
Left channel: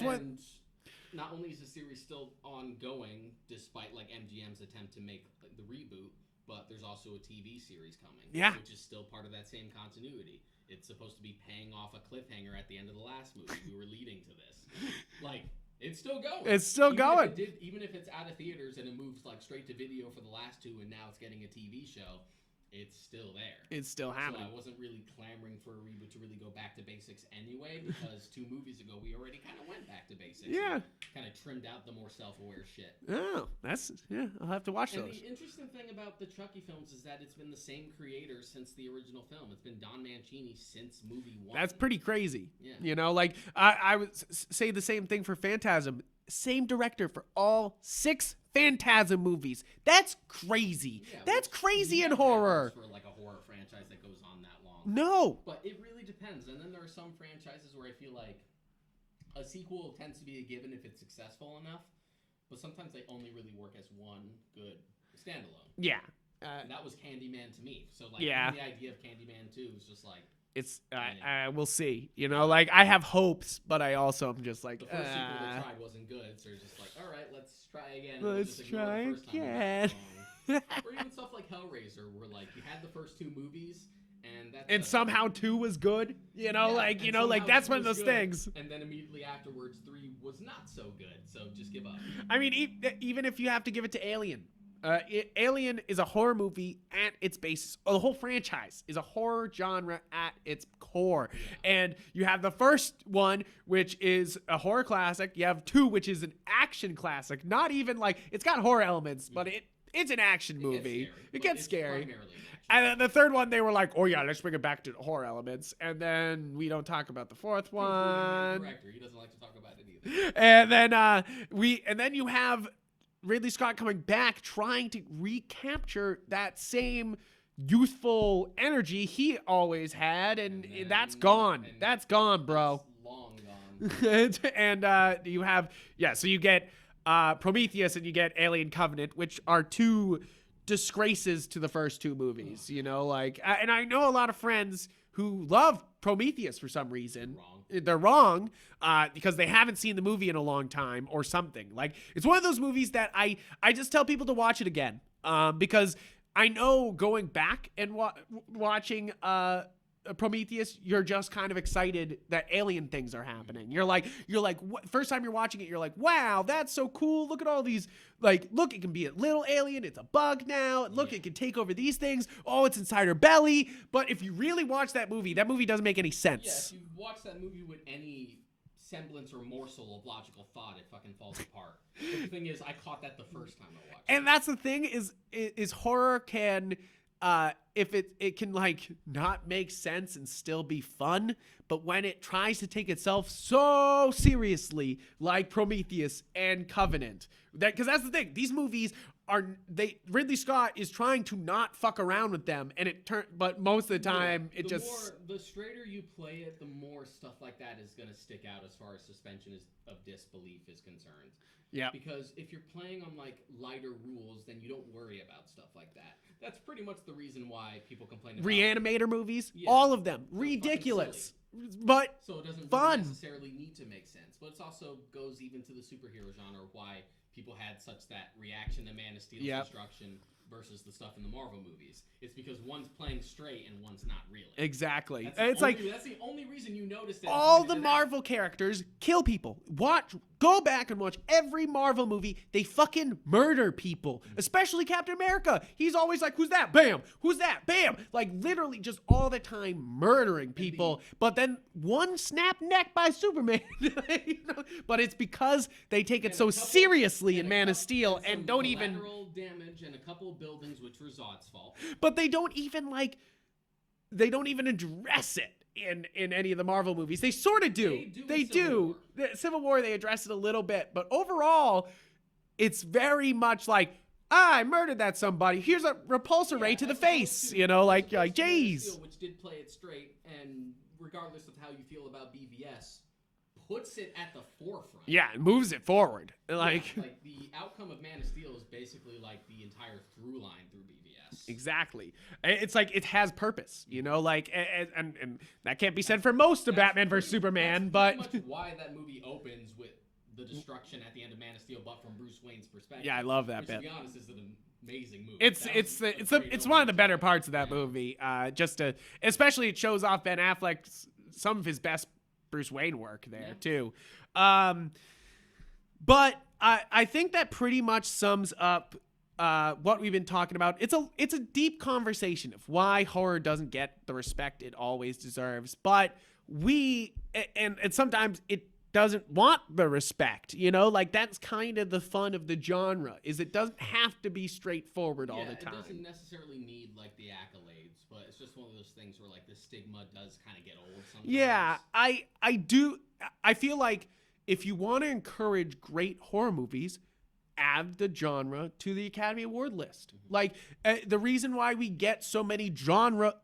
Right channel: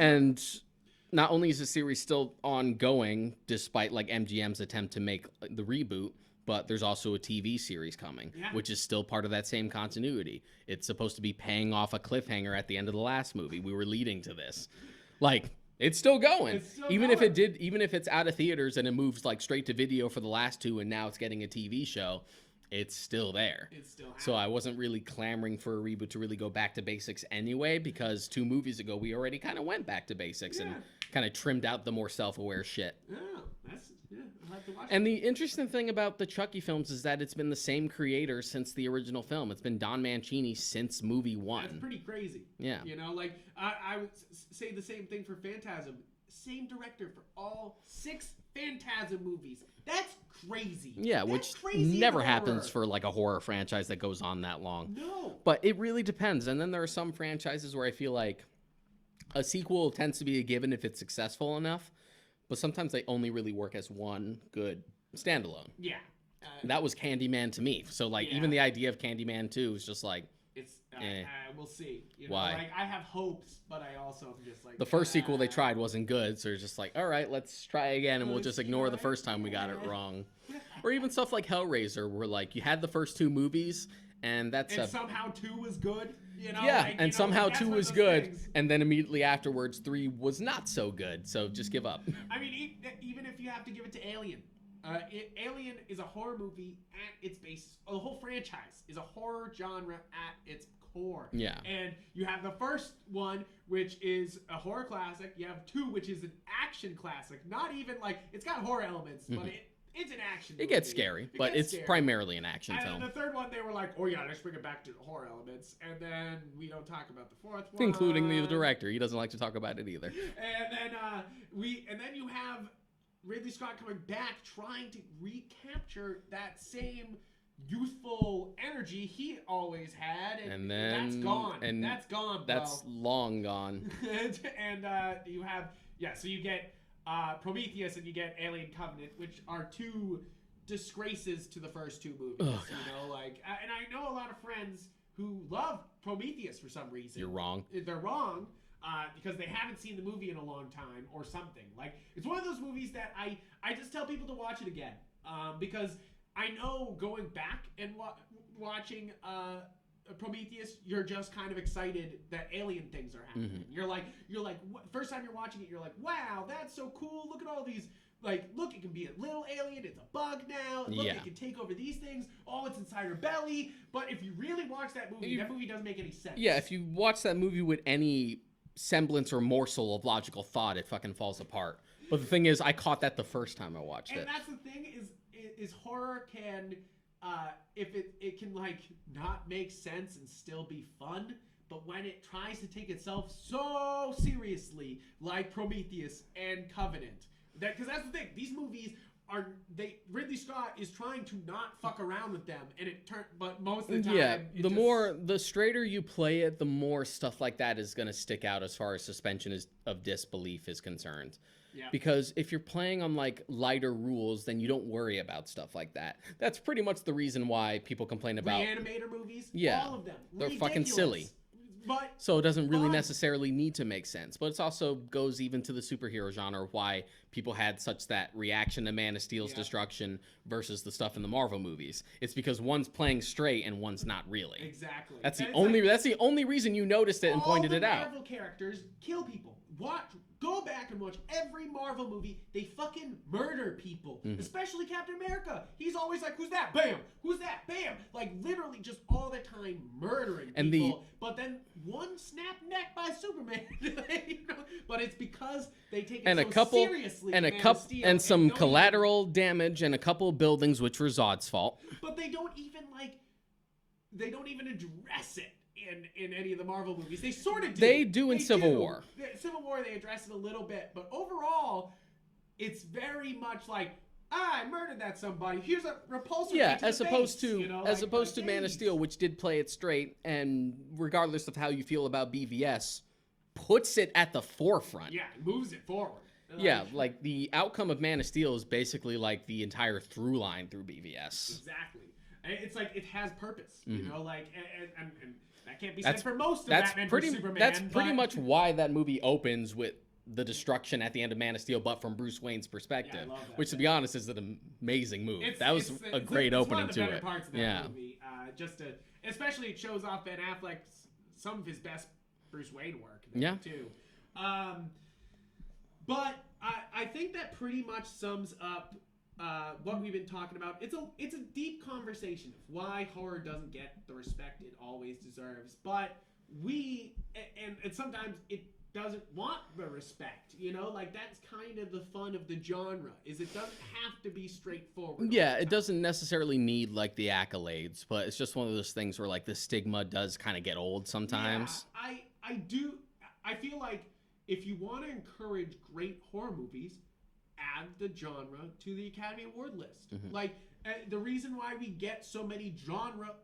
not only is the series still ongoing despite like MGM's attempt to make the reboot, but there's also a TV series coming, which is still part of that same continuity. It's supposed to be paying off a cliffhanger at the end of the last movie. We were leading to this. Like, it's still going. It's still going. Even if it's out of theaters and it moves like straight to video for the last two and now it's getting a TV show, it's still there. It's still happening. So I wasn't really clamoring for a reboot to really go back to basics anyway, because 2 movies ago we already kind of went back to basics and kind of trimmed out the more self-aware shit. Oh, I'll have to watch And those. the interesting thing about the Chucky films is that it's been the same creator since the original film. It's been Don Mancini since movie 1. That's pretty crazy. Yeah. You know, like I would say the same thing for Phantasm. Same director for all 6 Phantasm movies. That's crazy. Yeah, that's which crazy. Never in horror. happens for like a horror franchise that goes on that long. No, but it really depends. And then there are some franchises where I feel like a sequel tends to be a given if it's successful enough, but sometimes they only really work as one good standalone. Yeah, that was Candyman to me. So like even the idea of Candyman 2 is just like. It's we'll see. You know, like I have hopes, but I also am just like the first sequel they tried wasn't good, so it's just like, all right, let's try again, and we'll just ignore the first time we got it wrong. Or even stuff like Hellraiser, where like you had the first 2 movies, and somehow 2 was good. You know, like you know, like that's 2 was good, things. And then immediately afterwards 3 was not so good. So just give up. I mean, even if you have to give it to Alien. Alien is a horror movie at its basis. The whole franchise is a horror genre at its core. Yeah. And you have the first one, which is a horror classic. You have 2, which is an action classic. Not even like, it's got horror elements, but it's an action movie. It gets scary, but it's primarily an action film. And the third one, they were like, oh yeah, let's bring it back to the horror elements. And then we don't talk about the fourth one. Including the director. He doesn't like to talk about it either. And then you have Ridley Scott coming back, trying to recapture that same youthful energy he always had, and that's gone. And that's gone, bro. That's long gone. And you have so you get Prometheus and you get Alien Covenant, which are 2 disgraces to the first 2 movies. Oh, you know, like, and I know a lot of friends who love Prometheus for some reason. You're wrong. They're wrong because they haven't seen the movie in a long time or something. Like, it's one of those movies that I just tell people to watch it again because I know going back and watching Prometheus, you're just kind of excited that alien things are happening. You're like, first time you're watching it, you're like, wow, that's so cool. Look at all these, like, look, it can be a little alien. It's a bug now. Look, it can take over these things. Oh, it's inside her belly. But if you really watch that movie doesn't make any sense. Yeah, if you watch that movie with any semblance or morsel of logical thought, it fucking falls apart. But the thing is, I caught that the first time I watched it. And that's the thing is horror can... if it can like not make sense and still be fun, but when it tries to take itself so seriously, like Prometheus and Covenant, because that's the thing, these movies Ridley Scott is trying to not fuck around with them, and but most of the time, the straighter you play it, the more stuff like that is gonna stick out as far as suspension of disbelief is concerned. Yeah. Because if you're playing on like lighter rules, then you don't worry about stuff like that. That's pretty much the reason why people complain about Reanimator movies. Yeah. All of them. They're ridiculous. Fucking silly. But so it doesn't really necessarily need to make sense. But it also goes even to the superhero genre, why people had such that reaction to Man of Steel's destruction versus the stuff in the Marvel movies. It's because one's playing straight and one's not really. Exactly. That's the only reason you noticed it and pointed it out. All the Marvel characters kill people. Go back and watch every Marvel movie. They fucking murder people. Especially Captain America. He's always like, who's that? Bam. Who's that? Bam. Like literally just all the time murdering people. But then one snap neck by Superman. But it's because they take it so seriously in Man of Steel. And some collateral damage and a couple of buildings, which were Zod's fault. But they don't even address it in any of the Marvel movies. They sort of do. They do in Civil War. Civil War, they address it a little bit. But overall, it's very much like, I murdered that somebody. Here's a repulsor ray to the face. As opposed to Man of Steel, which did play it straight, and regardless of how you feel about BVS, puts it at the forefront. Yeah, it moves it forward. Like the outcome of Man of Steel is basically like the entire through line through BVS. Exactly. It's like it has purpose, you know, like, and that can't be said for most of Batman vs Superman. That's pretty much why that movie opens with the destruction at the end of Man of Steel, but from Bruce Wayne's perspective. Yeah, I love that. Which, to be honest, is an amazing movie. It's one of the better parts of that movie. Especially it shows off Ben Affleck's some of his best Bruce Wayne work there too. But I think that pretty much sums up what we've been talking about. It's a deep conversation of why horror doesn't get the respect it always deserves. But and sometimes it doesn't want the respect, you know, like that's kind of the fun of the genre, is it doesn't have to be straightforward all the time. It doesn't necessarily need like the accolades, but it's just one of those things where like the stigma does kind of get old sometimes. Yeah, I feel like if you want to encourage great horror movies, add the genre to the Academy Award list. Like the reason why we get so many drama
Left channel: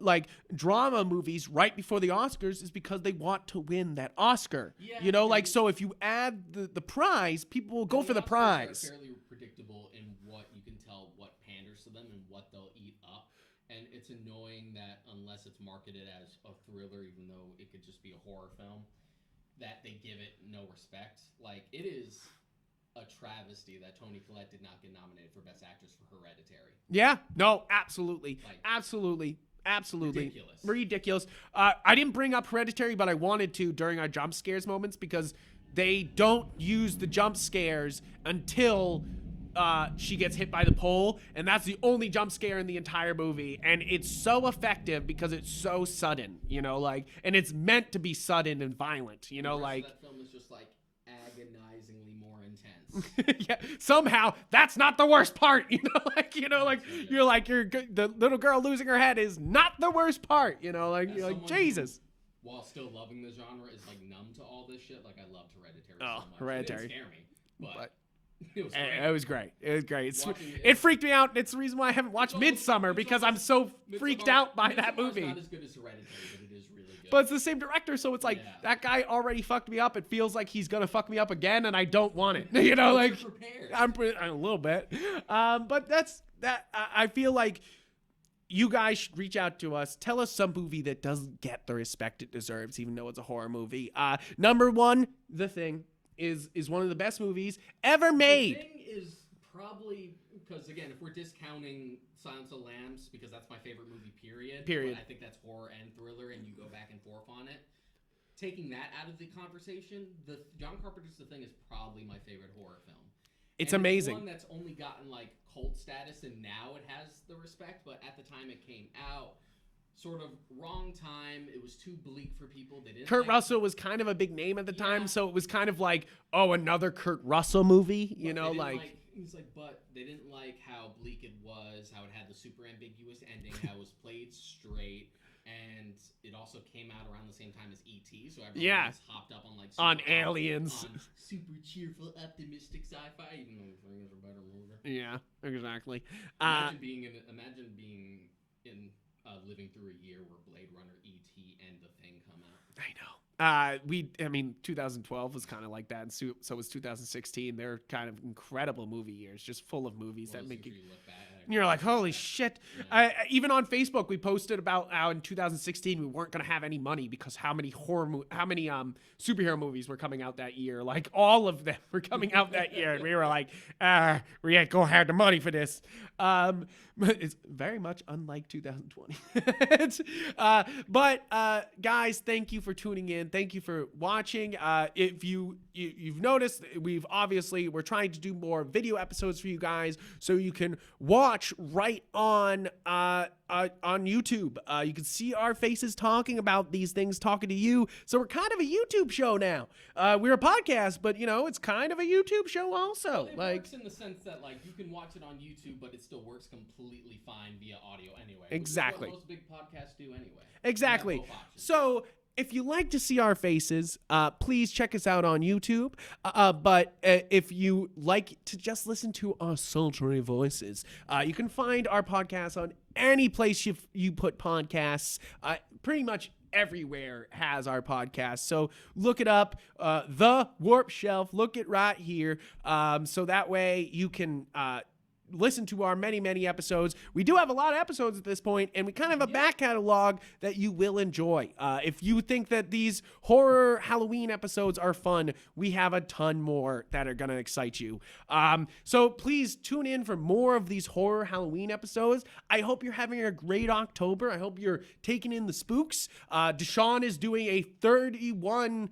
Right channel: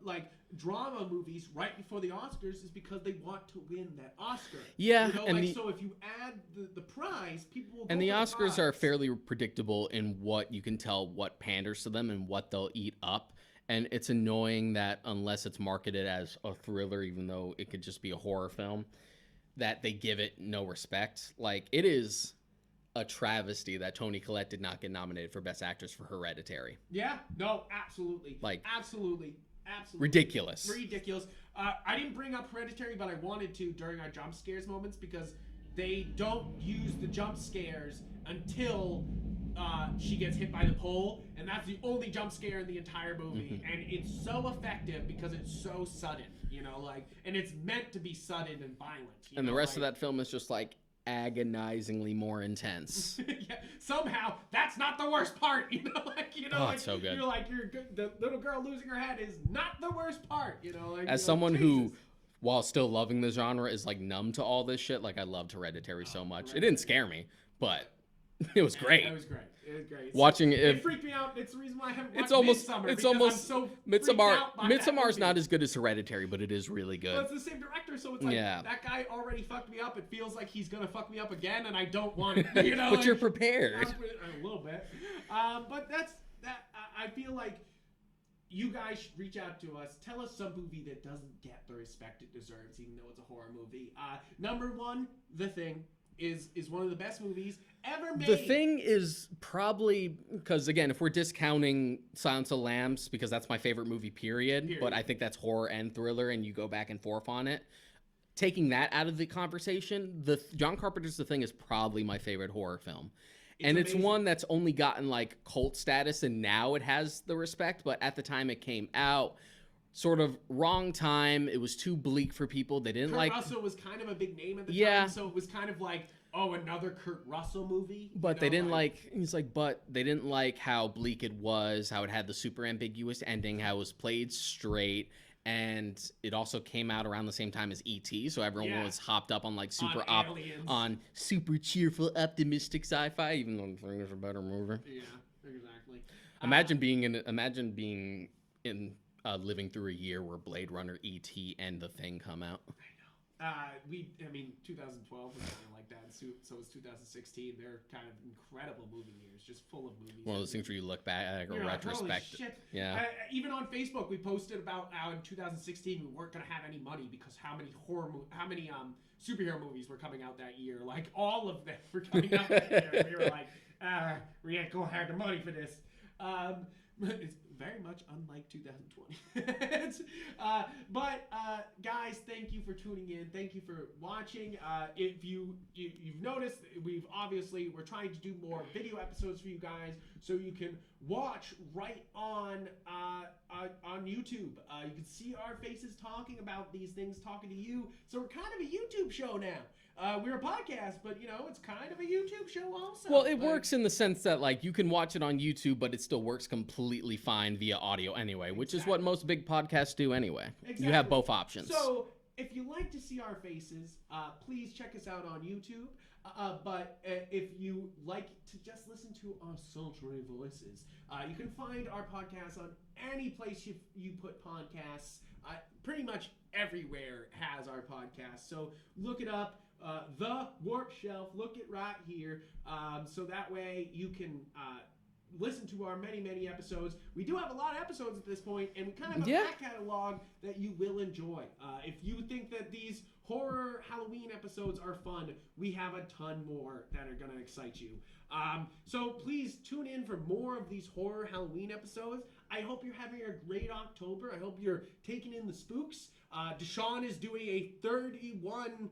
movies right before the Oscars is because they want to win that Oscar. Yeah, you know, like so if you add the prize, people will go for the prize. And the Oscars are fairly predictable in what you can tell what panders to them and what they'll eat up. And it's annoying that unless it's marketed as a thriller, even though it could just be a horror film, that they give it no respect. Like it is a travesty that Toni Collette did not get nominated for Best Actress for Hereditary. Yeah, no, absolutely. Like absolutely. Ridiculous. I didn't bring up Hereditary, but I wanted to during our jump scares moments because they don't use the jump scares until she gets hit by the pole, and that's the only jump scare in the entire movie. And it's so effective because it's so sudden, you know, like, and it's meant to be sudden and violent, you know. The rest of that film is just like agonizingly more intense. Yeah, somehow that's not the worst part, you know, like, you know, like so you're like the little girl losing her head is not the worst part, you know, like as someone who, while still loving the genre, is like numb to all this shit. Like I loved Hereditary so much. It didn't scare me, but it was great. It was great. Watching it freaked me out. It's the reason why I haven't watched Midsommar, because I'm so freaked out by that movie. Midsommar's not as good as Hereditary, but it is really good. But it's the same director, so it's like that guy already fucked me up. It feels like he's gonna fuck me up again, and I don't want it. You know, but like, you're prepared. I'm a little bit, but that's that. I feel like you guys should reach out to us. Tell us some movie that doesn't get the respect it deserves, even though it's a horror movie. Number one, The Thing is one of the best movies ever made. The Thing is probably, because again, if we're discounting Silence of the Lambs, because that's my favorite movie, period, but I think that's horror and thriller, and you go back and forth on it. Taking that out of the conversation, John Carpenter's The Thing is probably my favorite horror film. It's amazing. It's one that's only gotten like cult status, and now it has the respect, but at the time it came out, sort of wrong time. It was too bleak for people. They didn't Kurt Russell was kind of a big name at the time, so it was kind of like, oh, another Kurt Russell movie. But they didn't but they didn't like how bleak it was, how it had the super ambiguous ending, how it was played straight. And it also came out around the same time as E.T., so everyone was hopped up on like aliens, on super cheerful, optimistic sci-fi, even though The Thing is a better movie. Yeah, exactly. Imagine being living through a year where Blade Runner, E.T., and The Thing come out. I know. I mean, 2012 was kind of like that, and so was 2016. They're kind of incredible movie years, just full of movies. One of those things where you look back and you're like, holy shit. Yeah. Even on Facebook, we posted about how in 2016 we weren't going to have any money because how many superhero movies were coming out that year. Like, all of them were coming out that year. And we were like, we ain't going to have the money for this. It's very much unlike 2020. But guys, thank you for tuning in. Thank you for watching. If you've noticed, we're trying to do more video episodes for you guys, so you can watch right on YouTube. You can see our faces talking about these things, talking to you. So we're kind of a YouTube show now. We're a podcast, but it's kind of a YouTube show also. Well, it works in the sense that like you can watch it on YouTube, but it still works completely fine via audio anyway, which is what most big podcasts do anyway. Exactly. You have both options. So if you like to see our faces, please check us out on YouTube. But if you like to just listen to our sultry voices, you can find our podcast on any place you put podcasts. Pretty much everywhere has our podcast. So look it up, The Warp Shelf. Look it right here. So that way you can listen to our many episodes. We do have a lot of episodes at this point, and we kind of have a back catalog that you will enjoy. If you think that these horror Halloween episodes are fun, we have a ton more that are going to excite you. So please tune in for more of these horror Halloween episodes. I hope you're having a great October. I hope you're taking in the spooks. Deshaun is doing a 31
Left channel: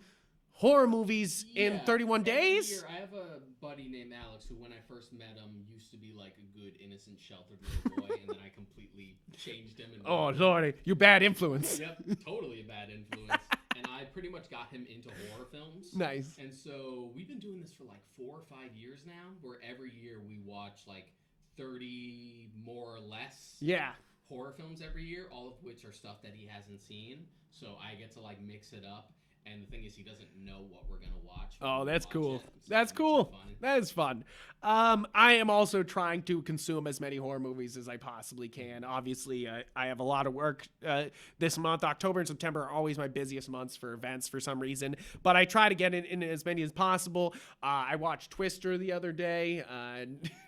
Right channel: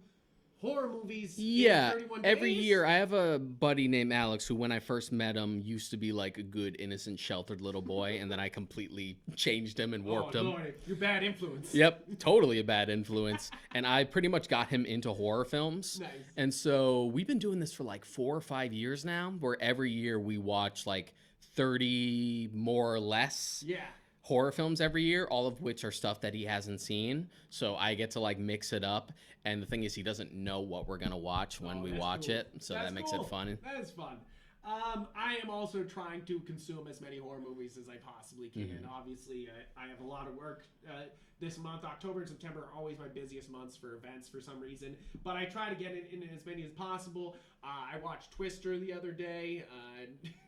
horror movies in 31 days. Every year. I have a buddy named Alex who, when I first met him, used to be like a good, innocent, sheltered little boy, and then I completely changed him and warped him. Oh, Lordy. You bad influence. Yep, totally a bad influence. And I pretty much got him into horror films. Nice. And so we've been doing this for like 4 or 5 years now, where every year we watch like 30 more or less. Yeah. Horror films every year, all of which are stuff that he hasn't seen. So I get to like mix it up. And the thing is, he doesn't know what we're going to watch when we watch it. So that's that makes it fun. That is fun. I am also trying to consume as many horror movies as I possibly can. Mm-hmm. Obviously, I have a lot of work this month. October and September are always my busiest months for events for some reason. But I try to get in as many as possible. I watched Twister the other day.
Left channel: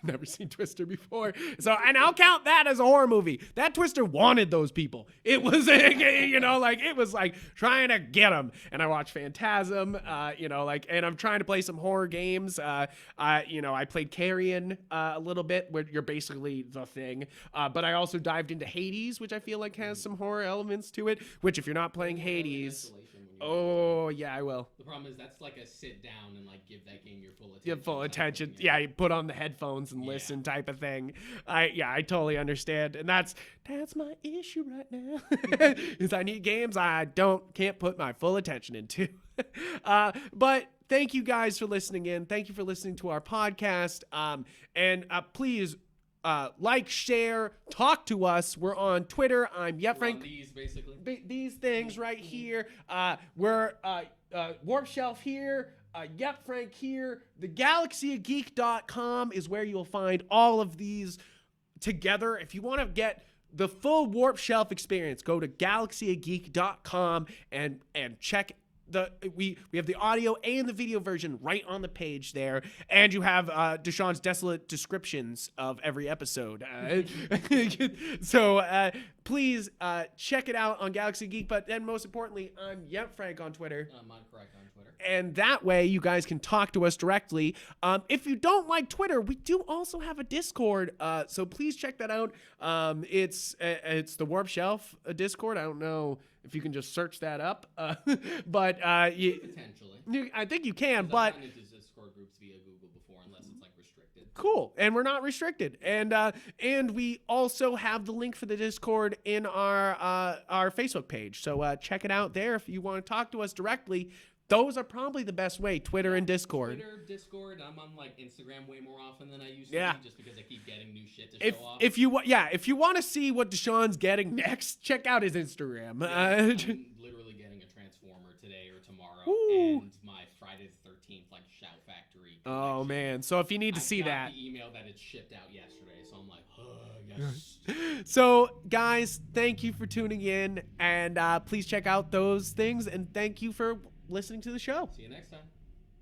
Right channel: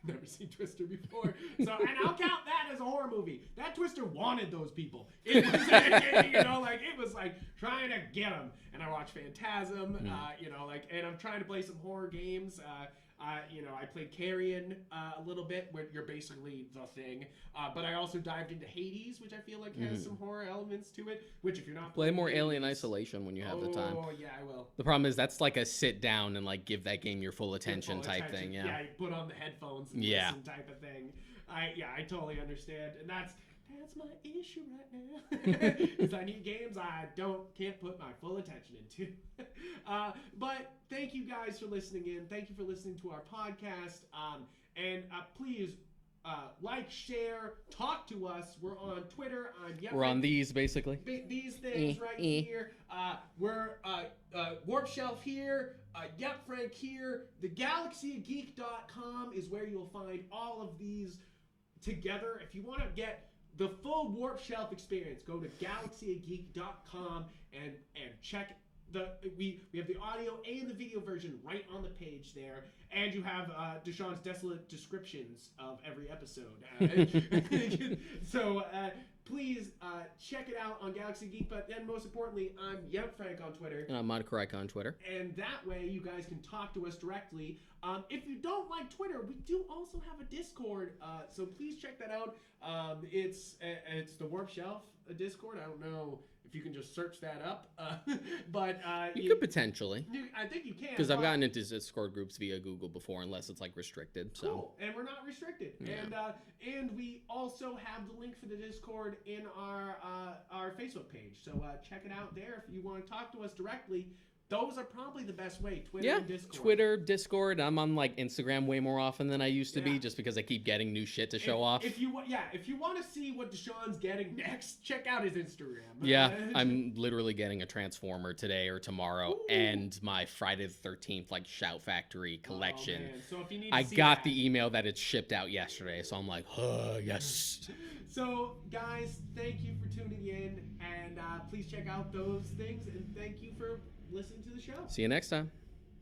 Never seen Twister before. And I'll count that as a horror movie. That Twister wanted those people. It was, it was like trying to get them. And I watched Phantasm, and I'm trying to play some horror games. I played Carrion a little bit, where you're basically the thing. But I also dived into Hades, which I feel like has some horror elements to it. Which, if you're not playing more Hades, Alien Isolation when you have the time. Oh yeah, I will. The problem is that's like a sit down and like give that game your full attention. Thing, yeah. You put on the headphones and listen type of thing. I totally understand, and that's my issue right now. Is I need games I can't put my full attention into. But thank you guys for listening in. Thank you for listening to our podcast. And please like, share, talk to us. We're on Twitter. I'm Yupfrank. We're on these, basically. These things right here. We're Warp Shelf here. Yupfrank here. The galaxyofgeek.com is where you'll find all of these together. If you want to get the full Warp Shelf experience, go to galaxyofgeek.com and check we have the audio and the video version right on the page there, and you have Deshaun's desolate descriptions of every episode. So please check it out on Galaxy Geek. But then most importantly, I'm Yupfrank on Twitter. And I'm Monocorrect on Twitter. And that way you guys can talk to us directly. If you don't like Twitter, we do also have a Discord. So please check that out. It's the Warp Shelf Discord. I don't know if you can just search that up, but you could potentially. I think you can. Because I've gotten into Discord groups via Google before, unless it's like restricted. So. Cool, and we're not restricted, and we also have the link for the Discord in our Facebook page. So check it out there if you want to talk to us directly. Those are probably the best way, Twitter and Discord. Twitter, Discord. I'm on like Instagram way more often than I used to be, just because I keep getting new shit to show off. If you want to see what Deshaun's getting next, check out his Instagram. Yeah, I'm literally getting a Transformer today or tomorrow, and my Friday the 13th like Shout Factory collection. Oh man! So if you need to see that, I got the email that it's shipped out yesterday, so I'm like, yes. So guys, thank you for tuning in, and please check out those things, and thank you for listening to the show. See you next time.